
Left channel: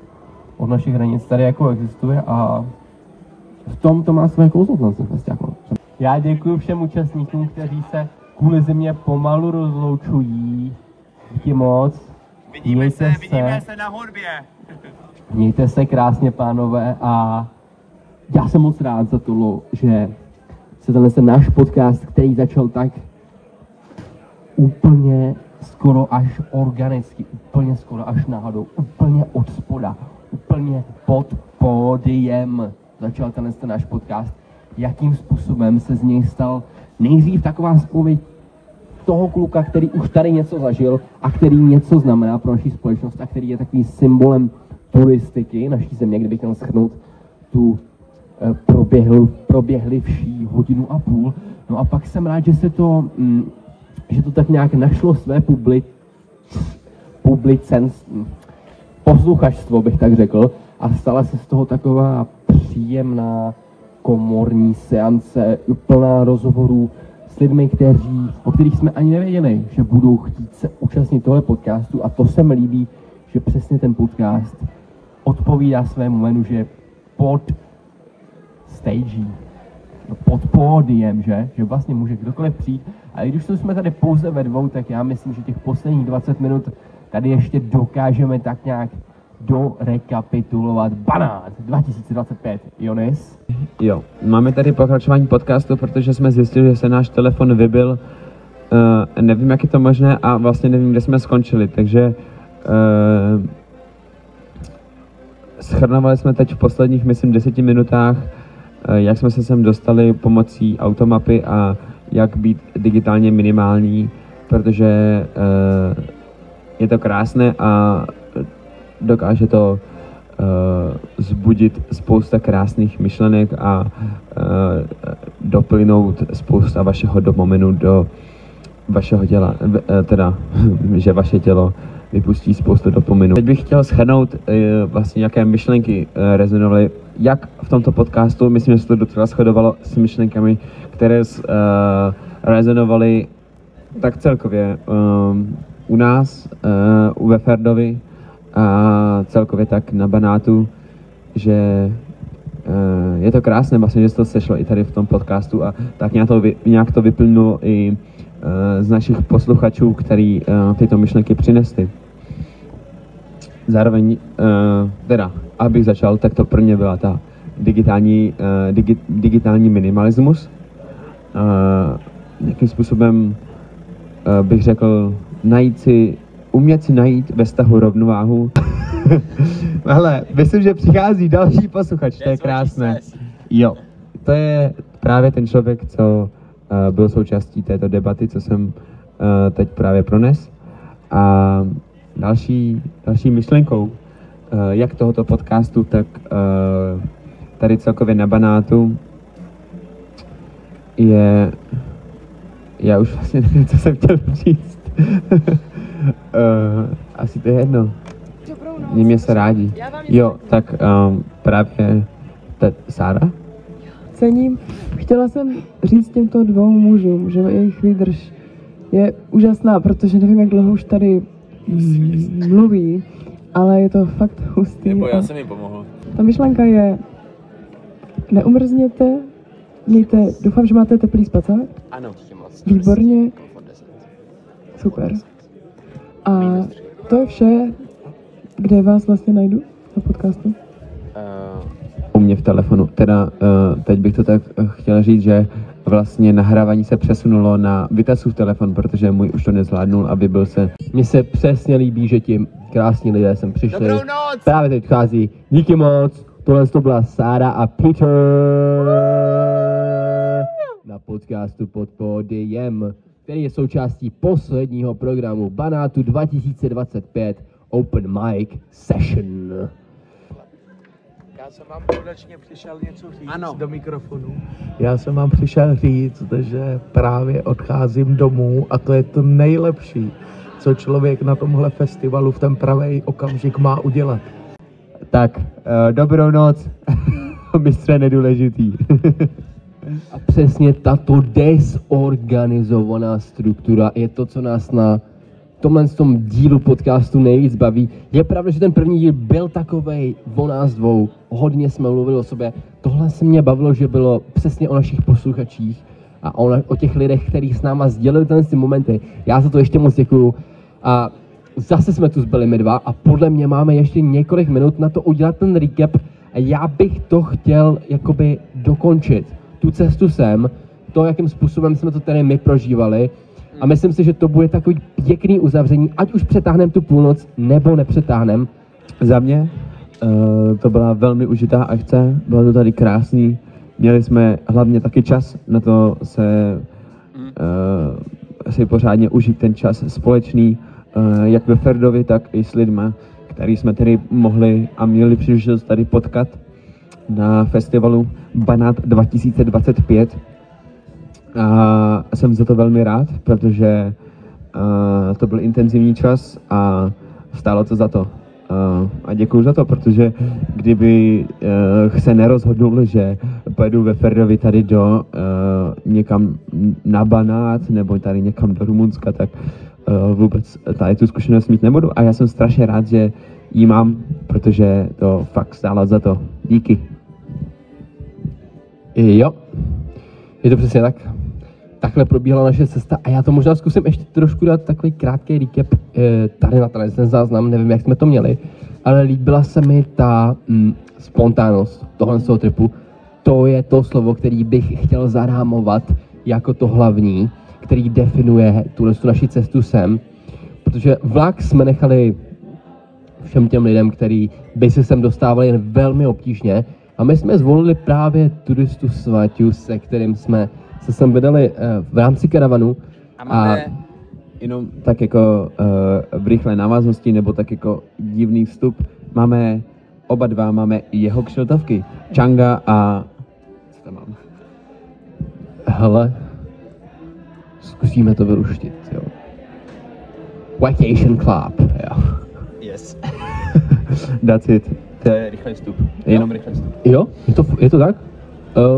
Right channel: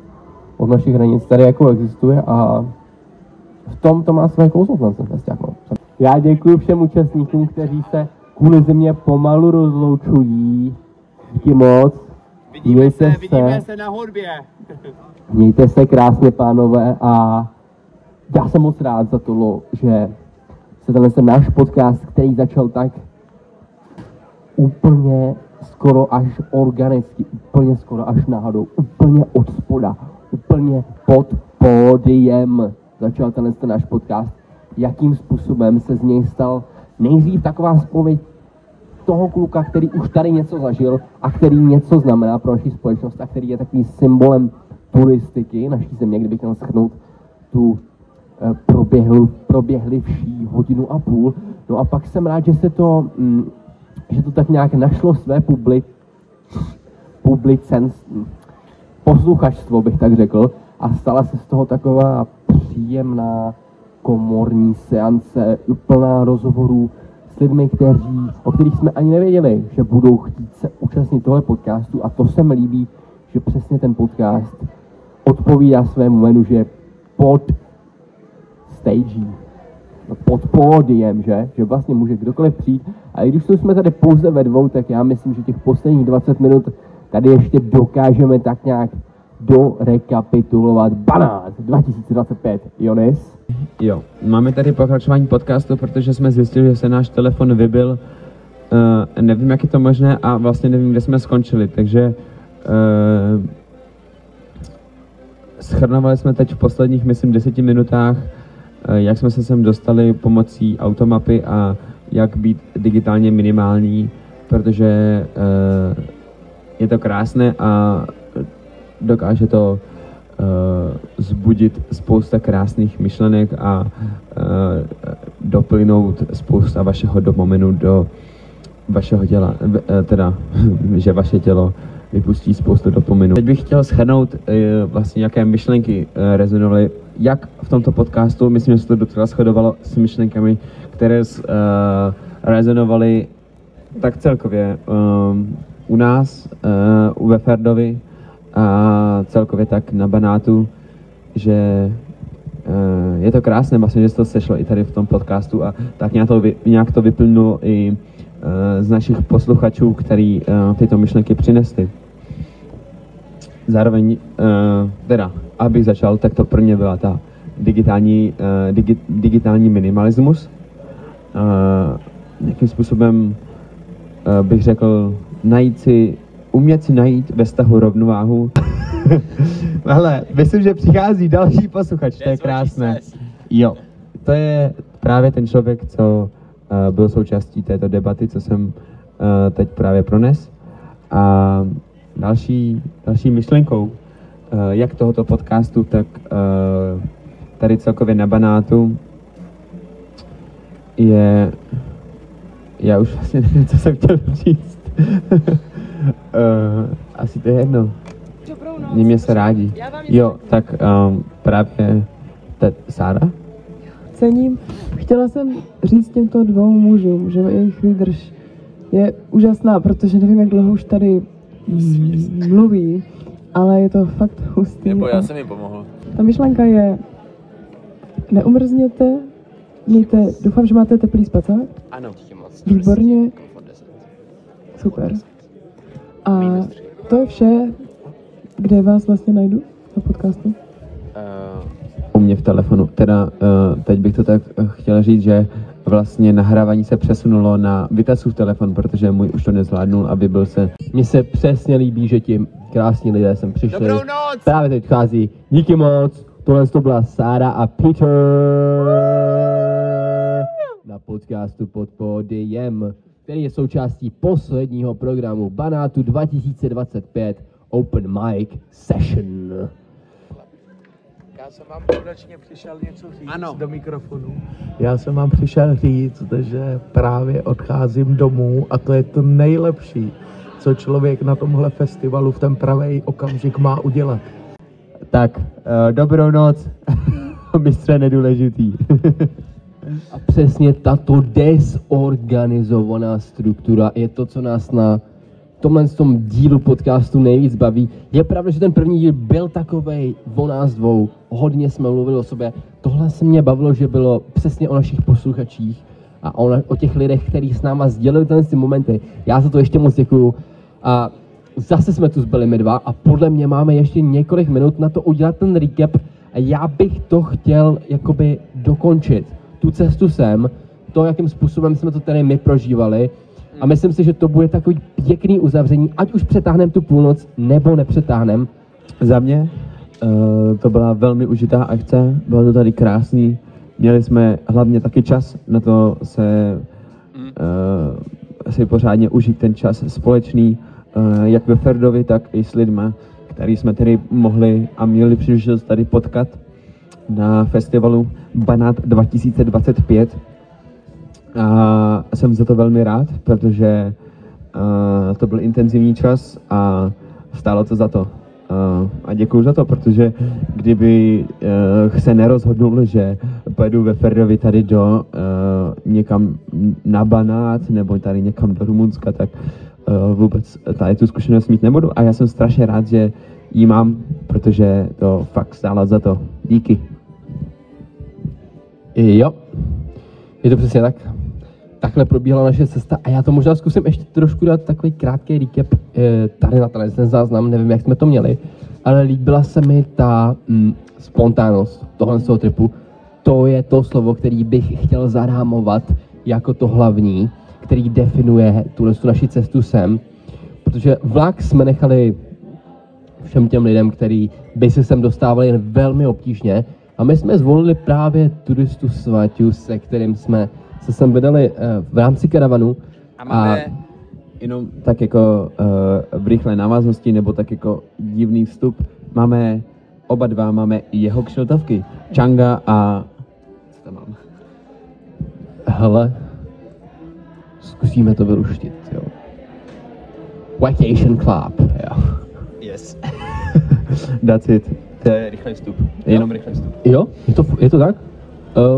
od našich hranic tady jako existuje a v tom to má své kouzlo ten festiák. Já děkuji všem účastníkům, kteří se kvůli zimě pomalu rozloučují. Díky moc. Vidíme se na hudbě. Mějte se krásně, pánové, a já jsem moc rád za to, že se tenhle náš podcast, který začal tak úplně skoro až organicky, úplně skoro až náhodou, úplně od spoda, úplně pod pódiem začal tenhle náš podcast, jakým způsobem se z něj stal nejdřív taková spověď toho kluka, který už tady něco zažil a který něco znamená pro naši společnost a který je takovým symbolem turistiky naší země, kdybych měl shrnout tu proběhlivší 1,5 hodiny. No a pak jsem rád, že to tak nějak našlo své posluchačstvo, bych tak řekl. a stala se z toho taková příjemná komorní seance, plná rozhovorů s lidmi, o kterých jsme ani nevěděli, že budou chtít se účastnit tohle podcastu, a to se mi líbí, že přesně ten podcast odpovídá svému jménu, že pod stage, pod pódiem, že vlastně může kdokoliv přijít. A i když to jsme tady pouze ve dvou, tak já myslím, že těch posledních 20 minut tady ještě dokážeme tak nějak dorekapitulovat Banát 2025. Jonis? Jo, máme tady pokračování podcastu, protože jsme zjistili, že se náš telefon vybil. Nevím, jak je to možné a vlastně nevím, kde jsme skončili, takže shrnovali jsme teď v posledních, myslím, 10 minutách, jak jsme se sem dostali pomocí automapy a jak být digitálně minimální, protože je to krásné a dokáže to zbudit spousta krásných myšlenek a doplynout spousta vašeho dopaminu do vašeho těla, teda, že vaše tělo vypustí spoustu dopaminu. Teď bych chtěl shrnout vlastně, jaké myšlenky rezonovaly, jak v tomto podcastu, myslím, že se to docela shodovalo s myšlenkami, které rezonovaly tak celkově u nás, u Veferdovi a celkově tak na Banátu, že je to krásné vlastně, že se to sešlo i tady v tom podcastu a tak nějak to vyplnulo i z našich posluchačů, který tyto myšlenky přinesli. Zároveň, teda, abych začal, tak to pro mě byla ta digitální minimalismus. Jakým způsobem bych řekl, umět si najít ve vztahu rovnováhu. Ale myslím, že přichází další posluchač, to je krásné. Jo, to je právě ten člověk, co byl součástí této debaty, co jsem teď právě prones. A další myšlenkou, jak tohoto podcastu, tak tady celkově na Banátu je, já už vlastně nevím, co jsem chtěl říct. Asi to je jedno. Mě se rádi. Jo, tak právě Sára? Cením. Chtěla jsem říct těmto dvou mužům, že jejich výdrž je úžasná, protože nevím, jak dlouho už tady mluví, ale je to fakt hustý. Nebo já jsem jim pomohl. Ta myšlenka je, neumrzněte, doufám, že máte teplý spacák. Ano. Výborně. Super. A to je vše, kde vás vlastně najdu na podcastu? U mě v telefonu. Teda teď bych to tak chtěl říct, že vlastně nahrávání se přesunulo na Vitasův telefon, protože můj už to nezvládnul a vybil se. Mně se přesně líbí, že ti krásní lidé sem přišli. Dobrou noc! Právě teď vchází. Díky moc. Tohle to byla Sára a Peter na podcastu Pod pódiem, který je součástí posledního programu Banátu 2025 Open Mic Session. Já jsem vám konečně přišel něco říct do mikrofonu. Já jsem vám přišel říct, že právě odcházím domů a to je to nejlepší, co člověk na tomhle festivalu v ten pravý okamžik má udělat. Tak, dobrou noc, mistře nedůležitý. A přesně tato desorganizovaná struktura je to, co nás na tomhle tom dílu podcastu nejvíc baví. Je pravda, že ten první díl byl takovej o nás dvou, hodně jsme mluvili o sobě. Tohle se mě bavilo, že bylo přesně o našich posluchačích a o těch lidech, kteří s náma sdělili ty momenty. Já za to ještě moc děkuju. A zase jsme tu zbyli my dva a podle mě máme ještě několik minut na to udělat ten recap a já bych to chtěl jakoby dokončit. Tu cestu sem, to, jakým způsobem jsme to tady my prožívali. A myslím si, že to bude takový pěkný uzavření, ať už přetáhneme tu půlnoc, nebo nepřetáhneme. Za mě to byla velmi užitá akce, bylo to tady krásný. Měli jsme hlavně taky čas na to si pořádně užít ten čas společný, jak ve Ferdovi, tak i s lidma, který jsme tady mohli a měli příležitost tady potkat na festivalu Banát 2025. A jsem za to velmi rád, protože to byl intenzivní čas a stálo to za to. a děkuju za to, protože kdyby se nerozhodnul, že pojedu ve Ferdovi tady do někam na Banát nebo tady někam do Rumunska, tak vůbec tady tu zkušenost mít nebudu a já jsem strašně rád, že ji mám, protože to fakt stálo za to. Díky. Jo, je to přesně tak. Takhle probíhala naše cesta a já to možná zkusím ještě trošku dát takový krátký recap tady na ten záznam, nevím, jak jsme to měli, ale líbila se mi ta spontánnost tohle z toho tripu. To je to slovo, který bych chtěl zarámovat jako to hlavní, který definuje tuhle naši cestu sem, protože vlak jsme nechali všem těm lidem, kteří by se sem dostávali jen velmi obtížně a my jsme zvolili právě turistu Svaťu, se kterým jsme se sem vydali v rámci karavanu a jenom tak jako v rychlé návaznosti nebo tak jako divný vstup, oba dva máme jeho kšiltovky, Changa a co tam mám? Hele, zkusíme to vyluštit, jo. Vacation Club, jo. Yes. That's it. To je rychlý vstup. Jenom rychlý vstup. Jo, je to tak?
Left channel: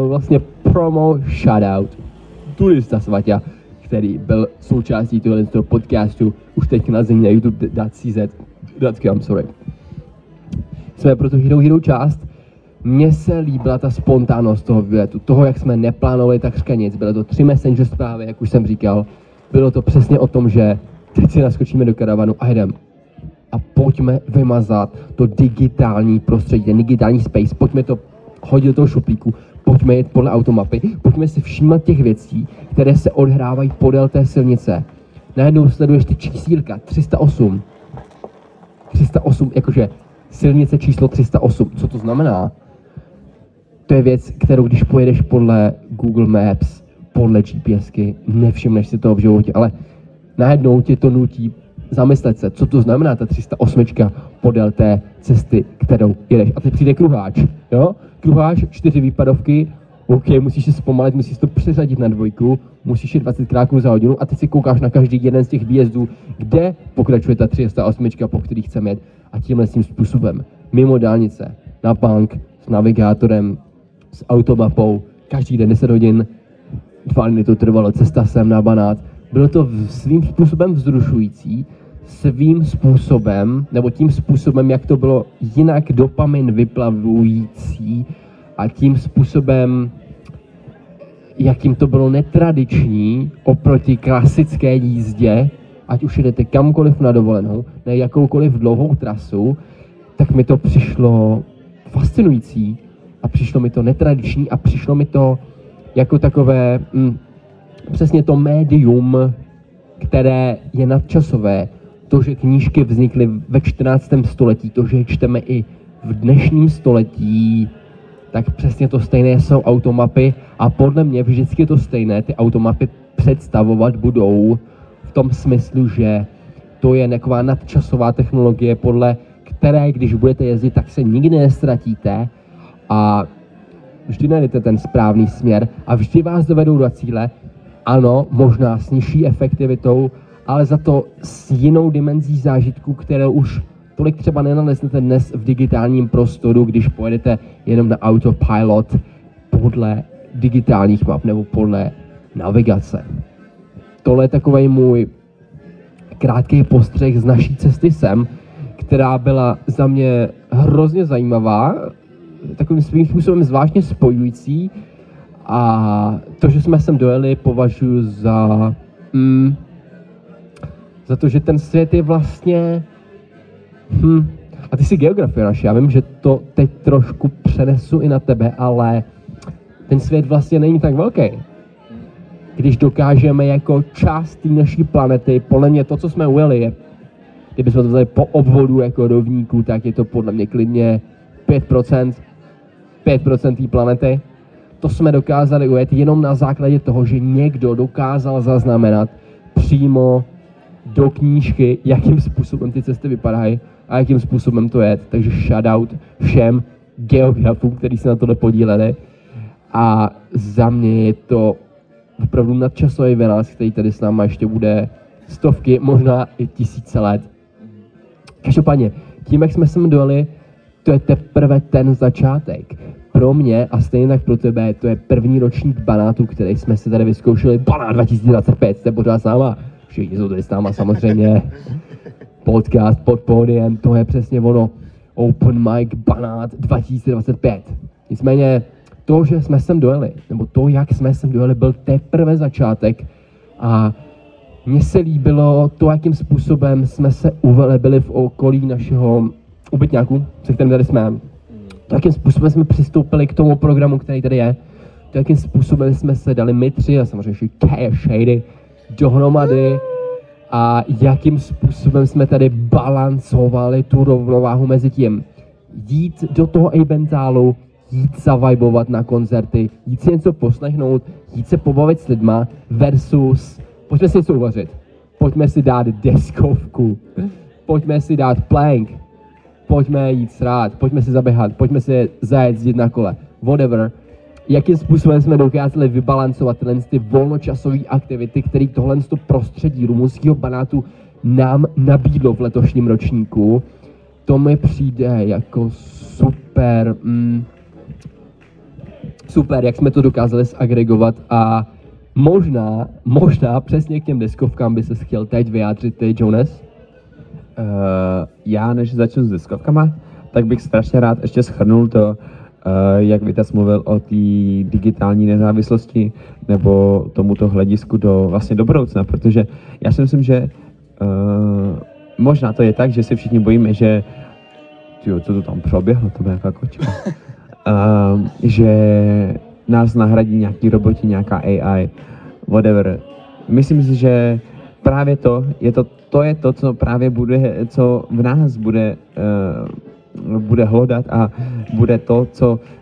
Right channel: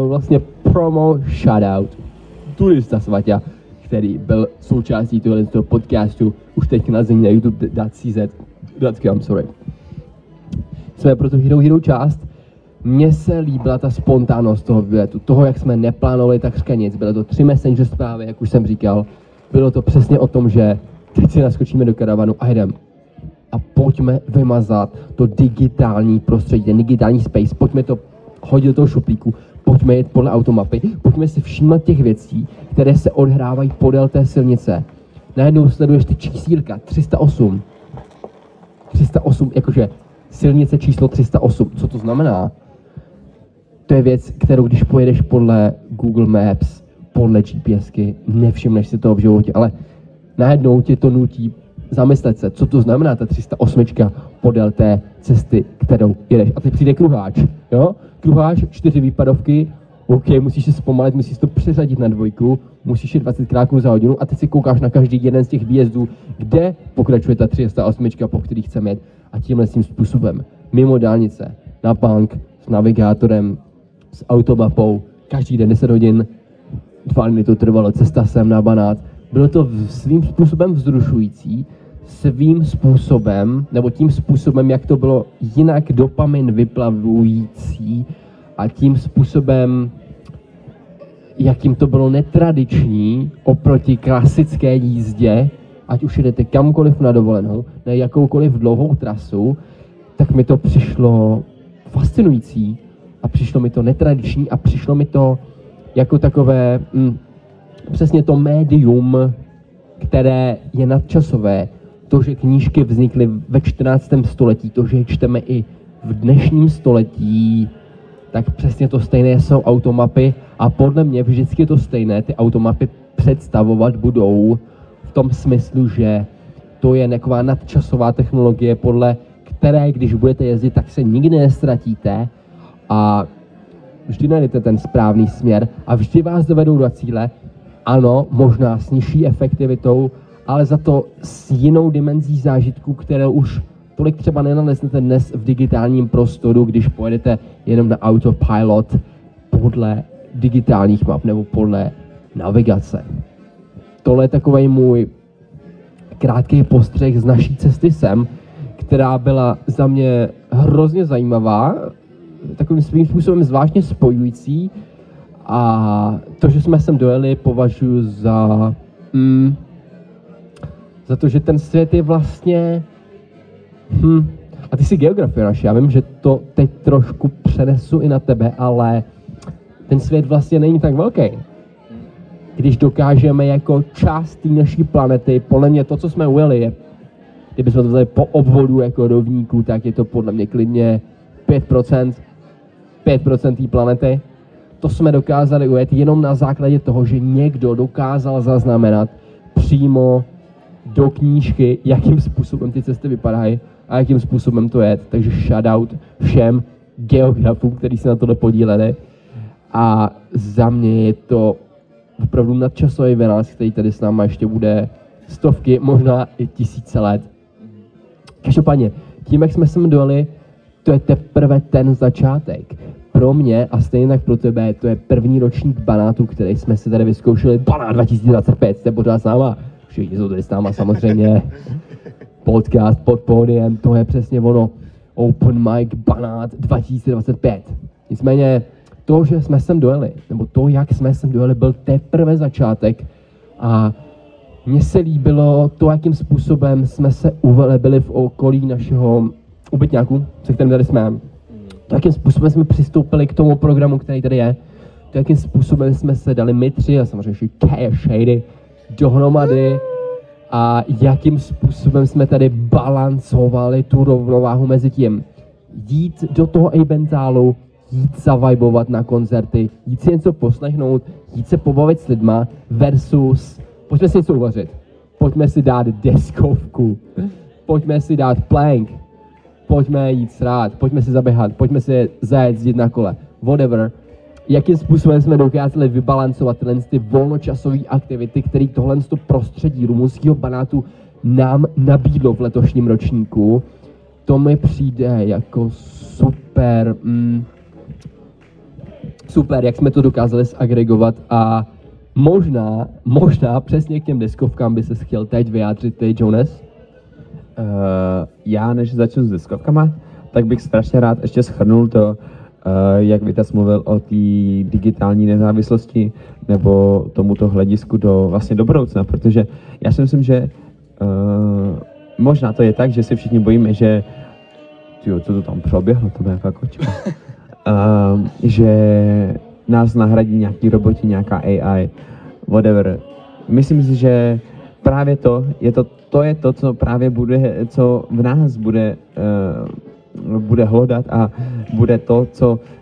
Vlastně promo shoutout turista Svaťa, který byl součástí tohoto podcastu už teď na země na youtube.cz.com, sorry. Jsme pro tu Hero část. Mně se líbila ta spontánnost toho výletu, toho, jak jsme neplánovali takřka nic. Bylo to 3 messenger zprávy, jak už jsem říkal. Bylo to přesně o tom, že teď si naskočíme do karavanu a jdem. A pojďme vymazat to digitální prostředí, ten digitální space, pojďme to hodit do toho šuplíku, pojďme jít podle automapy, pojďme si všímat těch věcí, které se odhrávají podél té silnice. Najednou sleduješ ty čísílka 308. 308, jakože silnice číslo 308. Co to znamená? To je věc, kterou když pojedeš podle Google Maps, podle GPSky, nevšimneš si toho v životě, ale najednou tě to nutí zamyslet se, co to znamená ta 308 podél té cesty, kterou jedeš. A teď přijde kruháč, jo? Kruháč, 4 výpadovky, OK, musíš se zpomalit, musíš to přesadit na 2, musíš jít 20 kráků za hodinu a teď si koukáš na každý jeden z těch výjezdů, kde pokračuje ta 308, po který chceme jet. A tímhle tím způsobem, mimo dálnice, na bank, s navigátorem, s automapou, každý den 10 hodin, 2 dny to trvalo, cesta sem na Banát. Bylo to svým způsobem vzrušující, svým způsobem, nebo tím způsobem, jak to bylo jinak dopamin vyplavující a tím způsobem, jakým to bylo netradiční oproti klasické jízdě, ať už jdete kamkoliv na dovolenou, na jakoukoliv dlouhou trasu, tak mi to přišlo fascinující a přišlo mi to netradiční a přišlo mi to jako takové přesně to médium, které je nadčasové. To, že knížky vznikly ve 14. století, to, že je čteme i v dnešním století, tak přesně to stejné jsou automapy a podle mě vždycky to stejné ty automapy představovat budou v tom smyslu, že to je taková nadčasová technologie, podle které, když budete jezdit, tak se nikdy nestratíte a vždy najdete ten správný směr a vždy vás dovedou do cíle. Ano, možná s nižší efektivitou, ale za to s jinou dimenzí zážitku, kterou už tolik třeba nenaleznete dnes v digitálním prostoru, když pojedete jenom na autopilot podle digitálních map nebo podle navigace. Tohle je takovej můj krátký postřeh z naší cesty sem, která byla za mě hrozně zajímavá, takovým svým způsobem zvláštně spojující a to, že jsme sem dojeli, považuji za to, že ten svět je vlastně a ty jsi geografie naši, já vím, že to teď trošku přenesu i na tebe, ale ten svět vlastně není tak velký. Když dokážeme jako část té naší planety, podle mě to, co jsme ujeli, je, kdybychom to vzali po obvodu jako rovníků, tak je to podle mě klidně 5% té planety. To jsme dokázali ujet jenom na základě toho, že někdo dokázal zaznamenat přímo do knížky, jakým způsobem ty cesty vypadají a jakým způsobem to je. Takže shoutout všem geografům, kteří se na tohle podíleli. A za mě je to opravdu nadčasový vynález, který tady s náma ještě bude stovky, možná i 1000 let. Každopádně, tím, jak jsme sem dojeli, to je teprve ten začátek. Pro mě a stejně tak pro tebe, to je první ročník Banátu, který jsme si tady vyzkoušeli. Banát 2025, jste pořád s náma. Všichni jsou tady s náma samozřejmě. Podcast pod pódiem, to je přesně ono. Open mic Banát 2025. Nicméně to, že jsme sem dojeli, nebo to, jak jsme sem dojeli, byl teprve začátek a mně se líbilo to, jakým způsobem jsme se uvelebili v okolí našeho ubytňáku, se kterým tady jsme. To, jakým způsobem jsme přistoupili k tomu programu, který tady je. To, jakým způsobem jsme se dali my tři a samozřejmě ještě Shady dohromady a jakým způsobem jsme tady balancovali tu rovnováhu mezi tím. Jít do toho eventálu, jít zavibovat na koncerty, jít si něco poslechnout, jít se pobavit s lidma versus pojďme si něco uvařit, pojďme si dát deskovku, pojďme si dát plank, pojďme jít srát, pojďme si zaběhat, pojďme si zajezdit na kole, whatever. Jakým způsobem jsme dokázali vybalancovat ty volnočasové aktivity, které tohle prostředí rumunského Banátu nám nabídlo v letošním ročníku, to mi přijde jako super, super, jak jsme to dokázali zagregovat a možná přesně k těm deskovkám by se chtěl teď vyjádřit ty, Jonas? Já, než začnu s deskovkama, tak bych strašně rád ještě shrnul to, jak Vitas mluvil o té digitální nezávislosti nebo tomuto hledisku do budoucna, protože já si myslím, že možná to je tak, že si všichni bojíme, že co to tam proběhlo, to bude nějaká kočka, že nás nahradí nějaký roboti, nějaká AI, whatever. Myslím si, že právě to je to, co právě co v nás bude hledat a bude to,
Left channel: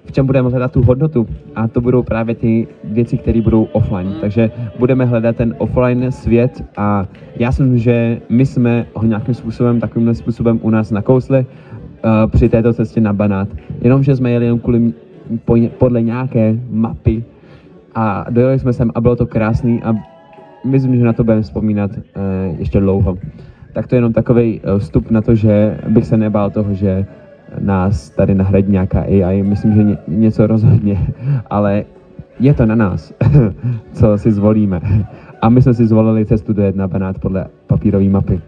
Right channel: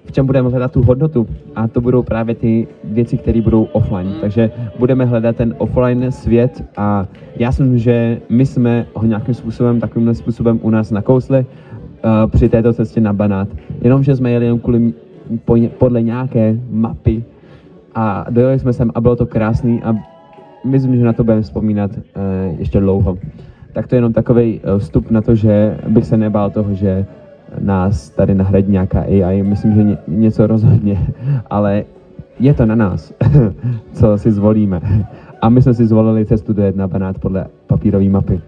v čem budeme hledat tu hodnotu. A to budou právě ty věci, které budou offline. Takže budeme hledat ten offline svět a já si myslím, že my jsme ho nějakým způsobem, takovým způsobem u nás nakousli při této cestě na Banát. Jenomže jsme jeli jen podle nějaké mapy a dojeli jsme sem a bylo to krásný a myslím, že na to budeme vzpomínat ještě dlouho. Tak to je jenom takový vstup na to, že bych se nebál toho, že nás tady nahradí nějaká AI. Myslím, že něco rozhodně, ale je to na nás, co si zvolíme. A my jsme si zvolili cestu dojet na Banát podle papírové mapy.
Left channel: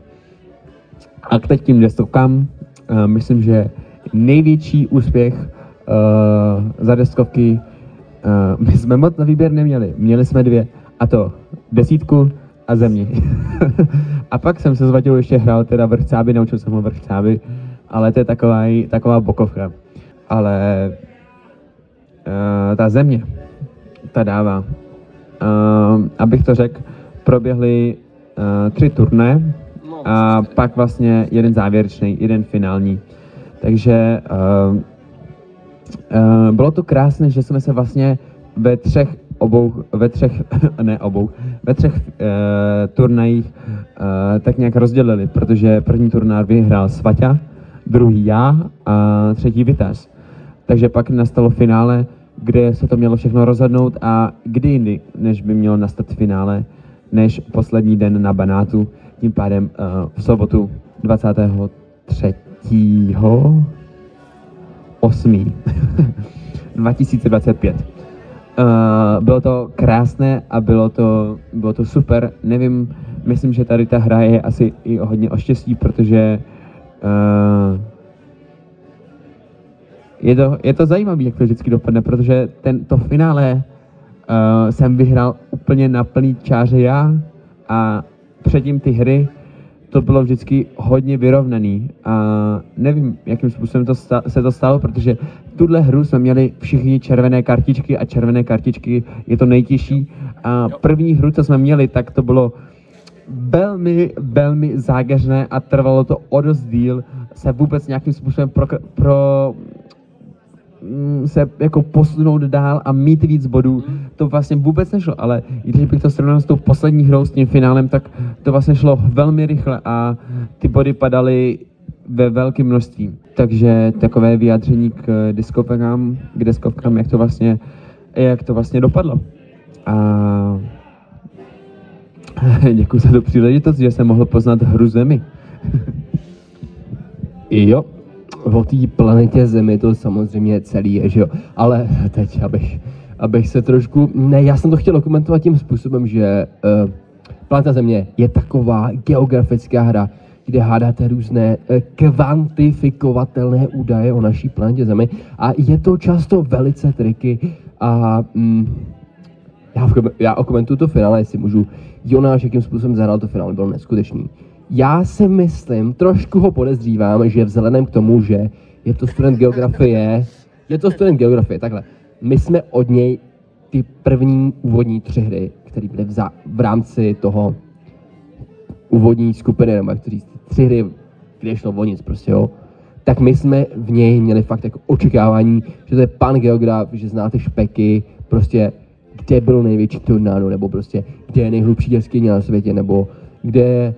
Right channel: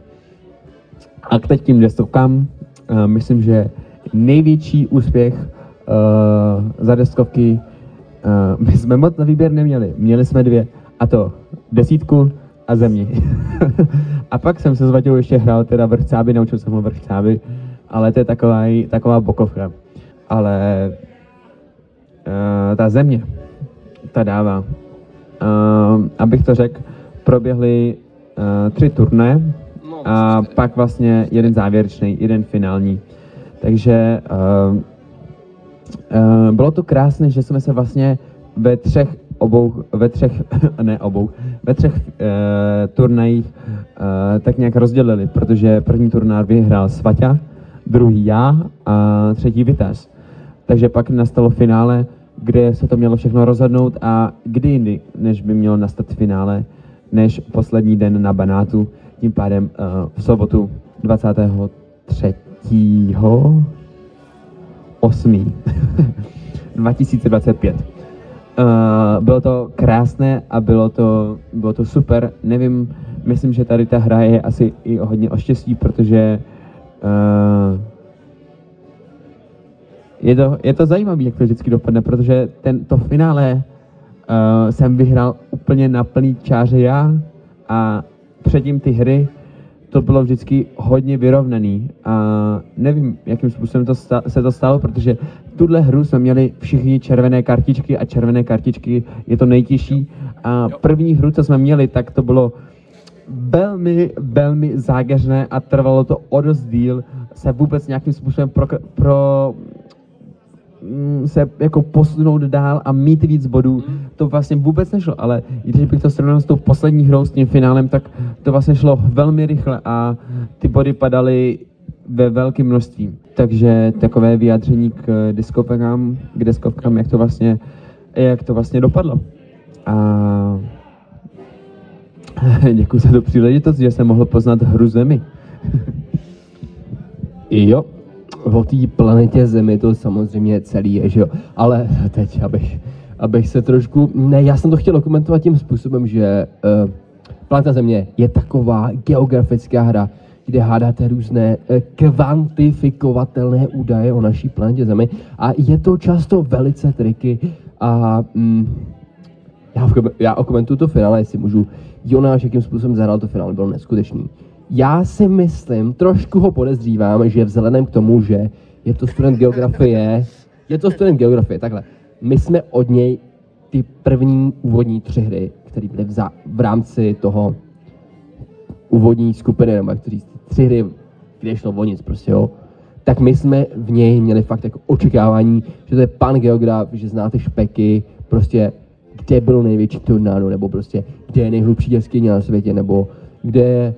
A k teď tím deskovkám, myslím, že největší úspěch za deskovky my jsme moc na výběr neměli. Měli jsme dvě, a to 10 a Země. A pak jsem se s Vaťou ještě hrál teda vrchcáby, naučil jsem ho vrchcáby, ale to je taková bokovka. Ale ta Země, ta dává. Abych to řekl, proběhly 3 turné a pak vlastně jeden závěrečný, jeden finální. Takže bylo to krásné, že jsme se vlastně ve třech turnajích tak nějak rozdělili, protože první turnaj vyhrál Svaťa, druhý já a třetí Vitas. Takže pak nastalo finále, kde se to mělo všechno rozhodnout a kdy jindy, než by mělo nastat finále, než poslední den na Banátu, tím pádem v sobotu 23.8. 2025. Bylo to krásné a bylo to super. Nevím, myslím, že tady ta hra je asi i hodně o štěstí, protože je to zajímavé, jak to vždycky dopadne, protože to finále jsem vyhrál úplně na plný čáře já a předtím ty hry to bylo vždycky hodně vyrovnaný a nevím, jakým způsobem se to stalo, protože tuhle hru jsme měli všichni červené kartičky a červené kartičky je to nejtěžší a první hru, co jsme měli, tak to bylo velmi, velmi zákeřné a trvalo to o dost díl se vůbec nějakým způsobem se jako posunout dál a mít víc bodů, to vlastně vůbec nešlo, ale když bych to srovnal s tou poslední hrou, s tím finálem, tak to vlastně šlo velmi rychle a ty body padaly ve velkém množství. Takže takové vyjádření k deskovkám, jak to vlastně dopadlo. A děkuji za tu příležitost, že jsem mohl poznat hru Zemi. Jo, o té planetě Zemi to samozřejmě celý je, že jo. Ale teď, abych se trošku... Ne, já jsem to chtěl dokumentovat tím způsobem, že planeta Země je taková geografická hra, kde hádáte různé kvantifikovatelné údaje o naší planetě Zemi a je to často velice triky a já okomentuju to finále, jestli můžu. Jonáš, jakým způsobem zahrál to finále, byl neskutečný. Já si myslím, trošku ho podezřívám, že vzhledem k tomu, že je to student geografie, takhle. My jsme od něj ty první úvodní 3 hry, které byly v rámci toho úvodní skupiny, nebo jak to říct, 3 hry, kde šlo o nic prostě, jo. Tak my jsme v něj měli fakt jako očekávání, že to je pan geograf, že znáte špeky, prostě kde byl největší tornádo, nebo prostě kde je nejhlubší jeskyně na světě, nebo kde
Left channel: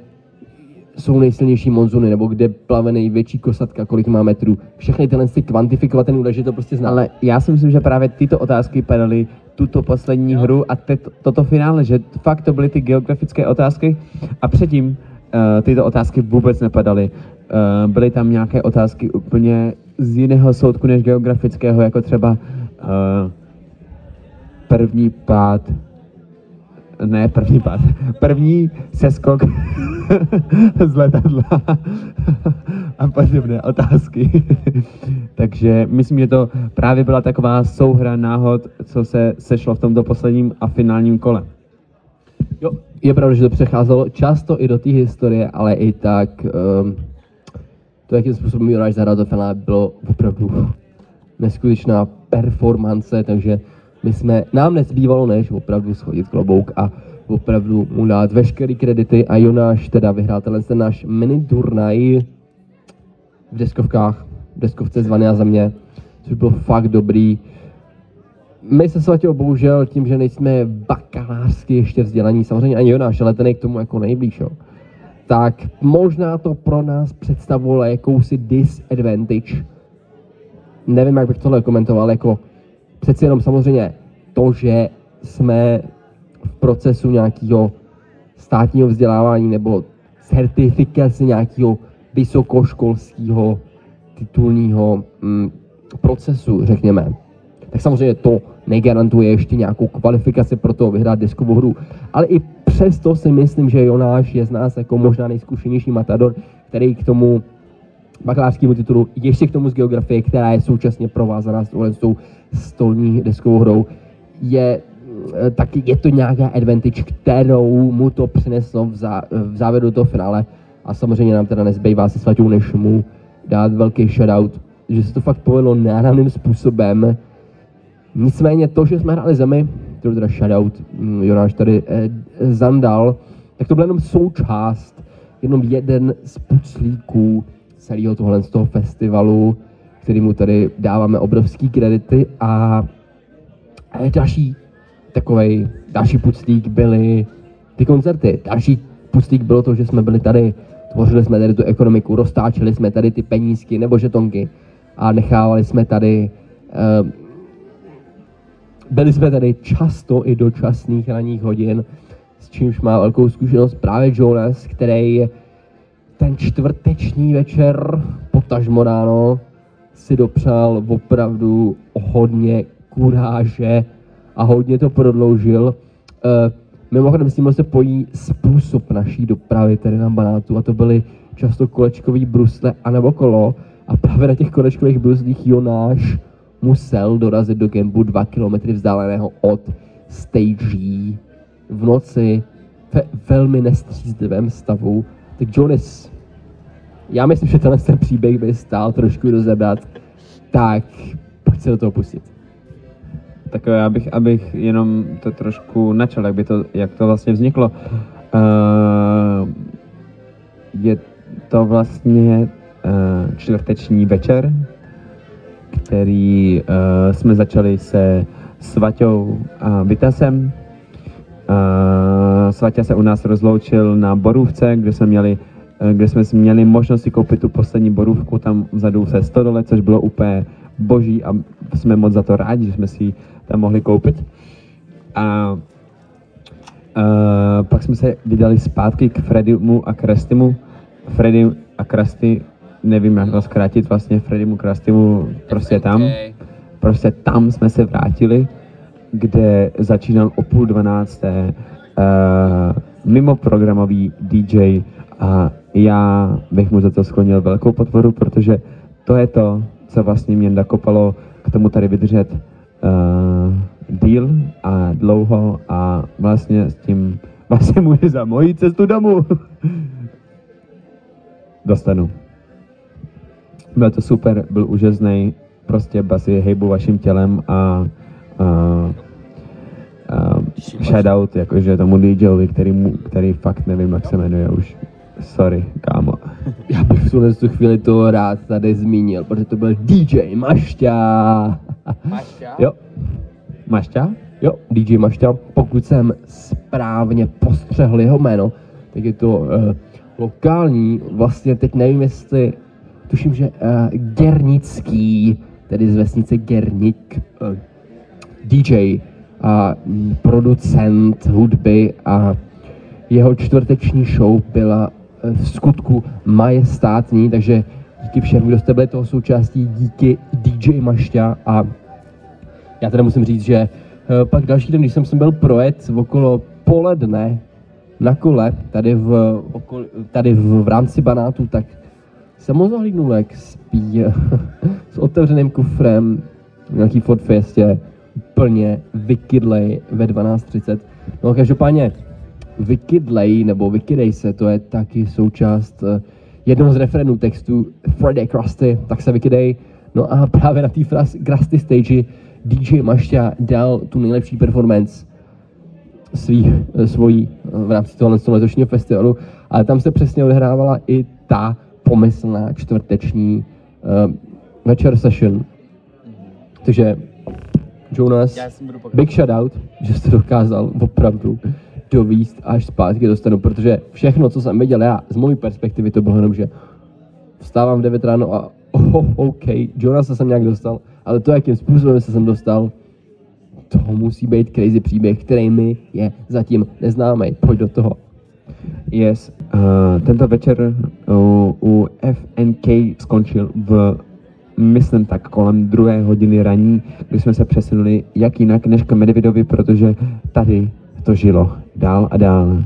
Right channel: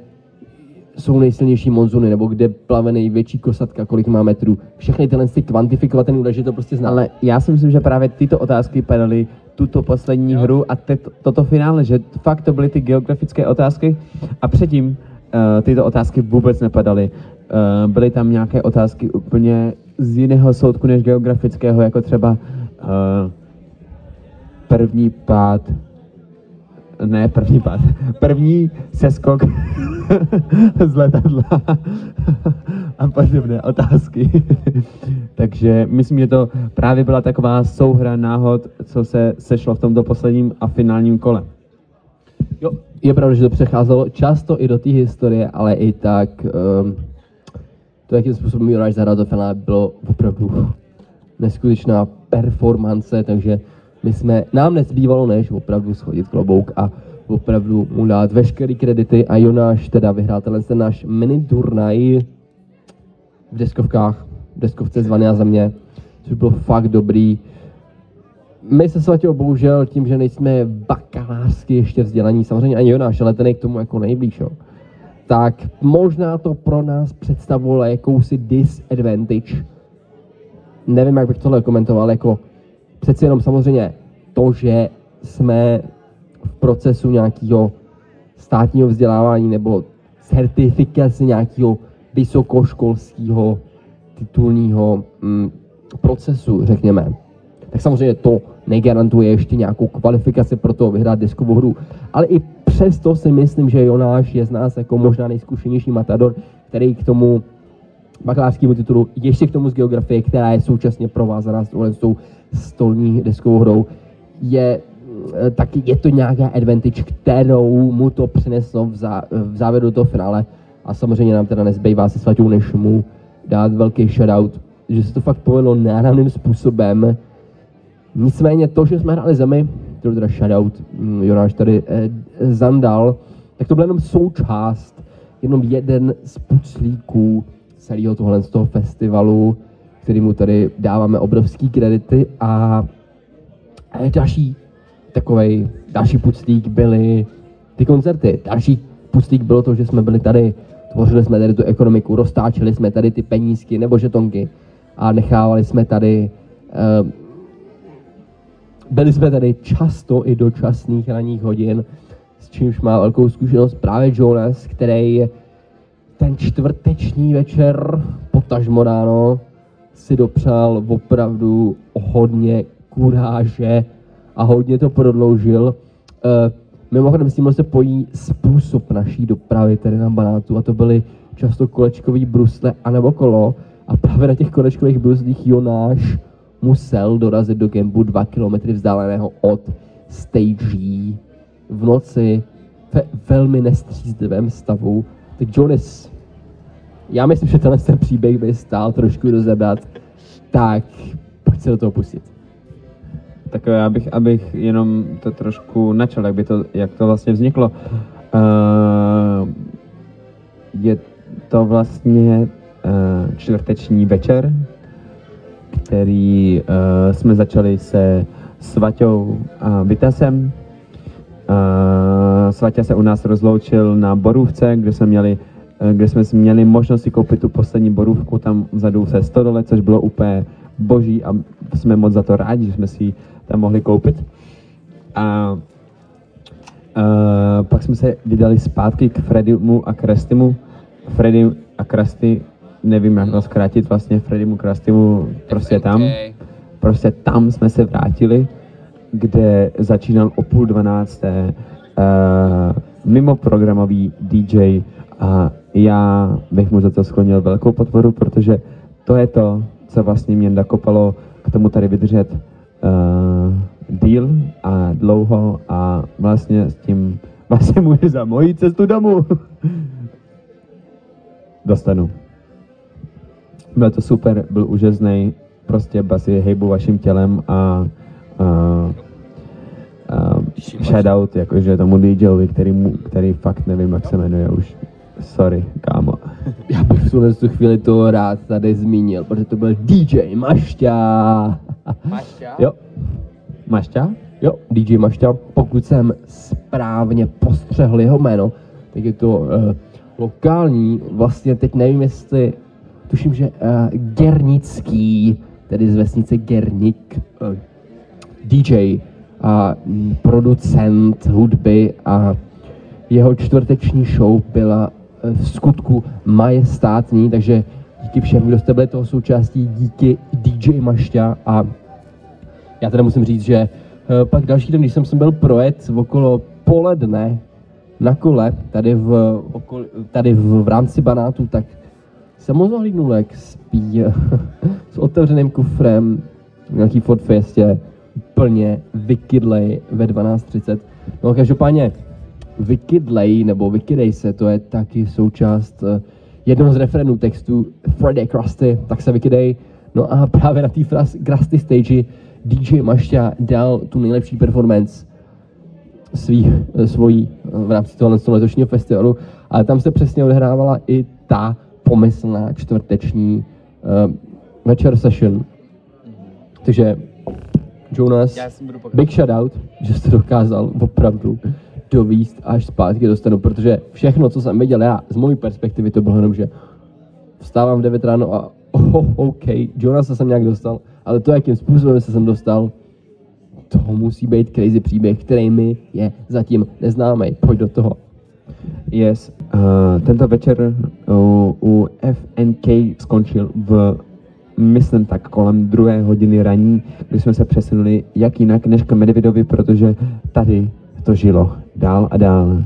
jsou nejsilnější monzuny, nebo kde plave největší kosatka, kolik má metrů. Všechny tyhle kvantifikovat ten údaj, že to prostě zná. Ale já si myslím, že právě tyto otázky padaly tuto poslední hru a toto finále, že fakt to byly ty geografické otázky a předtím tyto otázky vůbec nepadaly. Byly tam nějaké otázky úplně z jiného soudku než geografického, jako třeba první seskok z letadla a podobné otázky. Takže myslím, že to právě byla taková souhra náhod, co se sešlo v tomto posledním a finálním kole. Jo, je pravda, že to přecházelo často i do té historie, ale i tak to, jakým způsobem Jonáš zahrál do finále, bylo opravdu neskutečná performance, takže nám nezbývalo než opravdu schodit klobouk a opravdu mu dát veškerý kredity a Jonáš teda vyhrál ten náš mini turnaj v deskovce Zvaná země, což bylo fakt dobrý. My se Svatěho bohužel tím, že nejsme bakalářsky ještě vzdělaní, samozřejmě ani Jonáš, ale ten je k tomu jako nejblíž, jo. Tak možná to pro nás představovalo jakousi disadvantage. Nevím, jak bych tohle komentoval, jako přeci jenom samozřejmě to, že jsme v procesu nějakého státního vzdělávání nebo certifikace nějakého vysokoškolského titulního procesu, řekněme. Tak samozřejmě to negarantuje ještě nějakou kvalifikaci pro to vyhrát deskovou hru. Ale i přesto si myslím, že Jonáš je z nás jako možná nejzkušenější matador, který k tomu bakalářskému titulu, ještě k tomu z geografie, která je současně provázaná s tou stolní deskovou hrou, taky je to nějaká advantage, kterou mu to přineslo v závěru toho finále. A samozřejmě nám teda nezbývá se Svaťou, než mu dát velký shoutout, že se to fakt povedlo náramným způsobem. Nicméně to, že jsme hráli Zemi, to teda shoutout Jonáš tady zandal, tak to byl jenom součást, jenom jeden z puclíků celého tohle z toho festivalu, kterému tady dáváme obrovský kredity a další puclík byly ty koncerty. Další puclík bylo to, že jsme byli tady, tvořili jsme tady tu ekonomiku, roztáčeli jsme tady ty penízky nebo žetonky a nechávali jsme tady, byli jsme tady často i do časných ranních hodin, s čímž má velkou zkušenost právě Jonas, který ten čtvrteční večer, potažmo ráno, si dopřál opravdu hodně kuráže a hodně to prodloužil. Mimochodem s tím se pojí způsob naší dopravy tady na Banátu a to byly často kolečkový brusle anebo kolo a právě na těch kolečkových bruslích Jonáš musel dorazit do kempu 2 kilometry vzdáleného od stagí v noci ve velmi nestřízlivém stavu. Tak Jonas, já myslím, že ten příběh by stál trošku rozebrat, tak pojď se do toho pustit. Tak abych jenom to trošku načal, jak to vlastně vzniklo. Je to vlastně čtvrteční večer, který jsme začali se Svaťou a Vitasem. Svaťa se u nás rozloučil na Borůvce, kde jsme měli možnost si koupit tu poslední borůvku tam vzadu se stodole, což bylo úplně boží a jsme moc za to rádi, že jsme si ji tam mohli koupit. A pak jsme se vydali zpátky k Fredimu a Krastimu. Freddy a Krasty nevím jak to zkrátit, vlastně Freddymu Krastymu prostě tam jsme se vrátili, kde začínal o 11:30 mimo programový DJ a já bych mu za to sklonil velkou podporu, protože to je to, co vlastně mě nakopalo k tomu tady vydržet díl a dlouho a vlastně s tím vlastně může za moji cestu domů dostanu. Byl to super, byl úžasný, prostě basy hejbu vaším tělem a shoutout jakože tomu DJovi, který fakt nevím, jak se jmenuje už. Sorry, kámo. Já bych v tu chvíli to rád tady zmínil, protože to byl DJ Mašťa. Mašťa? Jo. Mašťa? Jo, DJ Mašťa. Pokud jsem správně postřehl jeho jméno, tak je to lokální, vlastně teď nevím jestli, tuším, že Gernický, tedy z vesnice Gernik, DJ a producent hudby a jeho čtvrteční show byla v skutku majestátní, takže díky všem, kdo jste byli toho součástí, díky DJ Mašťa a já teda musím říct, že pak další den, když jsem byl projet okolo poledne na kole, tady v rámci Banátu, tak jsem moc nahlídnul, jak spí s otevřeným kufrem v nějaký Ford Fiestě, úplně vykydlej ve 12:30. No každopádně vykydlej nebo vykydej se, to je taky součást jednoho z referendů textu Friday Krusty, tak se vykydej. No a právě na té Krusty stage DJ Mašťa dal tu nejlepší performance svojí v rámci toho letošního festivalu, ale tam se přesně odehrávala i ta pomyslná čtvrteční večer session. Takže Jonas, big shoutout, že jste dokázal opravdu dovíst až zpátky do stanu, protože všechno, co jsem viděl já, z mojí perspektivy to bylo jenom, že vstávám v 9 ráno a OK, Jonasa jsem nějak dostal, ale to, jakým způsobem se jsem dostal, to musí být crazy příběh, který mi je zatím neznámý. Pojď do toho. Yes, tento večer u FNK skončil myslím tak kolem 2 hodiny raní, kdy jsme se přesunuli jak jinak než k Medvědovi, protože tady to žilo dál a dál.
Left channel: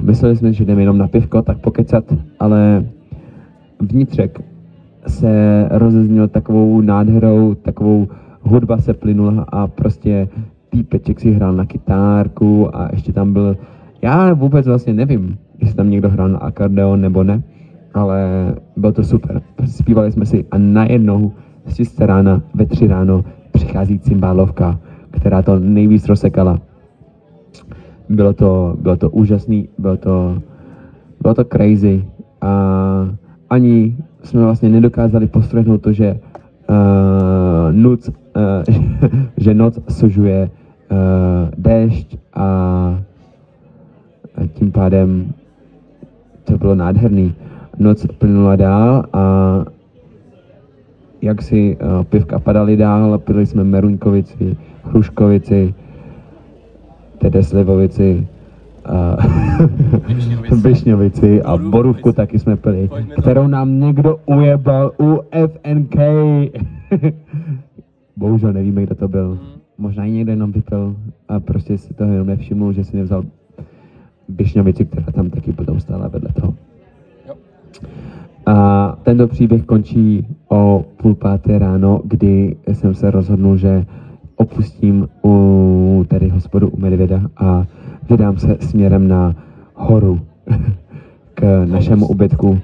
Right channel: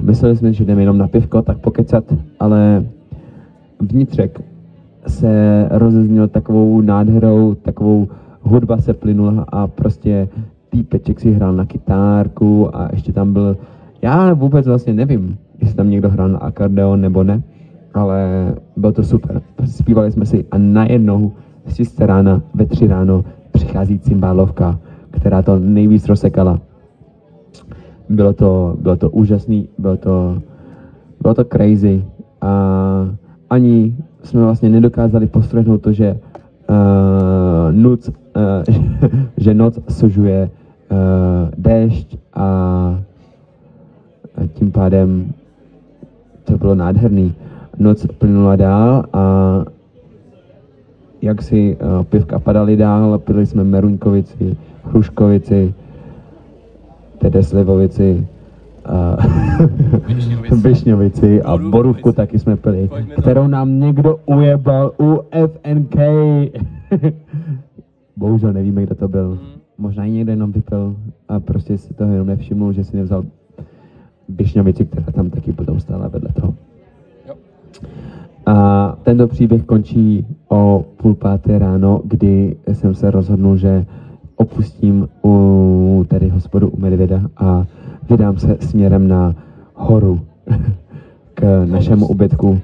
Mysleli jsme, že jdeme jenom na pivko, tak pokecat, ale vnitřek se rozeznil takovou nádherou, takovou hudba se plynula a prostě týpeček si hrál na kytárku a ještě tam byl, já vůbec vlastně nevím, jestli tam někdo hrál na akordeon nebo ne, ale bylo to super. Zpívali jsme si a najednou z 6 rána ve 3 ráno přichází cymbálovka, která to nejvíc rozsekala. Bylo to úžasný, bylo to crazy a ani jsme vlastně nedokázali postrehnout to, že že noc sužuje déšť a tím pádem to bylo nádherný. Noc plynula dál a jak si pivka padaly dál, pili jsme Meruňkovici, Hruškovici, tedy Slivovici, Višňovici a Borůvku taky jsme pili, kterou nám někdo ujebal u FNK. Bohužel nevíme, kdo to byl. Možná i někdo jenom vypil a prostě si toho jenom nevšiml, že si nevzal Višňovici, která tam taky potom stála vedle toho. A tento příběh končí o 4:30 ráno, kdy jsem se rozhodnul, že opustím tady hospodu u Medvěda a vydám se směrem na horu k našemu ubytku.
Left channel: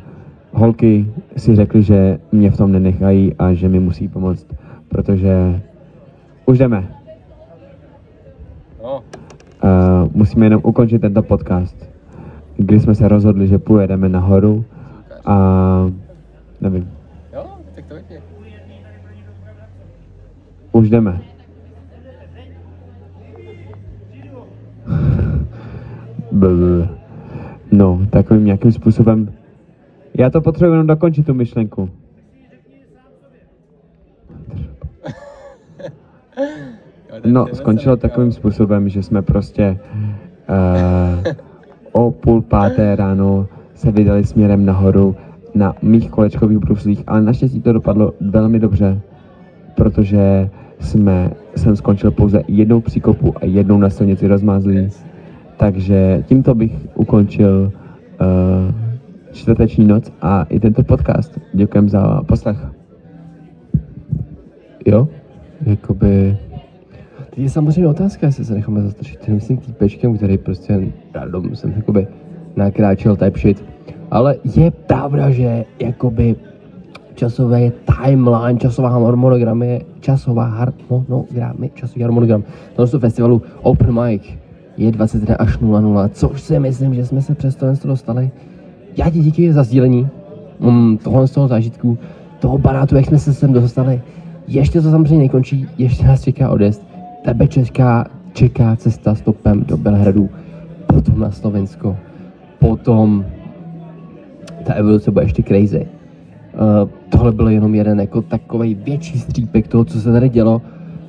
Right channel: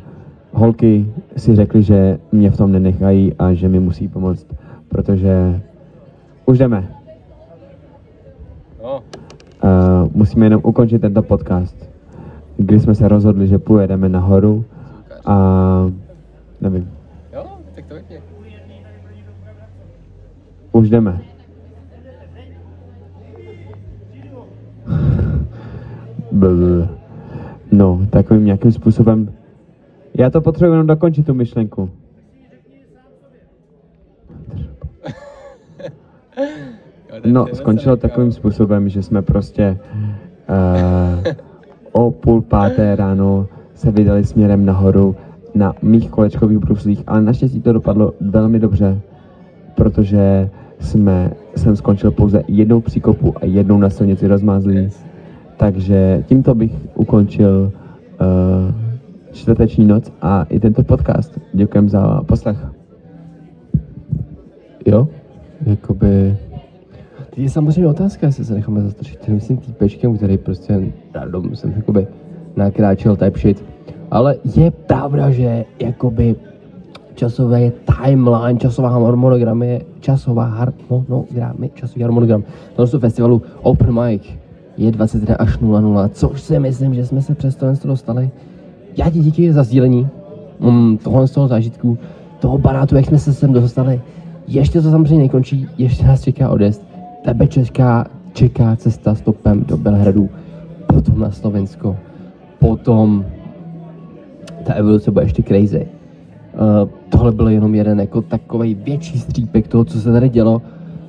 Holky si řekly, že mě v tom nenechají a že mi musí pomoct, protože už jdeme. Musíme jenom ukončit tento podcast, kdy jsme se rozhodli, že pojedeme nahoru a nevím. Jo, tak to vypně. Už jdeme. No, takovým nějakým způsobem. Já to potřebuji jenom dokončit tu myšlenku. No, skončilo takovým způsobem, že jsme prostě o 4:30 ráno se vydali směrem nahoru na mých kolečkových bruslích, ale naštěstí to dopadlo velmi dobře, protože jsem skončil pouze jednou příkopu a jednou na silnici rozmázlý. Takže tímto bych ukončil čtvrteční noc a i tento podcast. Děkujem za poslech. Jo, jakoby... Teď je samozřejmě otázka, jestli se necháme zastrčit tím týpečkem, který prostě random jsem jakoby nakráčel type shit. Ale je pravda, že jakoby časový timeline, časový harmonogram tohoto festivalu Open Mic je 21 až 00, což si myslím, že jsme se přes to dostali. Já ti díky za sdílení tohle z toho zážitku, toho barátu, jak jsme se sem dostali. Ještě to samozřejmě nekončí, ještě nás čeká odjezd. Tebe čeká cesta stopem do Bělehradu, potom na Slovensko, potom ta evoluce bude ještě crazy. Tohle byl jenom jeden jako takovej větší střípek toho, co se tady dělo,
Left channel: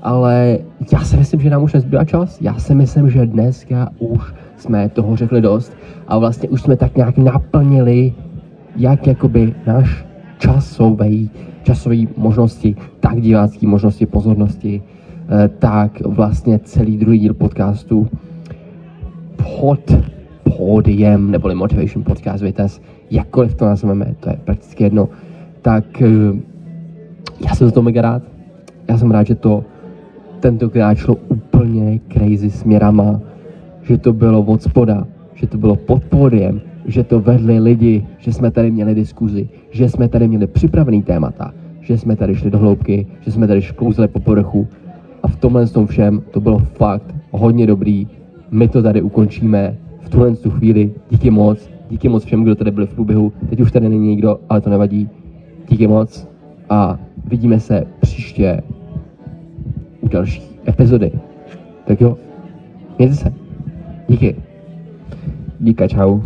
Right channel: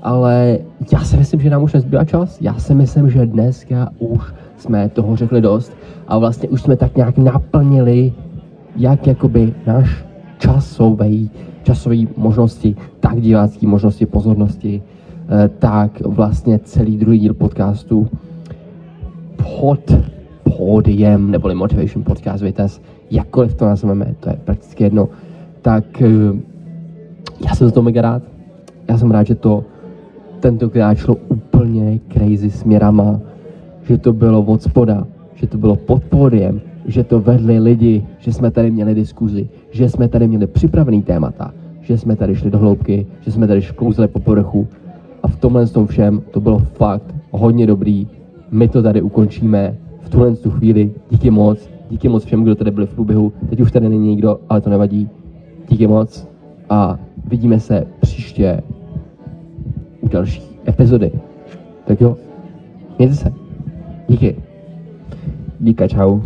ale já si myslím, že nám už nezbývá čas. Já si myslím, že dneska už jsme toho řekli dost a vlastně už jsme tak nějak naplnili jak jakoby náš časový možnosti, tak divácký možnosti, pozornosti, tak vlastně celý druhý díl podcastu pod pódiem, neboli Motivation Podcast Vitesse, jakkoliv to nazveme, to je prakticky jedno, tak já jsem za to mega rád. Já jsem rád, že to tentokrát šlo úplně crazy směrama, že to bylo od spoda, že to bylo pod pódiem, že to vedli lidi, že jsme tady měli diskuzi, že jsme tady měli připravený témata, že jsme tady šli do hloubky, že jsme tady škouzli po povrchu a v tomhle tom všem to bylo fakt hodně dobrý. My to tady ukončíme v tuhle chvíli. Díky moc všem, kdo tady byli v průběhu. Teď už tady není nikdo, ale to nevadí. Díky moc a vidíme se příště u další epizody. Tak jo, mějte se. Díky. Díka, čau.